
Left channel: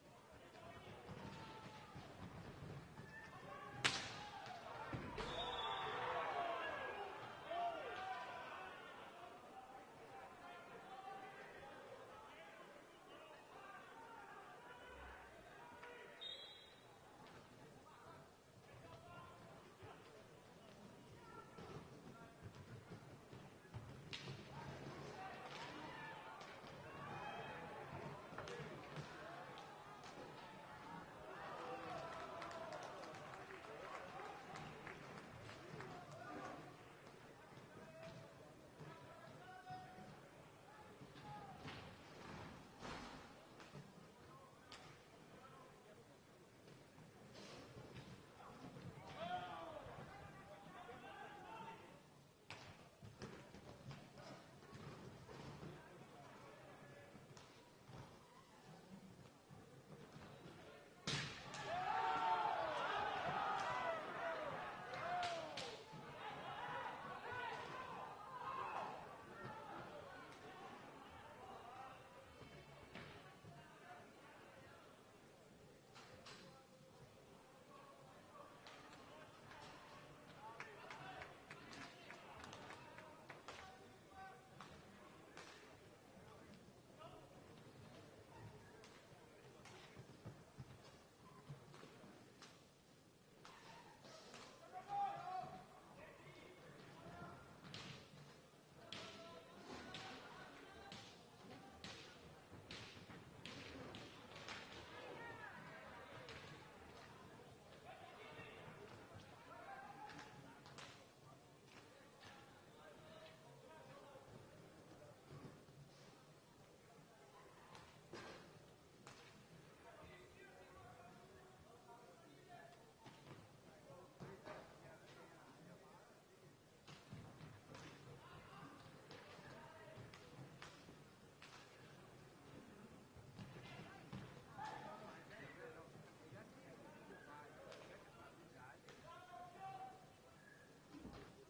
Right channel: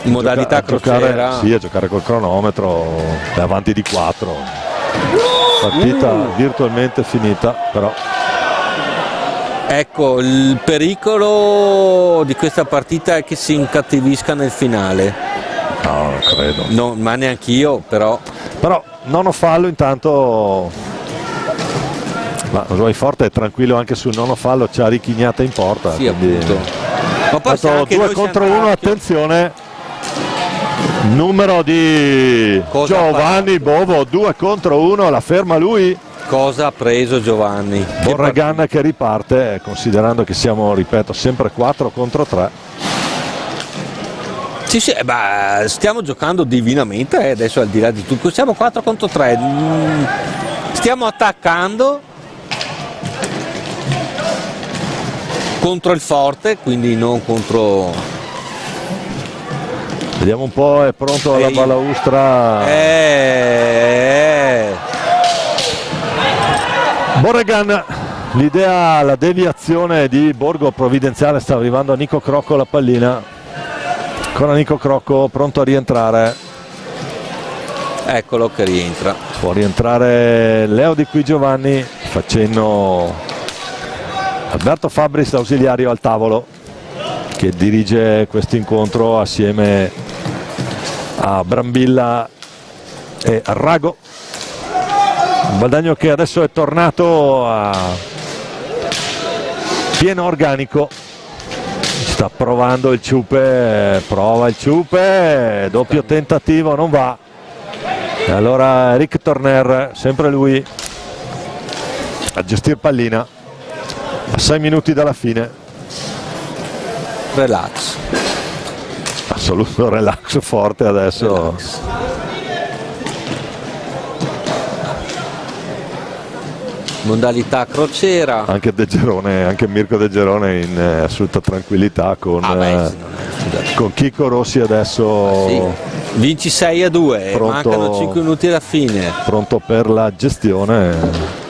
in modalità crociera. A giocare col cronometro, è avanti di 4. Partita virtualmente finita, però. Ecco, il pericolo di questa partita è che si incattivisca nel finale. No, non credo. No, ma neanche io, però. Però nono fallo intanto. Ma Rosoi Forte è tranquillo anche sul nono fallo, c'ha Richignata in porta. Sì, quindi. appunto. Ma poi 2 contro 1, attenzione. Numero di Giovanni Bovo, 2 contro 1, la ferma lui. Cosa ha preso Giovanni? Borregan che riparte, considerando che siamo, ripeto, sempre 4 contro 3. Sì, stiamo giocando divinamente, adesso al di là di tutto, siamo 4 contro 3, stiamo attaccando contro il Forte, quindi non contro Vediamo un po', è pronto alla balaustra. Borregan, l'idea, la deviazione di Borgo Provvidenziale, sta arrivando a Nico Crocco la pallina. Ancora Nico Crocco pronto a rientrare. Eccolo che rientra. Può rientrare Leo Di Qui Giovanni, facendo Alberto Fabris ausiliario al tavolo, che dirige questo incontro assieme a Brambilla e a Rago. Valdagno che adesso è tornato a pieno organico, sta provando il ciupe, prova il ciupe, doppio tentativo, non va. E allora Rick Torner, sempre lui a gestire pallina a 6 minuti dalla fine. Relax, Assoluto relax forte adesso. relax. Modalità crociera. Anche De Gerone, anche Mirko De Gerone in assoluta tranquillità con Chico Rossi adesso. Sì. Vinci 6-2, Pronto, mancano 5 minuti alla fine. pronto per la gestione.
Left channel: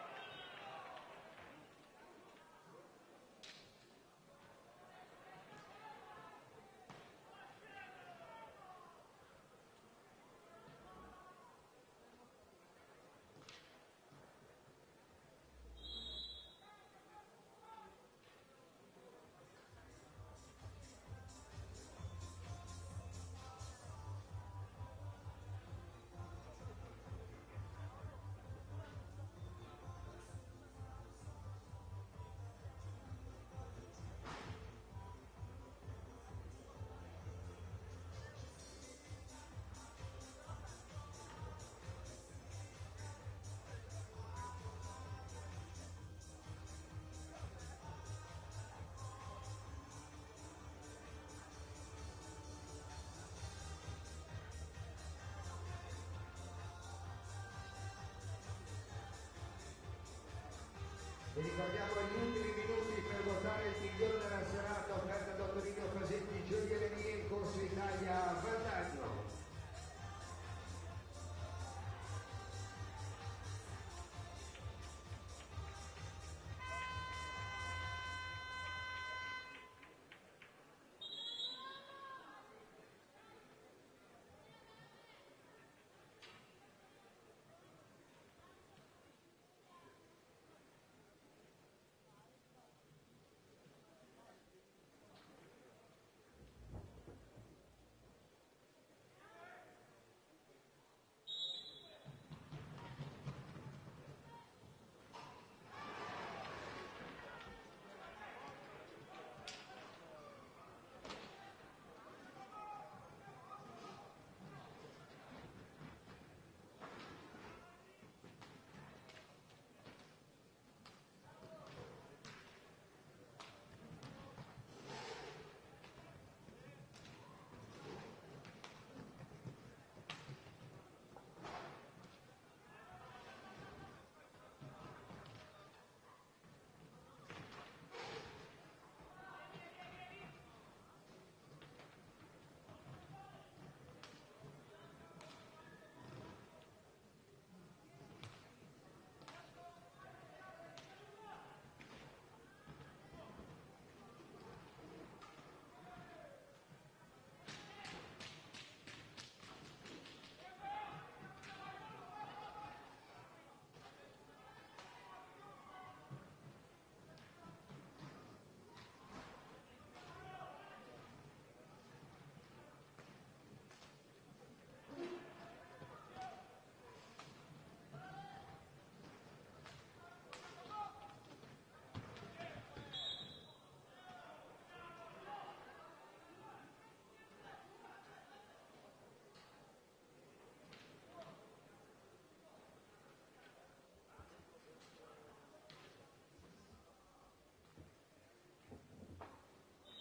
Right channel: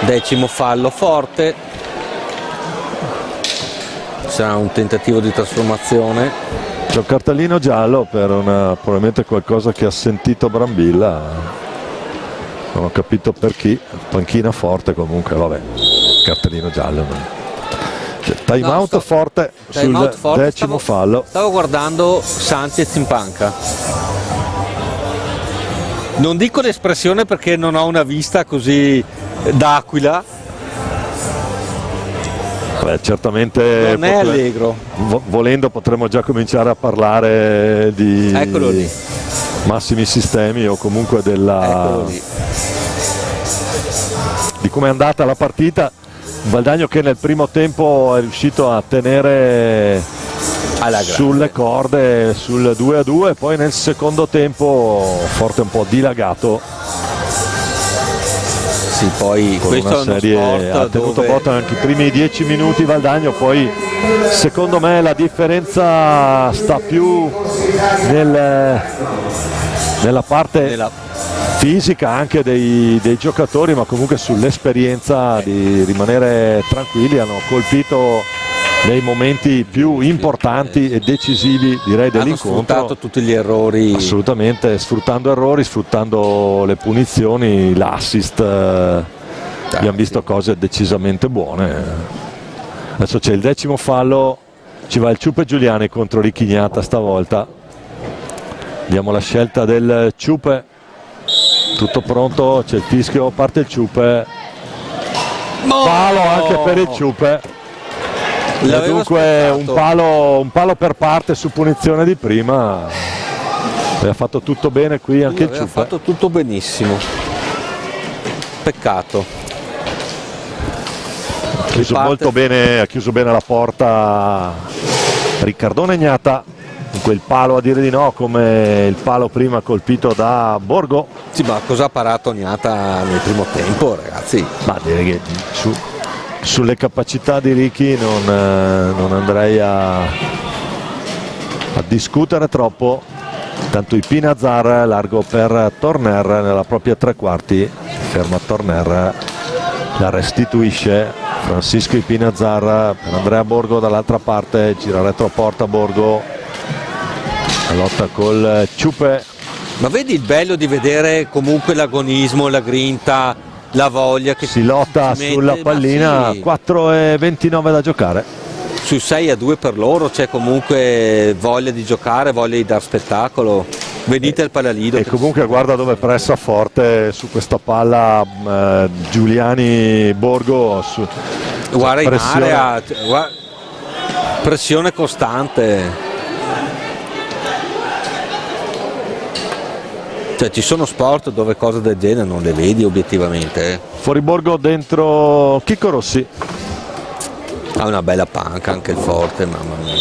Decimo fallo forte. Sarà un tentativo di trasformazione. C'è un cartellino giallo per probabilmente qualcosa che ha sentito Brambilla, non ho capito per chi. Panchina forte comunque, vabbè, cartellino giallo. Time out forte sul decimo fallo. Stavo guardando Sanchez in panca. Non dico l'espressione perché non ho una vista così d'aquila. Beh, certamente Non è allegro. Volendo potremmo già cominciare a parlare di Eccolo lì. massimi sistemi o comunque Eccolo lì. di come è andata la partita. Valdagno che nel primo tempo è riuscito a tenere Alla sulle corde sul 2-2, poi nel secondo tempo forte un po' dilagato. Sì, poi Con questo una è uno serie, sport ha tenuto dove botta anche i primi 10 minuti Valdagno, poi secondo me la differenza sta più nella parte fisica anche dei giocatori, ma comunque sull'esperienza di rimanere tranquilli. Hanno colpito nei momenti più importanti e decisivi, direi, hanno dell'incontro. sfruttato tutti gli errori. Assolutamente, sfruttando errori, sfruttando le punizioni, l'assist, abbiamo visto cose decisamente buone. Adesso c'è il decimo fallo, ci va il Ciupe Giuliani contro Richignata stavolta. Vediamo la scelta del Ciupe, tutto pronto, c'è il fischio, parte il Ciupe, palo anche per il Ciupe. Dunque un palo per parte su punizione di prima. Aveva fatto tutto bene qui anche il Aveva Ciupe. fatto tutto benissimo. Peccato. Ha chiuso bene la porta Riccardone Ignata, con quel palo a dire di no, come il palo prima colpito da Borgo. Sì, ma cosa ha parato Ognata nel primo tempo, ragazzi? Ma direi che sulle capacità di Ricky non andrei a discutere troppo. Tanto Ipinazar largo per Torner nella propria tre quarti, ferma Torner, la restituisce Francisco Ipinazar per Andrea Borgo dall'altra parte, gira retroporta Borgo, la lotta col Ciupe. Ma vedi il bello di vedere comunque l'agonismo, la grinta, la voglia che si lotta sulla pallina. Sì. 4:29 da giocare. Sui 6-2 per loro c'è comunque voglia di giocare, voglia di dar spettacolo. Venite al Palalido. E comunque guarda dove pressa forte su questa palla Giuliani Borgo. Guarda in area, pressione costante. Cioè ci sono sport dove cose del genere non le vedi obiettivamente. Fuori Borgo, dentro Chico Rossi. Ha una bella panca anche il forte, mamma mia.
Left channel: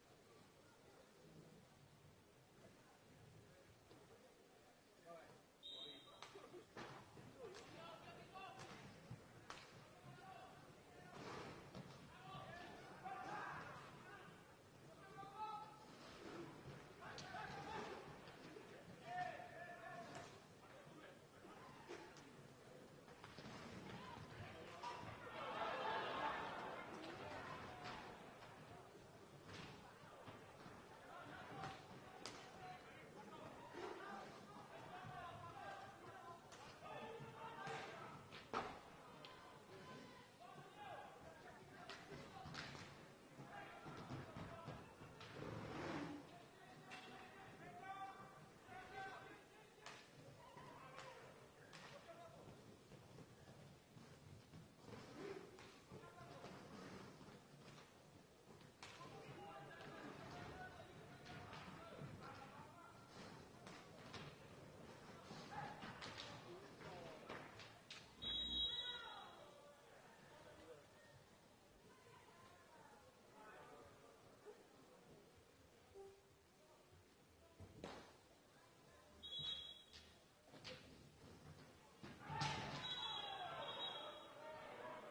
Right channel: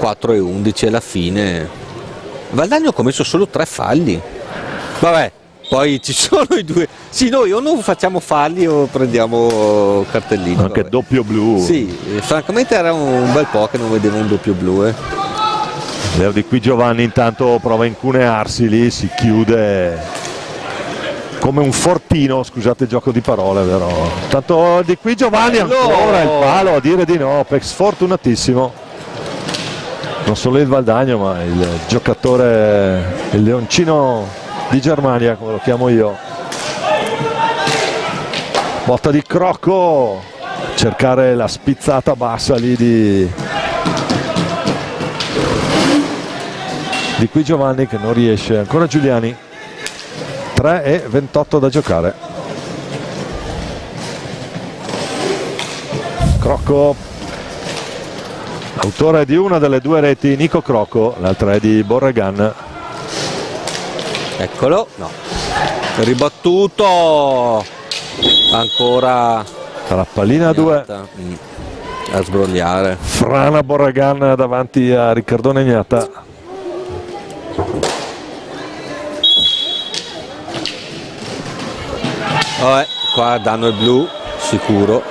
(4:11) alla fine. Valdagno ha commesso solo 3 falli. Vabbè, poi ci sono i due. Sì, noi o non facciamo falli o prendiamo cartellini. Anche vabbè. doppio blu. Sì, francamente era un bel po' che non vedevo un doppio blu. Leo Di Qui Giovanni intanto prova a incunearsi lì, si chiude come un fortino, scusate il gioco di parole, però. Tanto Di Qui Giovanni ancora il palo a dire di no, sfortunatissimo. Non solo il Valdagno, ma il giocatore, il leoncino di Germania, come lo chiamo io. Botta di Crocco, cercare la spizzata bassa lì di Qui Giovanni che non riesce. Ancora Giuliani. 3:28 da giocare. Crocco, autore di una delle due reti, Nico Crocco, l'altra è di Borregan. Eccolo, no, ribattuto, ancora La pallina a 2. a sbrogliare. Frana Borregan davanti a Riccardone Gnata. Qua danno il blu sicuro,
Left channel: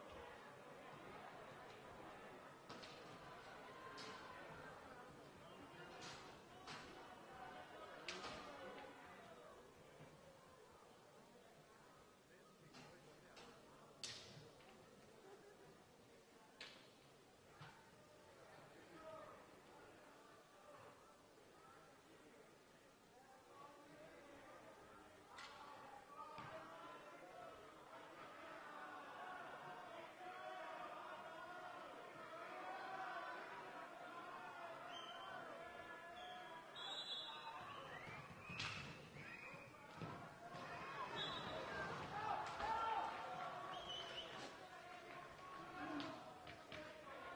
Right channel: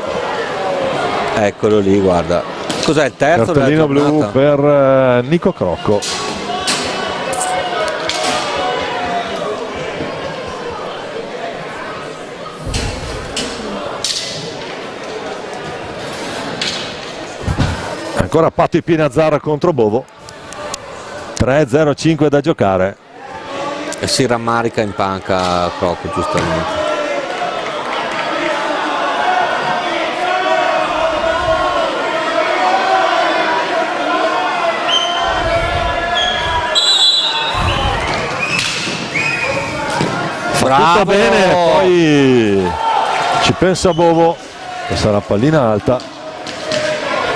eccolo lì, guarda, cos'è il terzo Cartellino della blu giornata? per Nico Crocco. Ancora Patti Pinazzara contro Bovo. 3:05 da giocare. E si rammarica in panca Crocco, giustamente. Tutto bene, poi ci pensa Bovo, che sarà pallina alta.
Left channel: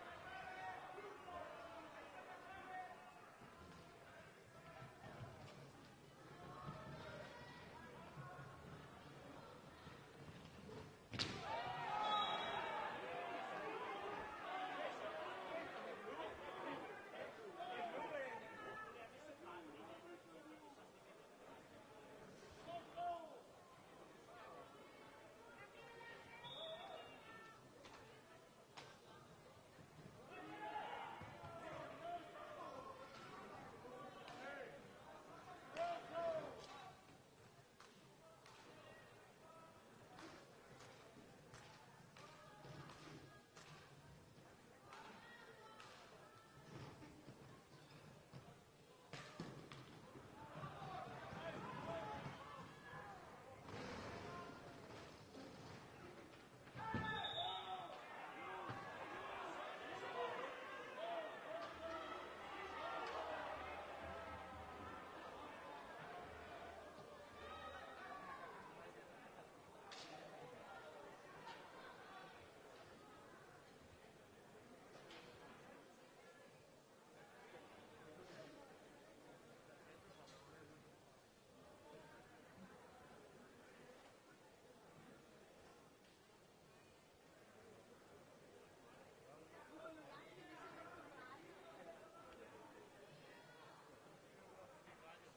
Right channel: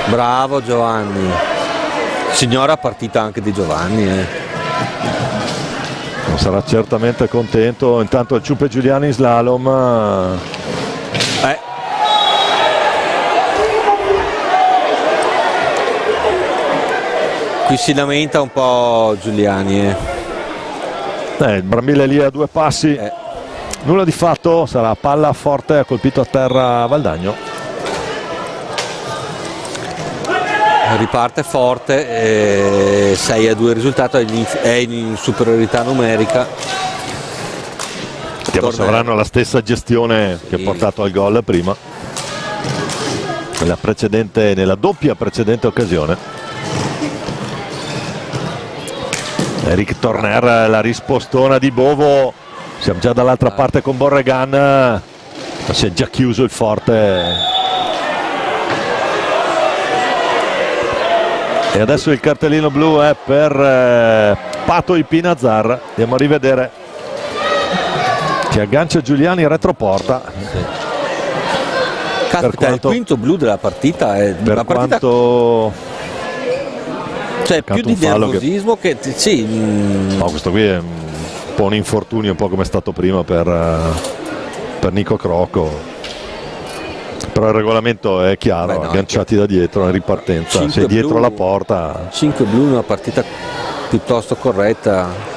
Bravo Giovanni, signora partita anche di Giovanni. Non sarà certamente contento. Intanto il Ciuppe Giuliani in slalom. Qui si lamenta un po' Giuliani. Il Brambilla lì a 2 passi. Nulla di fatto, sarà palla forte, ha colpito a terra Valdagno. Riparte forte, 6-2 il risultato, è in superiorità numerica. Vediamo se avranno la stessa gestione che ha portato al gol prima, nella doppia precedente occasione. Eric Torner, la rispostona di Bovo. Siamo già dall'altra parte con Borregan, ma si è già chiuso il forte. E adesso il cartellino blu è per Pato Ipinazzar. Andiamo a rivedere, che aggancia Giuliani retroporta. Caspita, il quinto blu della partita è per la partita, quanto cioè più di nervosismo che sì. No, questo qui è un po' un infortunio, un po' come è stato prima per Nico Crocco. Però il regolamento è chiaro, agganciati da dietro in ripartenza, sei dietro la porta. 5 blu in una partita piuttosto corretta.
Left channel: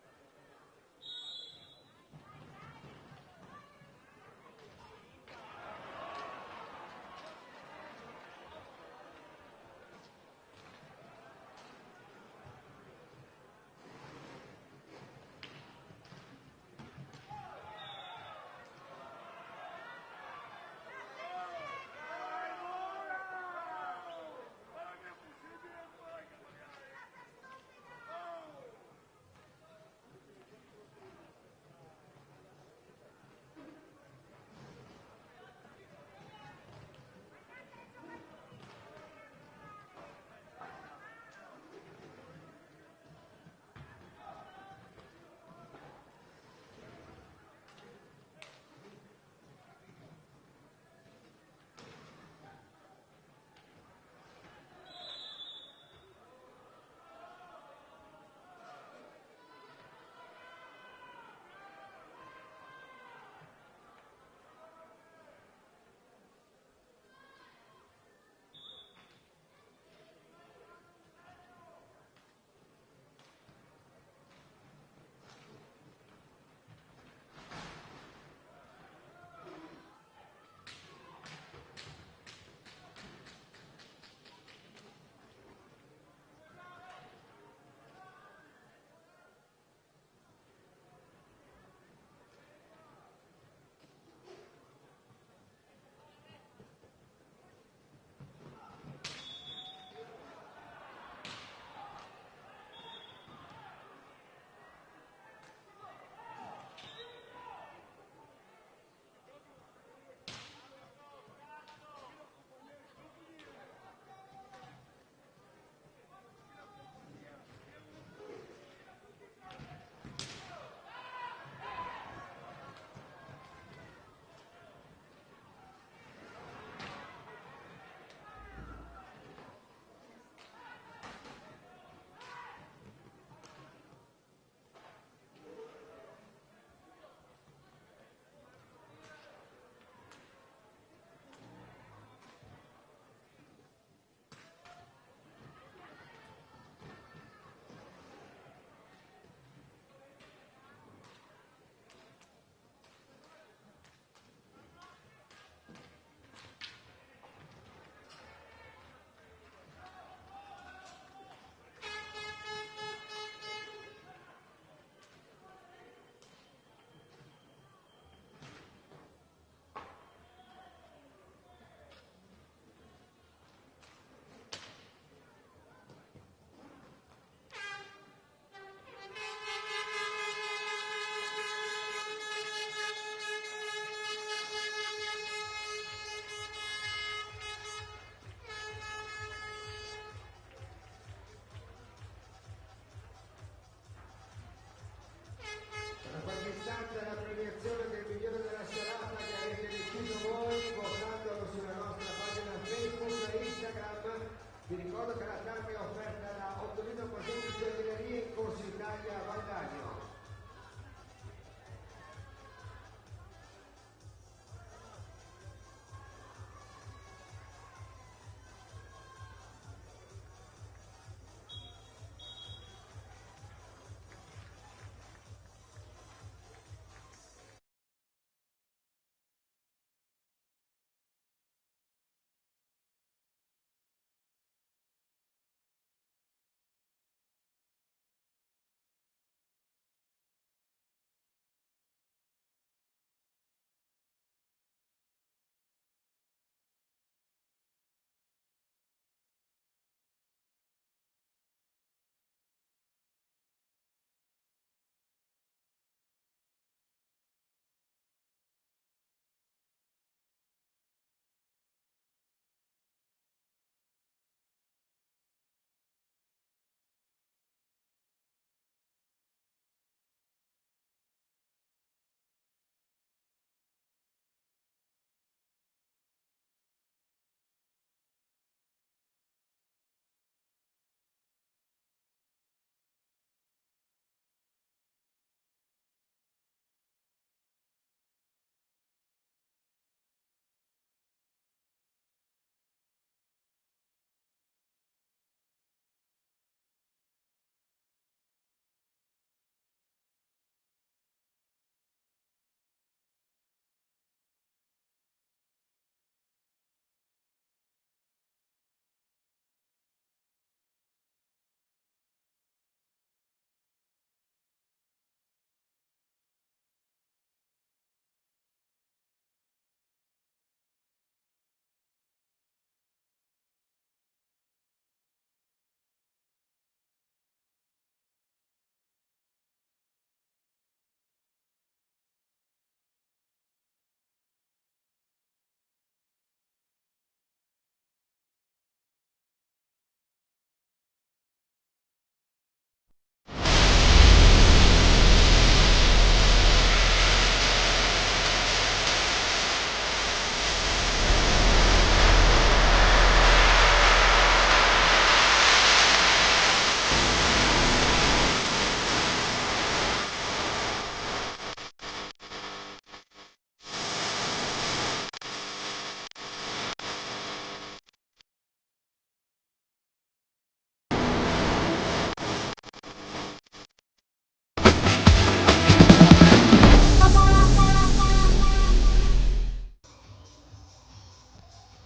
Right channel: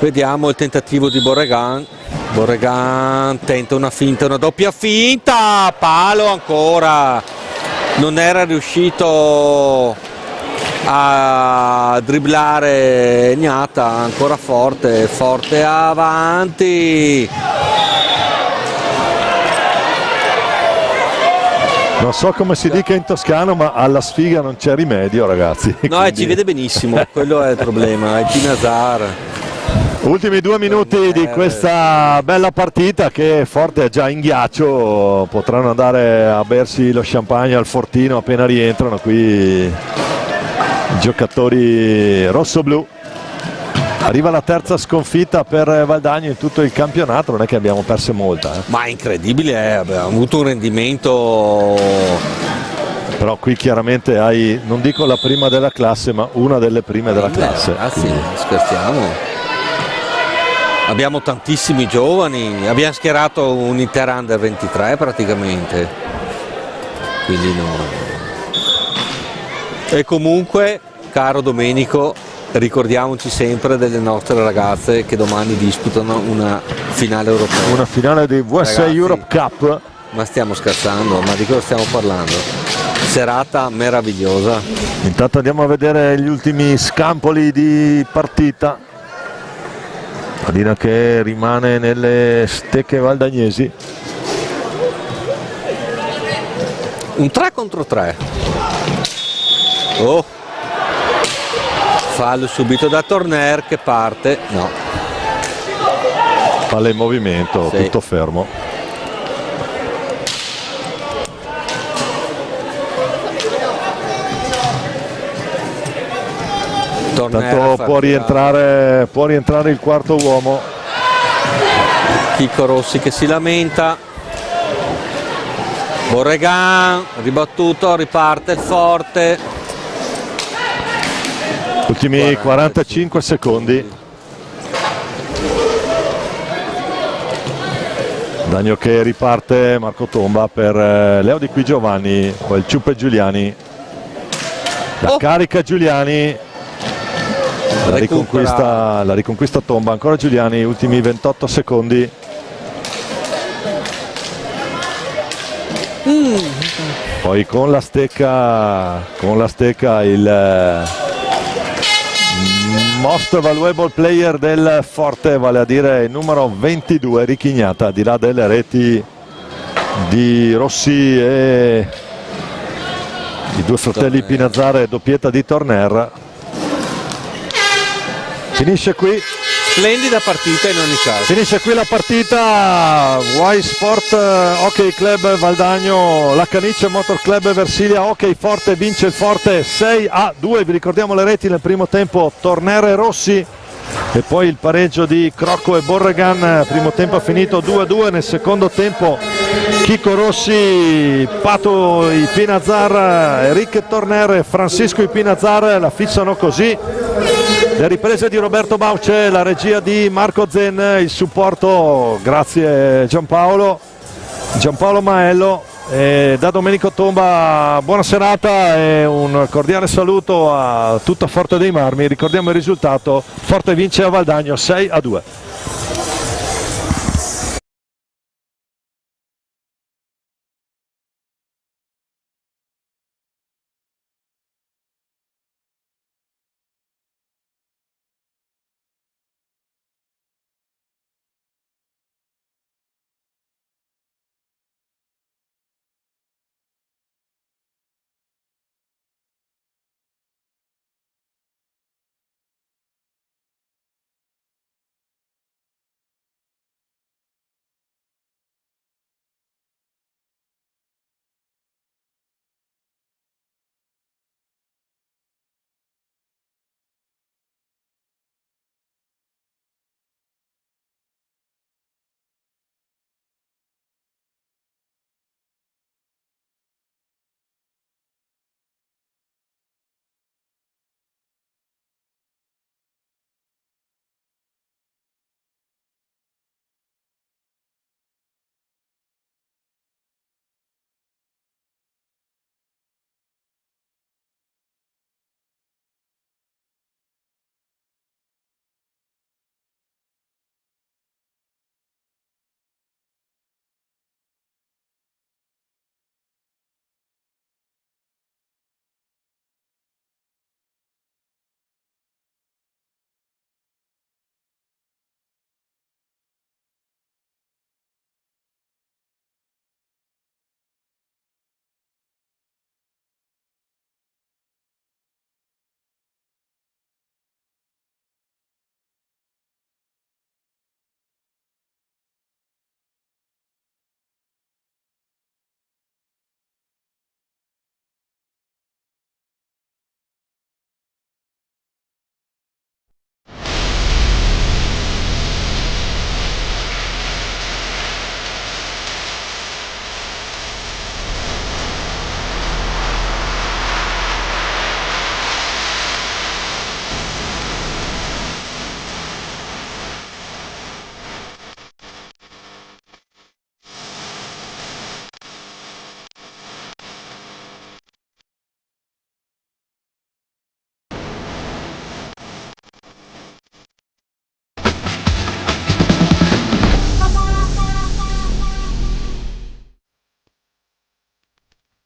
Vediamo il tentativo di Borregan. Borregan tenta una finta, una doppia finta, palo ancora, non era riuscito a dribblare Gnata, ancora forte avanti. Non so come si dica in toscano, ma alla sfiga non c'è rimedio, ragazzi. No, quindi ci vede benissimo, quello è il problema, è Pinazar. Ultimi 2 minuti di questa bella partita, che Forte è già in ghiaccio, potranno andare a bersi lo champagne al fortino appena rientrano qui i giocatori rossoblu. Arriva la terza sconfitta per Valdagno in tutto il campionato, non è che abbiamo perso molta. Ma è incredibile, abbiamo avuto un rendimento. Però qui chiaramente hai, non dico la prima della classe, ma una delle prime della classe. Ragazzi, scherziamo. Abbiamo tantissimi giovani, abbiamo schierato un'intera under 23 praticamente. Quindi no. E comunque, caro Domenico, ricordiamoci sempre delle nostre ragazze che domani disputano una finale europea. Una finale di USA Ragazzi, Europe Cup. ma stiamo scherzando? Ma di cosa stiamo parlando? Serata meravigliosa. Intanto andiamo a vedere gli ultimi scampoli di partita. Pallina che rimane nelle stecche valdagnesi. Un 3 contro 3. Oh, fallo subito da Torner che parte. No, Palla in movimento, sì. tutto fermo. Torner Intanto può rientrare il quarto uomo. Chico Rossi che si lamenta. Borregan ribattuto, riparte il forte. Ultimi 45 secondi. Dagno che riparte, Marco Tomba per Leo Di Qui Giovanni, poi il ciuppe Giuliani. La carica Giuliani. La riconquista Tomba, ancora Giuliani, ultimi 28 secondi. Poi con la stecca il most valuable player del Forte, vale a dire il numero 22 Richignata, al di là delle reti di Rossi e i due fratelli Pinazzare, doppietta di Torner. Finisce qui. Splendida partita in ogni caso. Finisce qui la partita. Y Sport Hockey Club Valdagno, la Canice Motor Club Versilia Hockey Forte vince il Forte 6-2. Vi ricordiamo le reti nel primo tempo: Torner e Rossi, e poi il pareggio di Crocco e Borregan. Primo tempo è finito 2-2. Nel secondo tempo Chico Rossi, Pato Ipinazzar, Enrique Torner e Francisco Ipinazzar la fissano così. Le riprese di Roberto Bauce, la regia di Marco Zen, il supporto grazie Giampaolo Maello, e da Domenico Tomba buona serata e un cordiale saluto a tutta Forte dei Marmi. Ricordiamo il risultato: Forte vince a Valdagno 6-2.